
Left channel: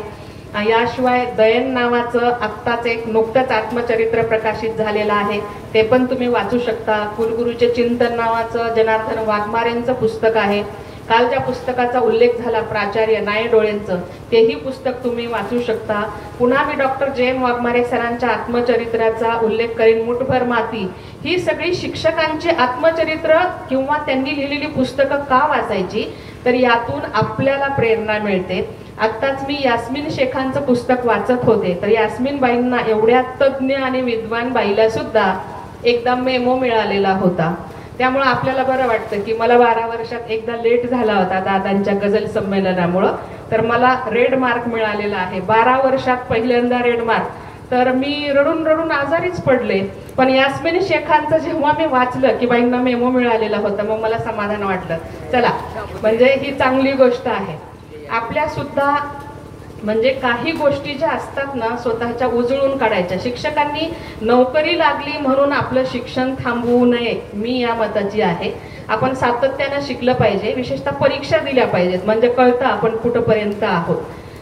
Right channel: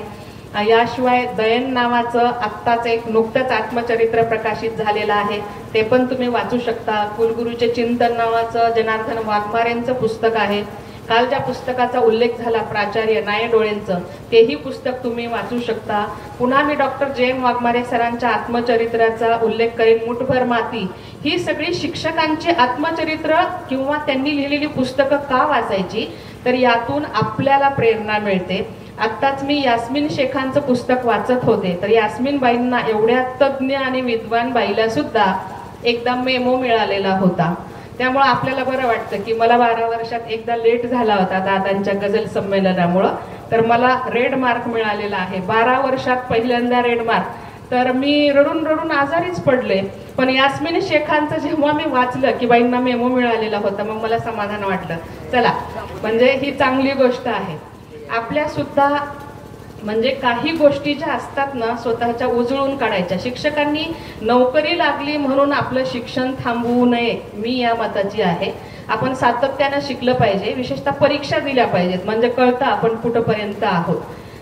याशिवाय दयन नावाचं आत्ताच एक नुकतंच आत्मचरित्र प्रकाशित झालेलं आहे, ते पण तुम्ही वाचू शकता. कुलगुरूचे चिंतन नावाचं जनार्दन वाघमारेंचं पुस्तक आहे. काल ज्या पुस्तकाचा उल्लेख झाला प्राचार्य नायडोळेंचं, तेही पुस्तक तुम्ही वाचू शकता. पुन्हा मी डॉक्टर जे.एम. वाघमारे सरांच्या आत्मचरित्राचा उल्लेख करेन, मुठभर माती. ही सगळी शिक्षकांची आत्मचरित्र किंवा त्यांनी लिहिलेली पुस्तकं का वाचायची, तर यातून आपल्याला प्रेरणा मिळते. आत्ताच मी यास्मिन शेखांचं पुस्तक वाचत होते, तर यास्मिन बाईंना, एवढ्या तज्ज्ञ आणि विद्वान बाईला सुद्धा एकदा मेमो मिळालेला होता. त्यामुळे आपल्याला बरं वाटतं की मला 12 वर्षात एकदा लेट झाला होता दादांच्या गझल संमेलनामुळं, तर मला रेड मार्क मिळालेला आहे. 12 वर्षात पहिल्यांदा रेड मार्क. तर मी रडून रडून आजारीच पडले. पण यास्मिन शेखांचं जेव्हा मी वाचलं की बाईंना मेमो मिळालेला होता, मग मला समाधान वाटलं. चला, म्हणजे ही चांगली गोष्ट आहे. आपल्या सुद्धा म्हणजे काही गोष्टी ज्या असतात ना स्वतःच्या उजळून काढायच्या. शिक्षकांनी नोकरी लागली म्हणून आपलं शिक्षण थांबवू नये, मी या मताची आहे. आपण सातत्यानं शिकलं पाहिजे. विशेषतः परीक्षा दिल्या पाहिजेत, म्हणजे कळतं आपण कुठपर्यंत आहोत.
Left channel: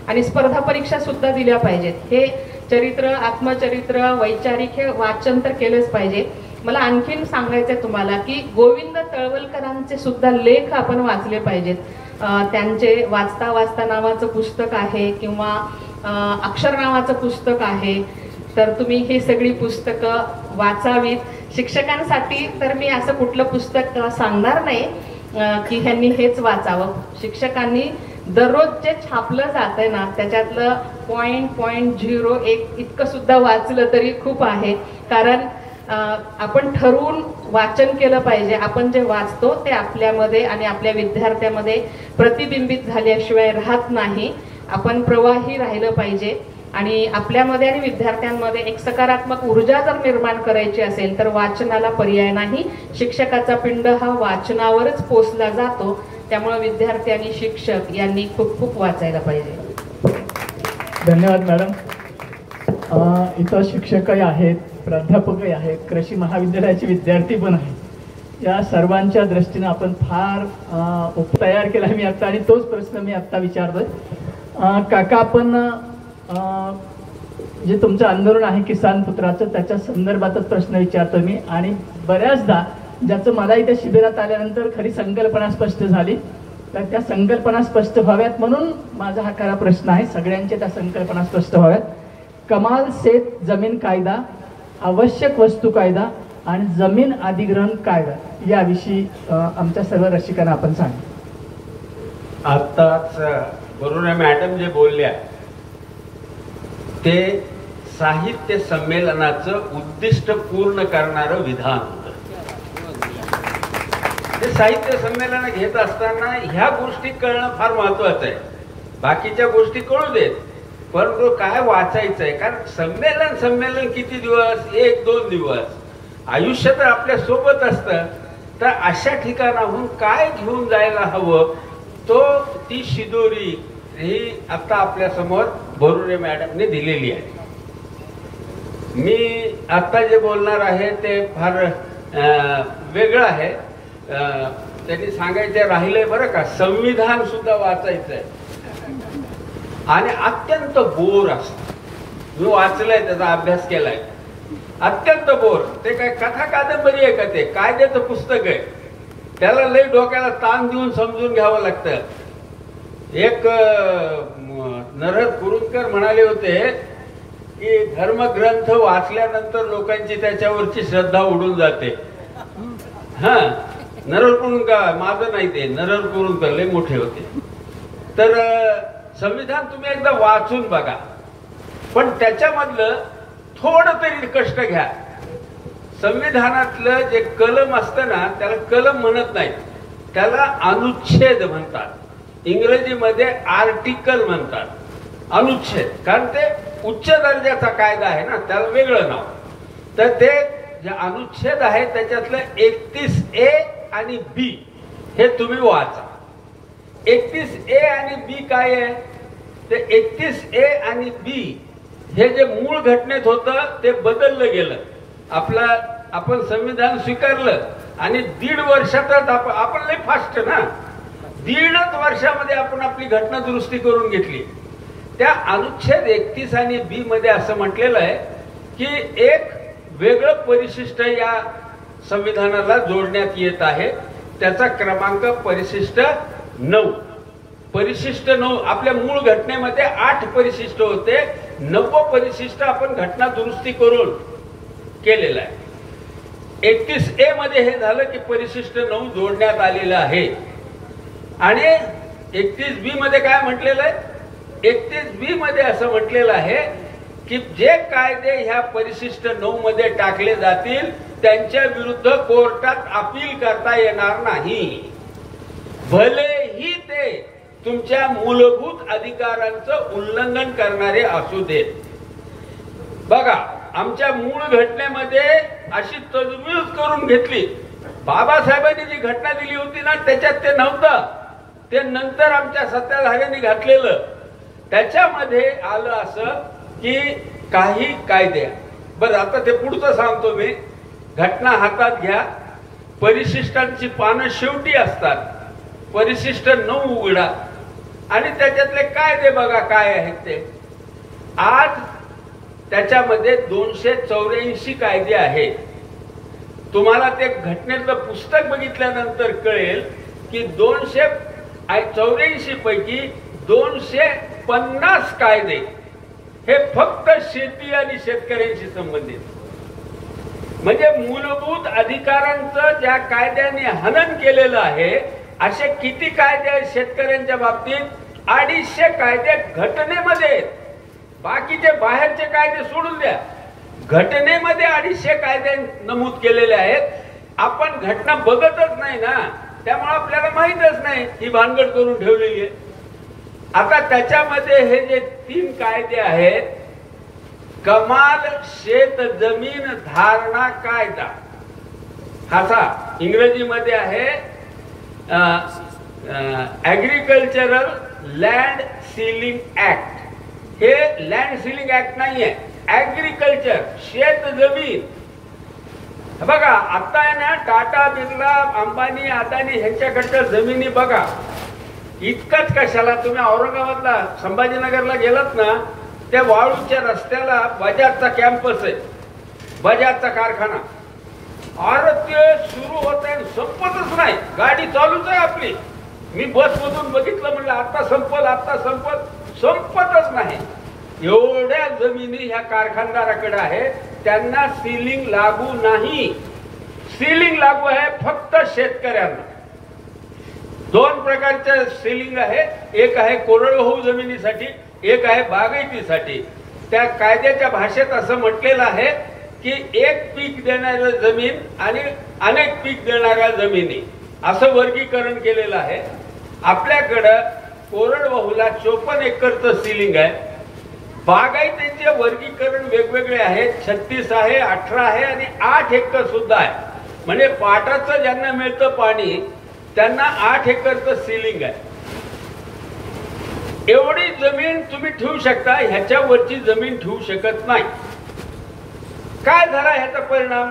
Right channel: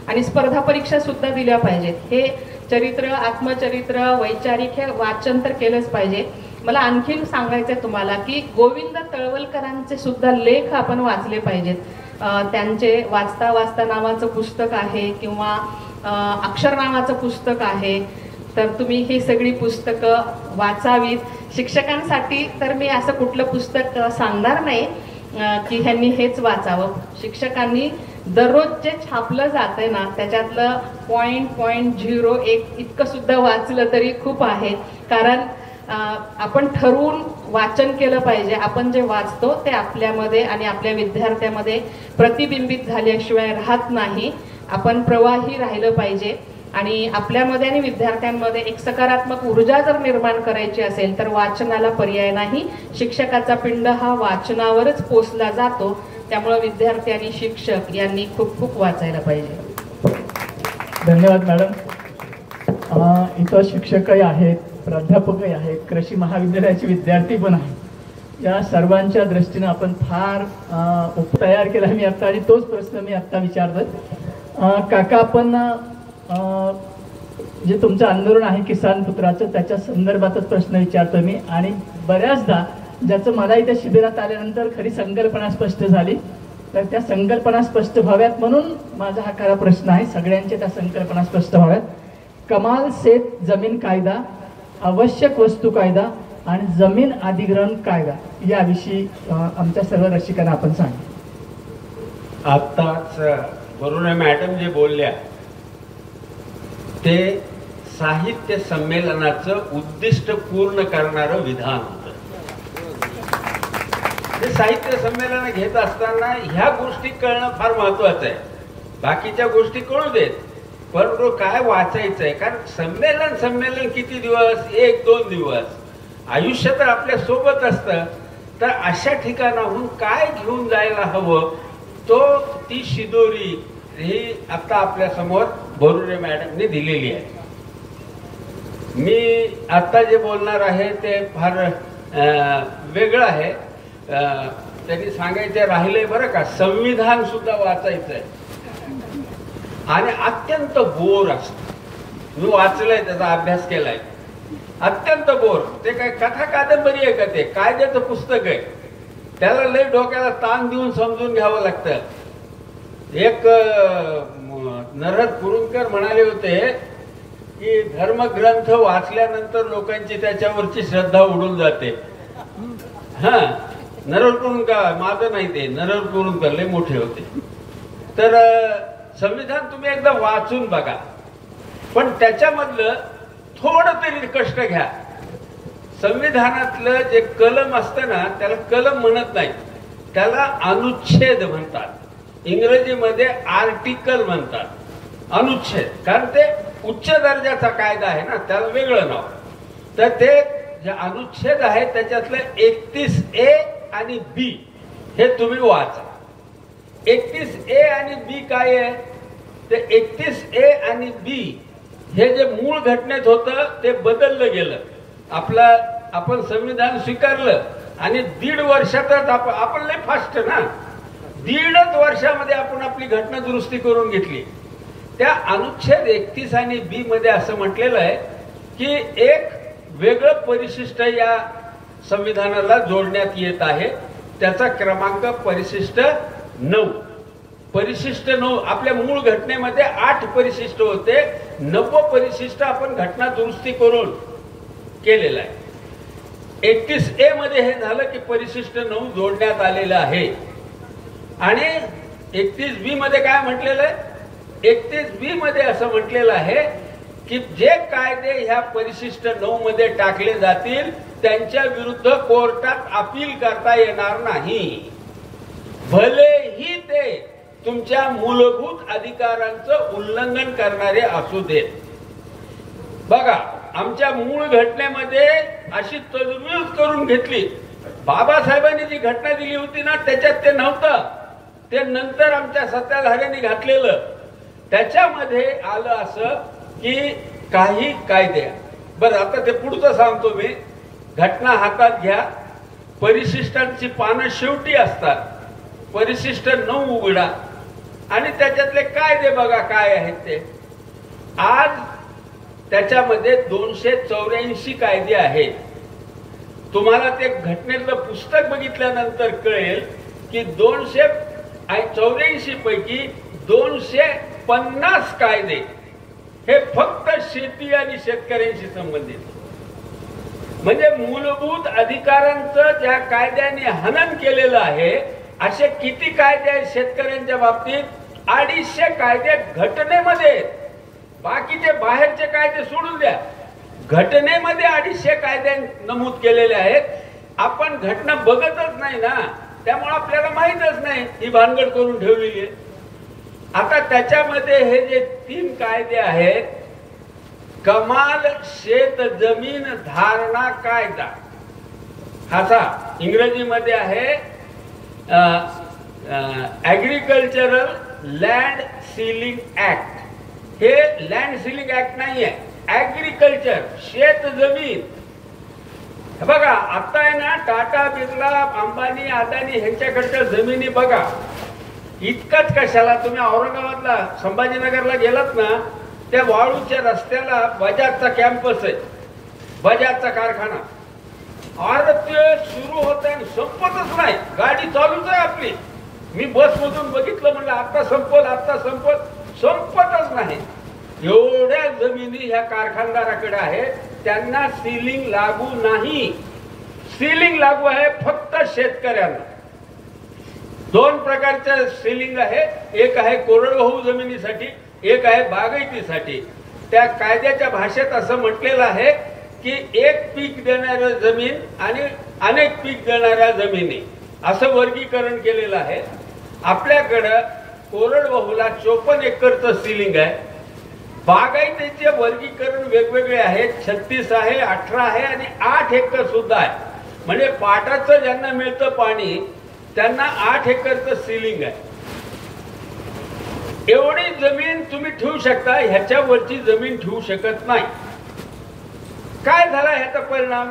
आणि स्पर्धा परीक्षा सुद्धा दिल्या पाहिजेत. हे चरित्र, आत्मचरित्र, वैचारिक हे वाचन तर केलंच पाहिजे. मला आणखीन सांगायचंय तुम्हाला की गोविंद तळवलकरांचे सुद्धा लेख आपण वाचले पाहिजेत. त्यांचे वाचता वाचता नावाचं पुस्तक आहे किंवा अक्षर नावाचं पुस्तक आहे. तर तुम्ही ही सगळी पुस्तकं वाचावीत. शिक्षकांसाठी तर मी असं कुठलं पुस्तक सांगणार नाही की ह्यांनी हेच वाचावं. शिक्षकांनी दररोज जे छापलं जातंय ना त्याच्यातलं 0.01 इतकं सुद्धा वाचलं तरी खूप आहे. कारण आपण ठरवून वाचन केलं पाहिजे. आपण जे वाचतो ते आपल्यामध्ये आणि आपल्या विद्यार्थ्यामध्ये प्रतिबिंबित झाल्याशिवाय राहत नाही. आपण प्रवाही राहिलं पाहिजे आणि आपल्यामध्ये आणि विद्यार्थ्यांमध्ये एक सकारात्मक ऊर्जा जर निर्माण करायची असेल तर वाचनाला पर्याय नाही. शिक्षकाचा पिंड हा वाचनावरच पोचला जातो. त्यामुळे विद्यार्थी आणि शिक्षक यांनी खूप खूप वाचायला पाहिजे. धन्यवाद मॅडम. इथं शिक्षकही आहेत, प्राध्यापकही आहेत, कृषी महाविद्यालयाचे विद्यार्थी पण आहेत. या सर्वांच्या दृष्टीने आपण फार तयार केला मी आता, आणि तोच प्रश्न मी आता विचारतोय. काका, आपण जे तुमचं आंदोलन आहे किसान पुत्राचं त्याच्या संदर्भातच प्रश्न विचारतोय मी. आणि बऱ्याचदा ज्याचं मला इथे शिबिरात आल्यानंतर खरी संकल्पना स्पष्ट झाली, तर त्या संकल्पना स्पष्ट व्हाव्यात म्हणून माझा हा खरा प्रश्न आहे. सगळ्यांच्या त्या संकल्पना स्पष्ट व्हाव्यात. कमाल शेत जमीन कायदा, आवश्यक वस्तू कायदा आणि जमीन अधिग्रहण कायदा याविषयी आमच्या सर्व रसिकांना आपण सांगा. आत्ताच बरोबर मॅडम जे बोलल्या ते साहित्य संमेलनाचं उद्दिष्ट पूर्ण करणारं विधान होतं. ते साहित्य संमेलन घेत असताना ह्या गोष्टी कळणं फार महत्वाचं आहे. बाकीच्या गोष्टी कळू देत, परंतु काय वाचायचंय, कारण संमेलन किती दिवस, 1-2 दिवस आयुष्य तर आपल्या सोबत असतं. तर अशा ठिकाणाहून काय घेऊन जायला हवं, ती शिदोरी ही आता आपल्या समोर बरुरे मॅडमने दिलेली आहे. मी आता जे बोलणार आहे ते फार वेगळं आहे. त्यांनी सांगायचे राहिले बरं का, संविधान सुद्धा वाचायचंय आणि अत्यंत बोर असत. मी वाचलंय, त्याचा अभ्यास केलाय, अत्यंत बोर. ते काय कथा कादंबरी आहे का, ते कायद्याचं पुस्तक आहे. त्याला लई डोक्याला ताण देऊन समजून घ्यावं लागतं. एक नरहर कुरुंदकर म्हणाले होते की धर्मग्रंथ वाचल्यानंतर लोकांची त्याच्यावरची श्रद्धा उडून जाते. हा, नरहर कुरुंदकर, माझं नाही ते, नरहर कुरुंदकर लय मोठे होते. तर संविधान तुम्ही एकदा वाचून बघा, पण त्याच्यामधलं थोडं तरी कष्ट घ्या. संविधानातलं जे कलम असतं ना, त्याला कलम म्हणत नाही, त्याला अनुच्छेद म्हणतात. इंग्रजीमध्ये आर्टिकल म्हणतात, अनुच्छेद. कारण ते उच्च दर्जाचा कायदा आहे ना, त्याला वेगळं नाव. तर ते जे अनुच्छेद आहे त्याच्यातलं 31A आणि B हे तुम्ही वाचा. 31A आणि B काय आहे, ते 31A आणि B हे जे मूळ घटनेत होतं ते बदललं गेलं. आपण संविधान स्वीकारलं आणि 1.5 वर्षातच आपण लय फास्ट ना, 1.5 वर्षामध्ये आपण आपली घटना दुरुस्ती करून घेतली. त्या अनुच्छेद 31 आणि B मध्ये असं म्हटलेलं आहे की एक वेगळं परिशिष्ट या संविधानाला जोडण्यात येत आहे. त्याचा क्रमांक परिशिष्ट 9. परिशिष्ट 9. आपल्या मूळ घटनेमध्ये 8 परिशिष्ट होते, 9 परिशिष्ट आपण घटना दुरुस्ती करून केलेलं आहे. 31A मध्ये हे झालं की परिशिष्ट 9 जोडण्यात आलेलं आहे. आणि 31B मध्ये काय म्हटलेलं आहे, 31B मध्ये असं म्हटलेलं आहे की जे कायदे ह्या परिशिष्ट 9 मध्ये टाकले जातील त्यांच्या विरुद्ध कोर्टात अपील करता येणार नाही, भलेही ते तुमच्या मूलभूत अधिकारांचं उल्लंघन करणारे असू देत. बघा, आमच्या मूळ घटनेमध्ये अशी तजवीज करून घेतली. बाबासाहेबांनी जी घटना दिली होती ना, त्याच्यात ते नव्हतं, ते नंतर आमच्या सत्ताधाऱ्यांनी घातलेलं. त्याच्यामध्ये आलं असं की काही कायदे, बरं आता ते पुढचं सांगतो मी. घटना हातात घ्या, परिशिष्टांची पानं शेवटी असतात, परिशिष्ट 9 उघडा आणि त्याच्यातले कायदे बघा काय आहेत ते. आज त्याच्यामध्ये 284 कायदे आहेत. तुम्हाला ते घटनेतलं पुस्तक बघितल्यानंतर कळेल की 284 पैकी 250 कायदे हे फक्त शेती आणि शेतकऱ्यांशी संबंधित. म्हणजे मूलभूत अधिकारांचं ज्या कायद्याने हनन केलेलं आहे असे किती कायदे आहेत शेतकऱ्यांच्या बाबतीत? 250 कायदे घटनेमध्ये. बाकीचे बाहेरचे कायदे सोडून द्या, घटनेमध्ये 250 कायदे नमूद केलेले आहेत. आपण घटना बघतच नाही ना, त्यामुळे आपल्याला माहीतच नाही, ही भानगड करून ठेवलेली आहे. आता त्याच्यामध्ये हे जे 3 कायदे आहेत, कमाल शेत जमीन धारणा कायदा, हाचा इंग्रजीमध्ये आहे ऍग्रिकल्चरल लँड सीलिंग ऍक्ट. हे लँड सीलिंग ऍक्ट नाहीये, ऍग्रिकल्चर शेत जमीन. बघा आता आहे ना, टाटा, बिर्ला, अंबानी, अदानी ह्यांच्याकडच्या जमिनी बघा. इतकंच कशाला, तुम्ही औरंगाबादला संभाजीनगरला गेलात ना, त्या वाळूच्या रस्त्याला बजाजचा कॅम्पस आहे, बजाजचा कारखाना. अरे ते सुरू होत आहे, संपतच नाही, गाडी चालूच आहे आपली. मी बस मधून बघितलं, म्हणलं आता संपल, आता संपल, संपतच नाही. एवढ्या जमिनी ह्या कारखानदाराकडे आहेत, त्यांना सीलिंग लागू नाही. सीलिंग लागू आहे फक्त शेतकऱ्यांना. दोन प्रकारचं सिलिंग आहे, एक आहे कोरडवाहू जमिनीसाठी, एक आहे बागायतीसाठी. त्या कायद्याच्या भाषेत असं म्हटलेलं आहे की एक पीक देणाऱ्या जमीन आणि अनेक पीक देणाऱ्या जमिनी असं वर्गीकरण केलेलं आहे. आपल्याकडं कोरडवाहूला 54 एकरचं सिलिंग आहे. बागायतीचे वर्गीकरण वेगवेगळे आहेत, 36 आहे, 18 आहे आणि 8 एकर सुद्धा आहे. म्हणजे पाटाचं ज्यांना मिळतं पाणी त्यांना 8 एकरचं सिलिंग आहे. एवढी जमीन तुम्ही ठेवू शकता, ह्याच्यावरची जमीन ठेवू शकत नाही. काय झाला ह्याचा परिणाम?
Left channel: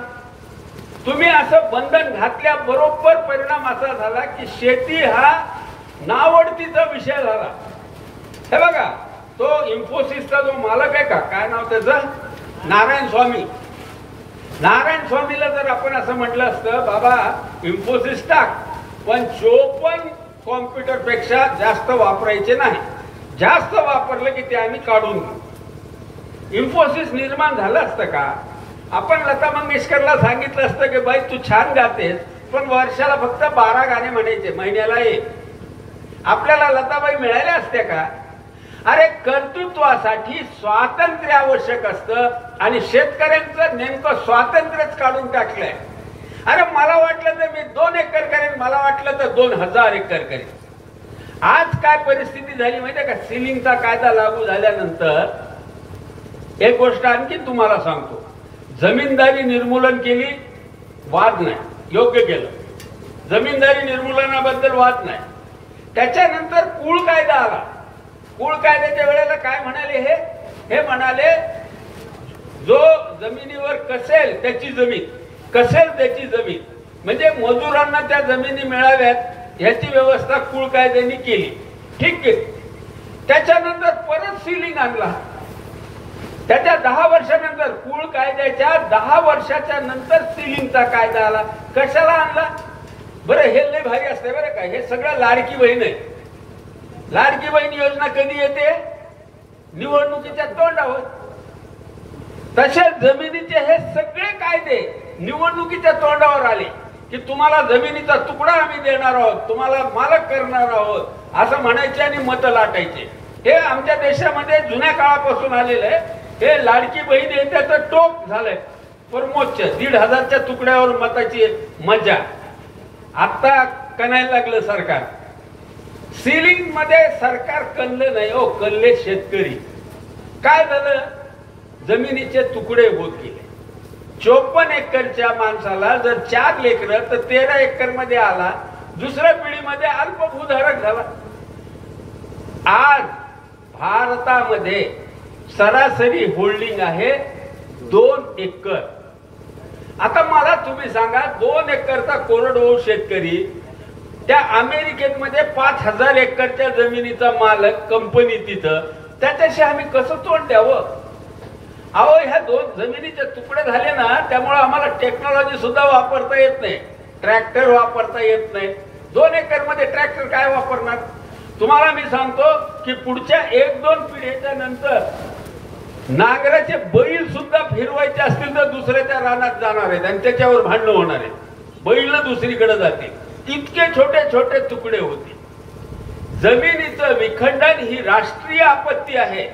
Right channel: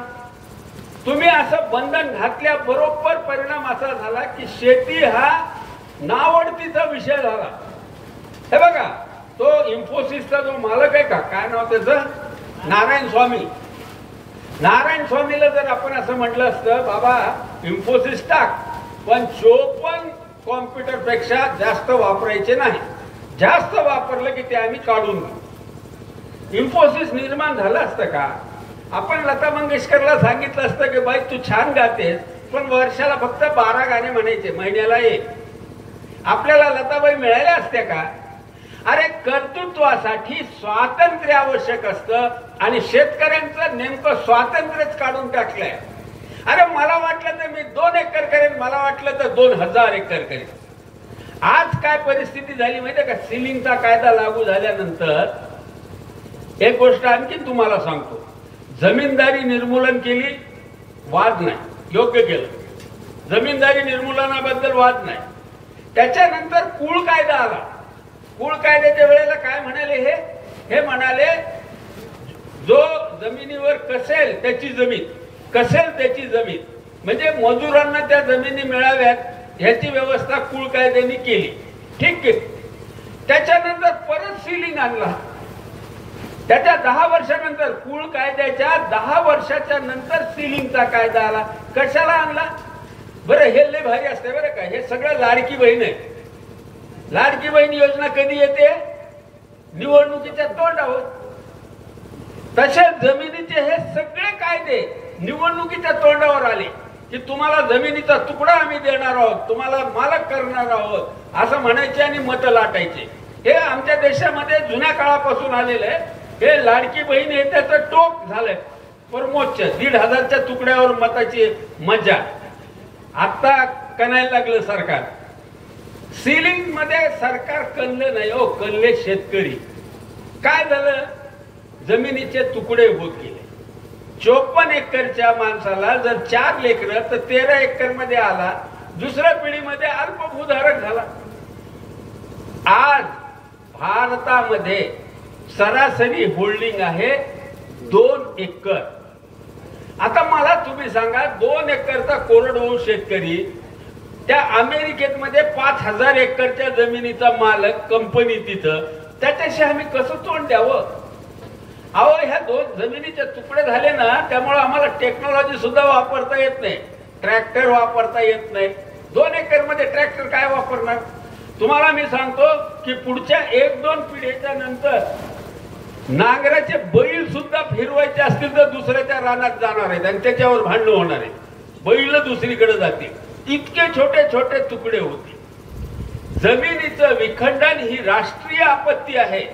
तुम्ही असं बंधन घातल्याबरोबर परिणाम असा झाला की शेती हा नावडतीचा विषय झाला. हे बघा, तो इन्फोसिसचा जो मालक आहे का, काय नाव त्याचं, नारायण स्वामी. नारायण स्वामीला जर आपण असं म्हटलं असतं बाबा इन्फोसिस टाक, पण 54 कॉम्प्युटर पेक्षा जास्त वापरायचे नाही, जास्त वापरलं की ते आम्ही काढून घेऊ. इन्फोसिस निर्माण झालं असतं का? आपण लता मंगेशकरला सांगितलं असतं की बाई तू छान गातेस पण वर्षाला फक्त 12 गाणे म्हणायचे, महिन्याला एक. आपल्याला लताबाई मिळाल्या असत्या का? अरे कर्तृत्वासाठी स्वातंत्र्य आवश्यक असतं आणि शेतकऱ्यांचं नेमकं स्वातंत्र्यच काढून टाकलंय. अरे मला वाटलं तर मी 2 एकर करेन, मला वाटलं तर 2000 एकर करेन. आज काय परिस्थिती झाली माहितीये का? सिलिंगचा कायदा लागू झाल्यानंतर एक गोष्ट आणखी तुम्हाला सांगतो. जमीनदारी निर्मूलन केली, वाद नाही, योग्य केलं. जमीनदारी निर्मूलनाबद्दल वाद नाही. त्याच्यानंतर कुळ कायदा आला. कुळ कायद्याच्या वेळेला काय म्हणाले हे म्हणाले जो जमिनीवर कसेल त्याची जमीन, कसेल त्याची जमीन, म्हणजे मजुरांना त्या जमिनी मिळाव्यात ह्याची व्यवस्था कुळ कायद्याने केली. ठीक आहे. त्याच्यानंतर परत सिलिंग आणला. त्याच्या 10 वर्षानंतर, कुळ कायद्याच्या 10 वर्षाच्या नंतर सिलिंगचा कायदा आला. कशाला आणला बरं? हे लय भारी असते बरं का. हे सगळं लाडकी बहीण आहे. लाडकी बहीण योजना कधी येते? निवडणुकीच्या तोंडावर. तसे जमिनीचे हे सगळे कायदे निवडणुकीच्या तोंडावर आले की तुम्हाला जमिनीचा तुकडा आम्ही देणार आहोत, तुम्हाला मालक करणार आहोत असं म्हणायचे आणि मतं लाटायचे. हे आमच्या देशामध्ये जुन्या काळापासून आलेलं आहे. हे लाडकी बहीण हे त्याचं टोक झालंय. परमोच्च 1,500च्या तुकड्यावर मताची मजा. आता कणायला लागलं सरकार. सिलिंग मध्ये सरकार कणलं नाही हो, कणले शेतकरी. काय झालं? जमिनीचे तुकडे होत गेले. 54 एकरच्या माणसाला जर 4 लेकरं तर 13 एकर मध्ये आला. दुसऱ्या पिढीमध्ये अल्पभूधारक झाला. आज भारतामध्ये सरासरी होल्डिंग आहे 2 एकर. आता मला तुम्ही सांगा, 2 एकरचा कोरडवाहू शेतकरी त्या अमेरिकेमध्ये 5000 एकरच्या जमिनीचा मालक, कंपनी तिथं, त्याच्याशी आम्ही कसं तोंड द्यावं? अहो, ह्या 2 जमिनीचे तुकडे झाले ना, त्यामुळे आम्हाला टेक्नॉलॉजी सुद्धा वापरता येत नाही, ट्रॅक्टर वापरता येत नाही. 2 एकर मध्ये ट्रॅक्टर काय वापरणार? तुम्हाला मी सांगतो की पुढच्या 1-2 पिढीच्या नंतर नांगराचे बैल सुद्धा फिरवायचे असतील तर दुसऱ्याच्या रानात जाणार आहेत आणि त्याच्यावर भांडण होणार आहे. बैल दुसरीकडे जातील. इतके छोटे छोटे तुकडे होते. जमिनीचं विखंडन ही राष्ट्रीय आपत्ती आहे.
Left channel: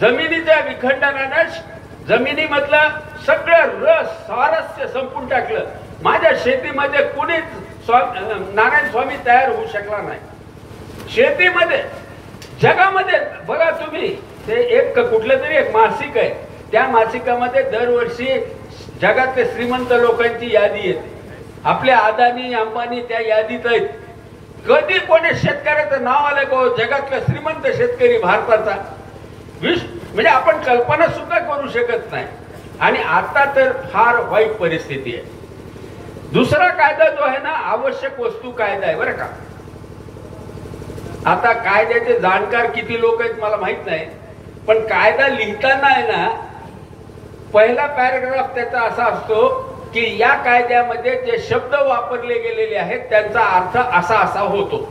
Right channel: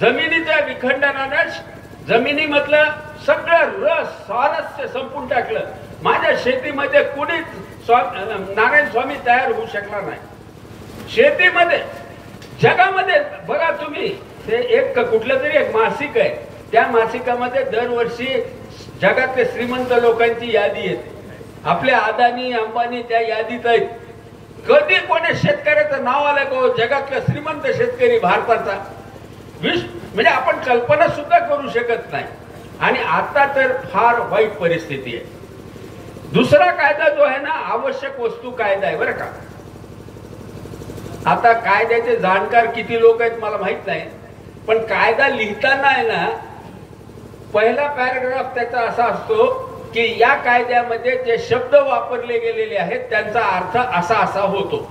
जमिनीच्या विखंडनानं जमिनीमधलं सगळं रस स्वारस्य संपून टाकलं. माझ्या शेतीमध्ये कुणीच नारायण स्वामी तयार होऊ शकला नाही. शेतीमध्ये, जगामध्ये बघा तुम्ही, ते एक कुठलं तरी एक मासिक आहे, त्या मासिकामध्ये दरवर्षी जगातले श्रीमंत लोकांची यादी येते. आपल्या अदानी अंबानी त्या यादीत आहेत. कधी कोणी शेतकऱ्याचं नाव आलं का जगातला श्रीमंत शेतकरी भारताचा? म्हणजे आपण कल्पना सुद्धा करू शकत नाही. आणि आता तर फार वाईट परिस्थिती आहे. दुसरा कायदा जो आहे ना, आवश्यक वस्तू कायदा आहे बरं का. आता कायद्याचे जाणकार किती लोक आहेत मला माहित नाही, पण कायदा लिहिताना आहे ना, पहिला पॅराग्राफ त्याचा असा असतो की या कायद्यामध्ये जे शब्द वापरले गेलेले आहेत त्यांचा अर्थ असा असा होतो.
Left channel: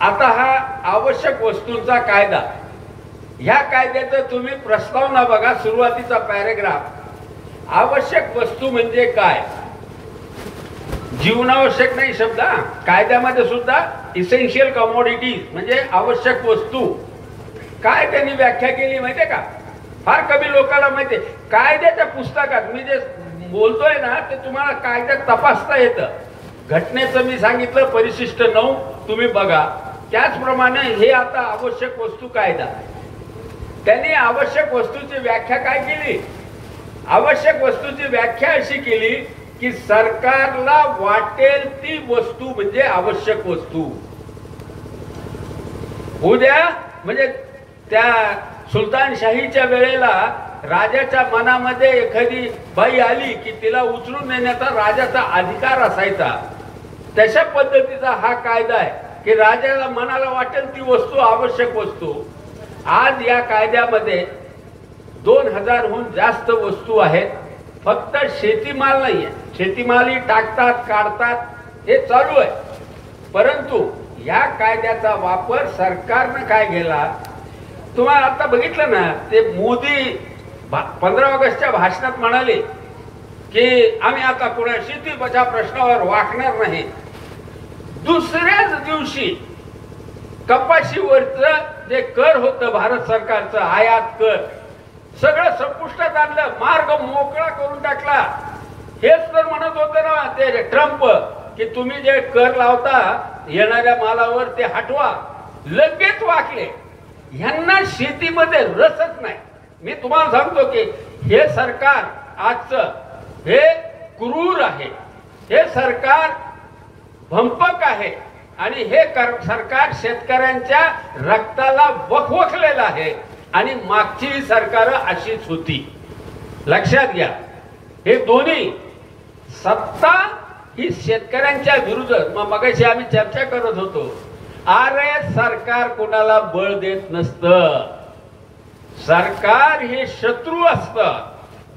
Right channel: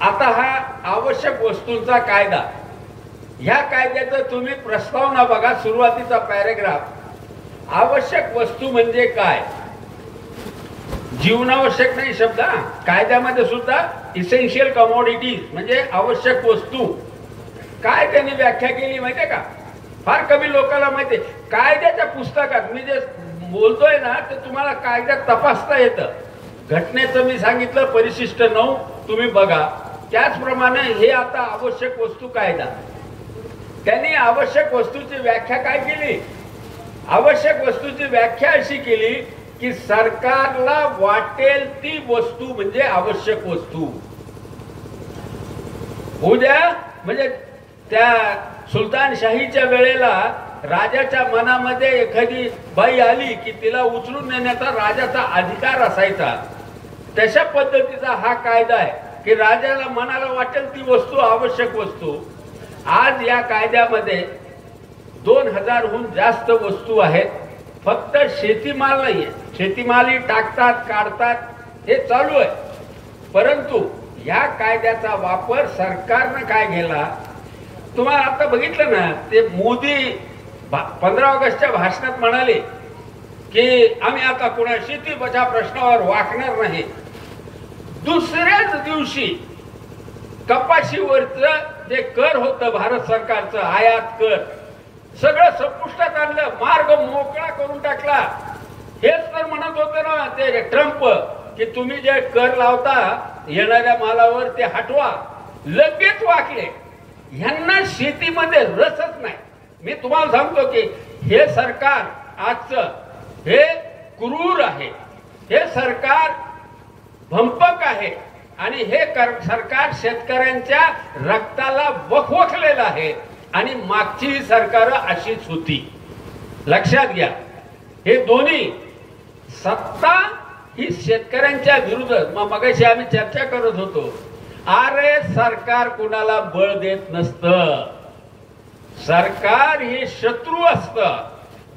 आता हा आवश्यक वस्तूंचा कायदा, ह्या कायद्याचा तुम्ही प्रस्तावना बघा, सुरुवातीचा पॅराग्राफ. आवश्यक वस्तू म्हणजे काय? जीवनावश्यक नाही शब्द हा. कायद्यामध्ये सुद्धा इसेन्शियल कमोडिटीज म्हणजे आवश्यक वस्तू काय त्यांनी व्याख्या केली माहितीये का? फार कमी लोकांना माहितीये. कायद्याच्या पुस्तकात मी जे बोलतोय ना ते तुम्हाला कायद्यात तपासता येतं. घटनेचं मी सांगितलं परिशिष्ट 9 तुम्ही बघा. त्याचप्रमाणे हे आता आवश्यक वस्तू कायदा, त्यांनी आवश्यक वस्तूची व्याख्या काय केली? आवश्यक वस्तूची व्याख्या अशी केली की सरकारला वाटेल ती वस्तू म्हणजे आवश्यक वस्तू. उद्या म्हणजे त्या सुलतानशाहीच्या वेळेला राजाच्या मनामध्ये एखादी बाई आली की तिला उचलून नेण्याचा राजाचा अधिकार असायचा. तशा पद्धतीचा हा कायदा आहे की राजाला मनाला वाटेल ती वस्तू आवश्यक वस्तू. आज या कायद्यामध्ये 2000हून जास्त वस्तू आहेत. फक्त शेतीमाल नाहीये. शेतीमालही टाकतात काढतात हे चालू आहे. परंतु या कायद्याचा वापर सरकारनं काय केला तुम्हाला आता बघितलं ना. ते मोदी 15 ऑगस्टच्या भाषणात म्हणाले की आम्ही आता कोणा शेती बचाव प्रश्नावर वाकणार नाही. दुसऱ्याच दिवशी कपाशीवरचं जे कर होतं भारत सरकारचं आयात कर सगळं संपुष्टात आणलं. मार्ग मोकळा करून टाकला. हेच तर म्हणत होतं ना ते ट्रम्प की तुम्ही जे कर लावता येणाऱ्या मालावर ते हटवा. लगेच वाकले. ह्यांना शेतीमध्ये रसच नाही. मी तुम्हाला सांगतो की हे सरकार आजचं हे क्रूर आहे. हे सरकार भंपक आहे आणि हे सरकार शेतकऱ्यांच्या रक्ताला वखवखलेलं आहे. आणि मागची सरकार अशीच होती. लक्षात घ्या. हे दोन्ही सत्ता ही शेतकऱ्यांच्या विरुद्ध. मगाशी आम्ही चर्चा करत होतो. अरे सरकार कुणाला बळ देत नसतं. सरकार हे शत्रू असतं.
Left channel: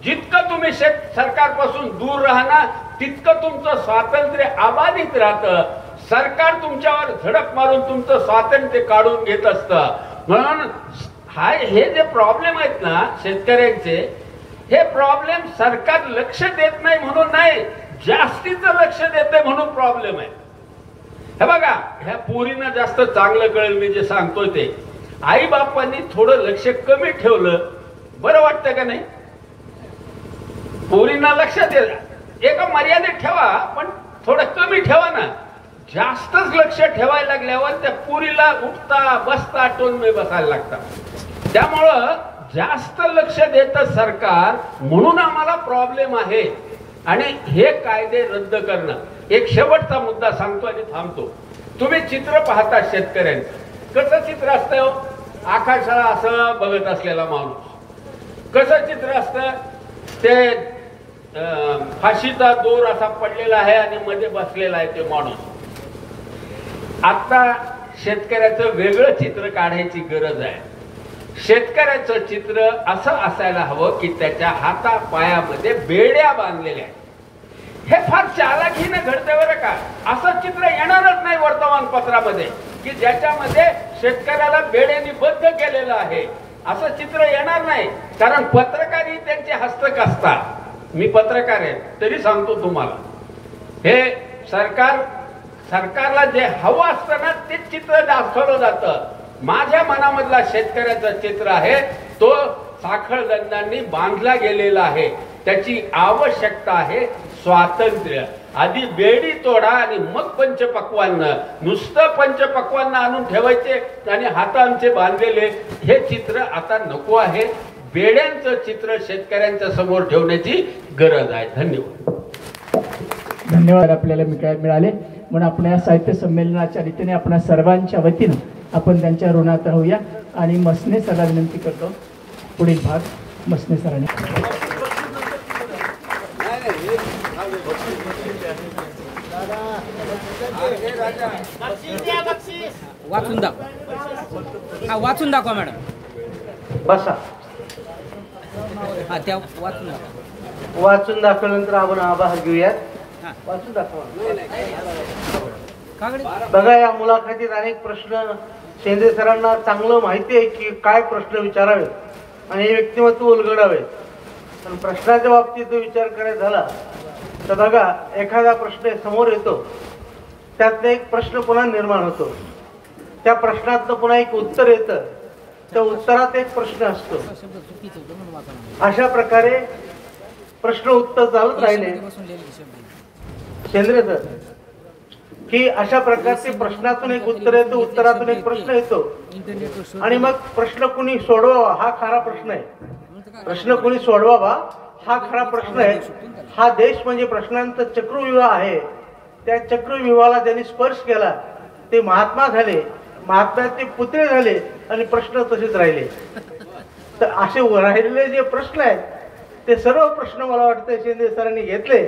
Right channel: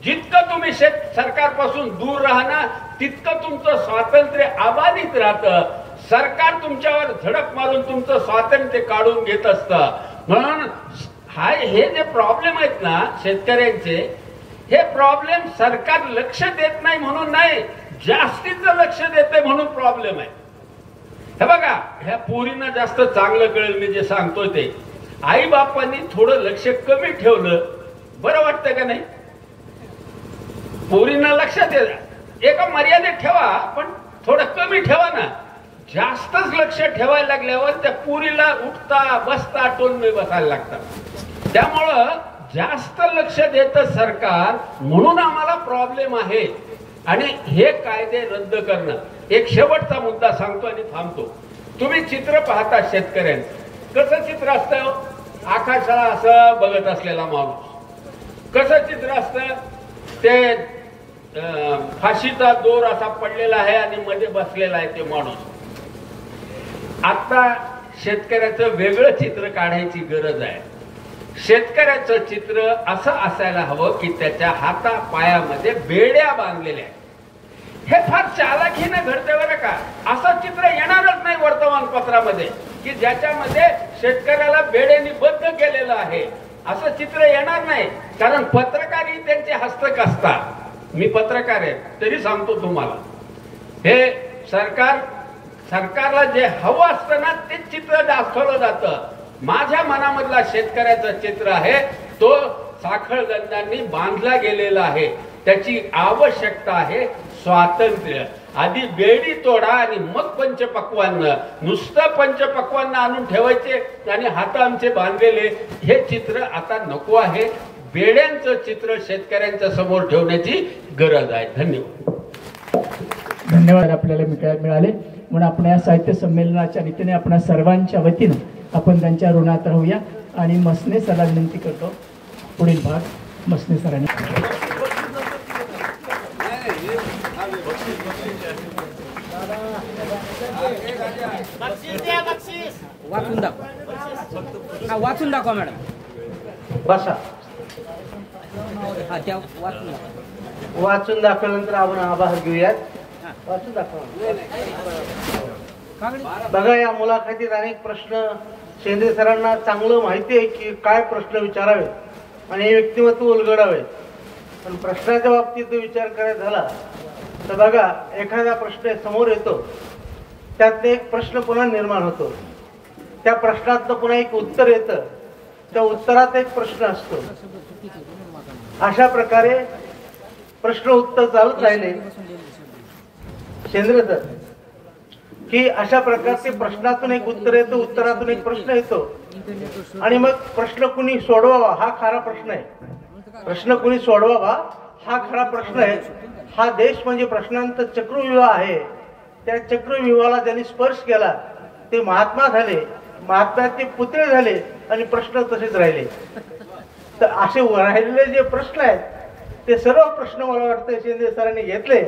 जितकं तुम्ही सरकारपासून दूर राहणार तितकं तुमचं स्वातंत्र्य अबाधित राहतं. सरकार तुमच्यावर झडप मारून तुमचं स्वातंत्र्य काढून घेत असतं. म्हणून हे जे प्रॉब्लेम आहेत ना शेतकऱ्यांचे हे प्रॉब्लेम सरकार लक्ष देत नाही म्हणून नाही, जास्तीचं लक्ष देते म्हणून प्रॉब्लेम आहे. हे बघा ह्या पोरींना जास्त चांगलं कळेल मी जे सांगतोय ते. आई बापांनी थोडं लक्ष कमी ठेवलं बरं वाटतं का नाही? पोरींना लक्ष द्या. एका मर्यादेत ठेवा पण थोडं कमी ठेवा ना. जास्तच लक्ष ठेवायला लागल्यावर त्या पोरीला उठता बसता टोनमे बसायला लागतात. त्यामुळं जास्त लक्ष देतं सरकार म्हणून आम्हाला प्रॉब्लेम आहे. आणि हे कायदे रद्द करणं. एक शेवटचा मुद्दा सांगतो आणि थांबतो. तुम्ही चित्र पाहता शेतकऱ्यांचं कसं चित्र असतं? आकाशाला असं बघत असलेला माणूस. कसं चित्र असतं? ते फाशीचा दोर असा पडलेला आहे आणि मध्ये बसलेला आहे ते माणूस. आता शेतकऱ्याचं वेगळं चित्र काढायची गरज आहे. शेतकऱ्याचं चित्र असं असायला हवं की त्याच्या हाता पायामध्ये बेड्या बांधलेल्या. हे फार चालाखीने घडते बरं का. असं चित्र येणारच नाही वर्तमानपत्रामध्ये की ज्याच्यामध्ये शेतकऱ्याला बेड्यांनी बद्ध केलेलं आहे. असं चित्र येणार नाही. कारण पत्रकारही त्यांचे हस्तक असतात. मी पत्रकार आहे तरी सांगतो तुम्हाला. हे सरकारला जे हवं असतं ना ते चित्र दाखवलं जातं. माझ्या मनामधला शेतकऱ्याचं चित्र आहे तो साखळदंडांनी बांधला गेलेला आहे. त्याची आवश्यकता आहे स्वातंत्र्य. आधी बेडी तोडा आणि मग पंचपक्वान्न. नुसतं पंचपक्वान्न आणून ठेवायचे आणि हात आमचे बांधलेले हे चित्र आता नको आहे. बेड्यांचं चित्र शेतकऱ्यांच्या समोर ठेवण्याची गरज आहे. धन्यवाद. धन्यवाद. आपल्याला मिळाले म्हणून आपण या साहित्य संमेलनाच्या रीतीने आपण सर्वांच्या वतीनं आपण त्यांच्या ऋणात राहूया. आणि मसने सरांना विनंती करतो पुढील भाग मसने सरांनी. वाचून दाखवा मॅडम. बसा. वाचून दाखवल्यानंतर आपण आभार घेऊयात. वाचून दाखवा. बघा या मुलाखतीत अनेक प्रश्न शेंद्रे सरांना चांगलं माहिती आहे की काय प्रश्न विचारावेत आणि हे व्यक्तिमत्व उलगडावेत. पण प्रश्नाच्या बाबतीत विचार करायचा झाला तर बघा, एखादा प्रश्न समोर येतो, त्यातनं एक प्रश्न पुन्हा निर्माण होतो, त्या प्रश्नातनं पुन्हा एक उत्तर येतं, त्या उत्तरात एक प्रश्न असतो. अशा प्रकारे प्रश्न उत्तर चालत राहिले शेंद्रे सर, की अशा प्रकारचे प्रश्नातून एक उत्तर येतं, उत्तरातून एक प्रश्न येतो, आणि मग प्रश्न कुणी सोडवावा हा खरा प्रश्न आहे. प्रश्न कुणी सोडवावा हा खरा प्रश्न आहे. हा देश म्हणजे प्रश्नांचा चक्रव्यूह आहे. त्या चक्रव्यूहाला ज्यांनी स्पर्श केला ते महात्मा झाले, महात्म्याचे पुतळे झाले, आणि प्रश्न तसेच राहिले. तर असे राहिलेले जे प्रश्न आहेत ते सर्व प्रश्न मला वाटतं शिंदे सरांनी घेतले,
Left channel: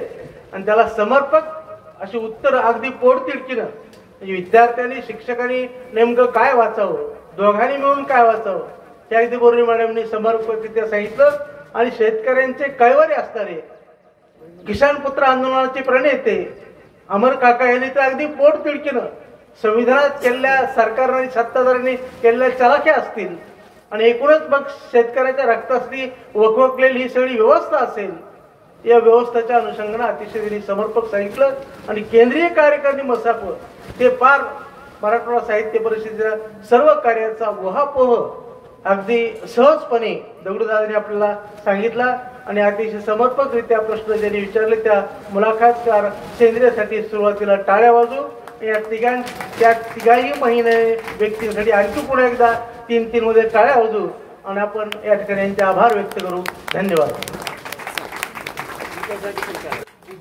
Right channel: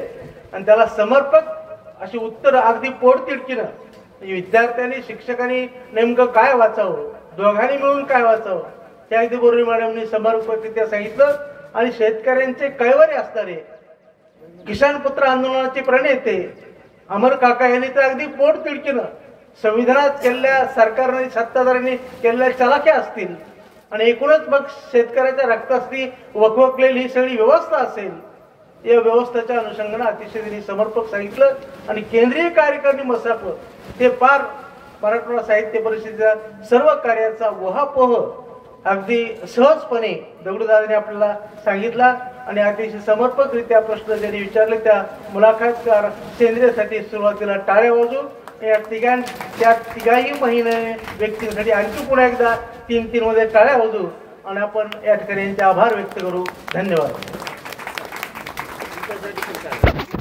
आणि त्याला समर्पक अशी उत्तर अगदी पोटतिडकीनं, म्हणजे विद्यार्थ्यांनी शिक्षकांनी नेमकं काय वाचावं, दोघांनी मिळून काय वाचावं, त्या अगदी बोर्डे मॅडमनी समर्पकरित्या सांगितलं. आणि शेतकऱ्यांचे कैवारी असणारे किसान पुत्र आंदोलनाचे प्रणेते अमर काका यांनी तर अगदी पोटतिडकीनं संविधानात केलेल्या सरकारने सत्ताधाऱ्यांनी केलेल्या चलाख्या असतील, आणि एकूणच मग शेतकऱ्याच्या रक्तासाठी वखवकलेली ही सगळी व्यवस्था असेल, या व्यवस्थेच्या अनुषंगाने अतिशय त्यांनी समर्पक सांगितलं. आणि केंद्रीय कार्यकारिणी मसाप ते पार मराठवाडा साहित्य परिषदेच्या सर्व कार्याचा वहापोह अगदी सहजपणे दगडूदादांनी आपल्याला सांगितला. आणि अतिशय समर्पकरित्या प्रश्न ज्यांनी विचारले त्या मुलाखतकार शेंद्रेसाठी सुरुवातीला टाळ्या वाजू. या तिघाही महिने व्यक्तींसाठी आणखी पुन्हा एकदा 3-3 मध्ये टाळ्या वाजू, आणि आपण या ठिकाणी यांचे आभार व्यक्त करू. धन्यवाद.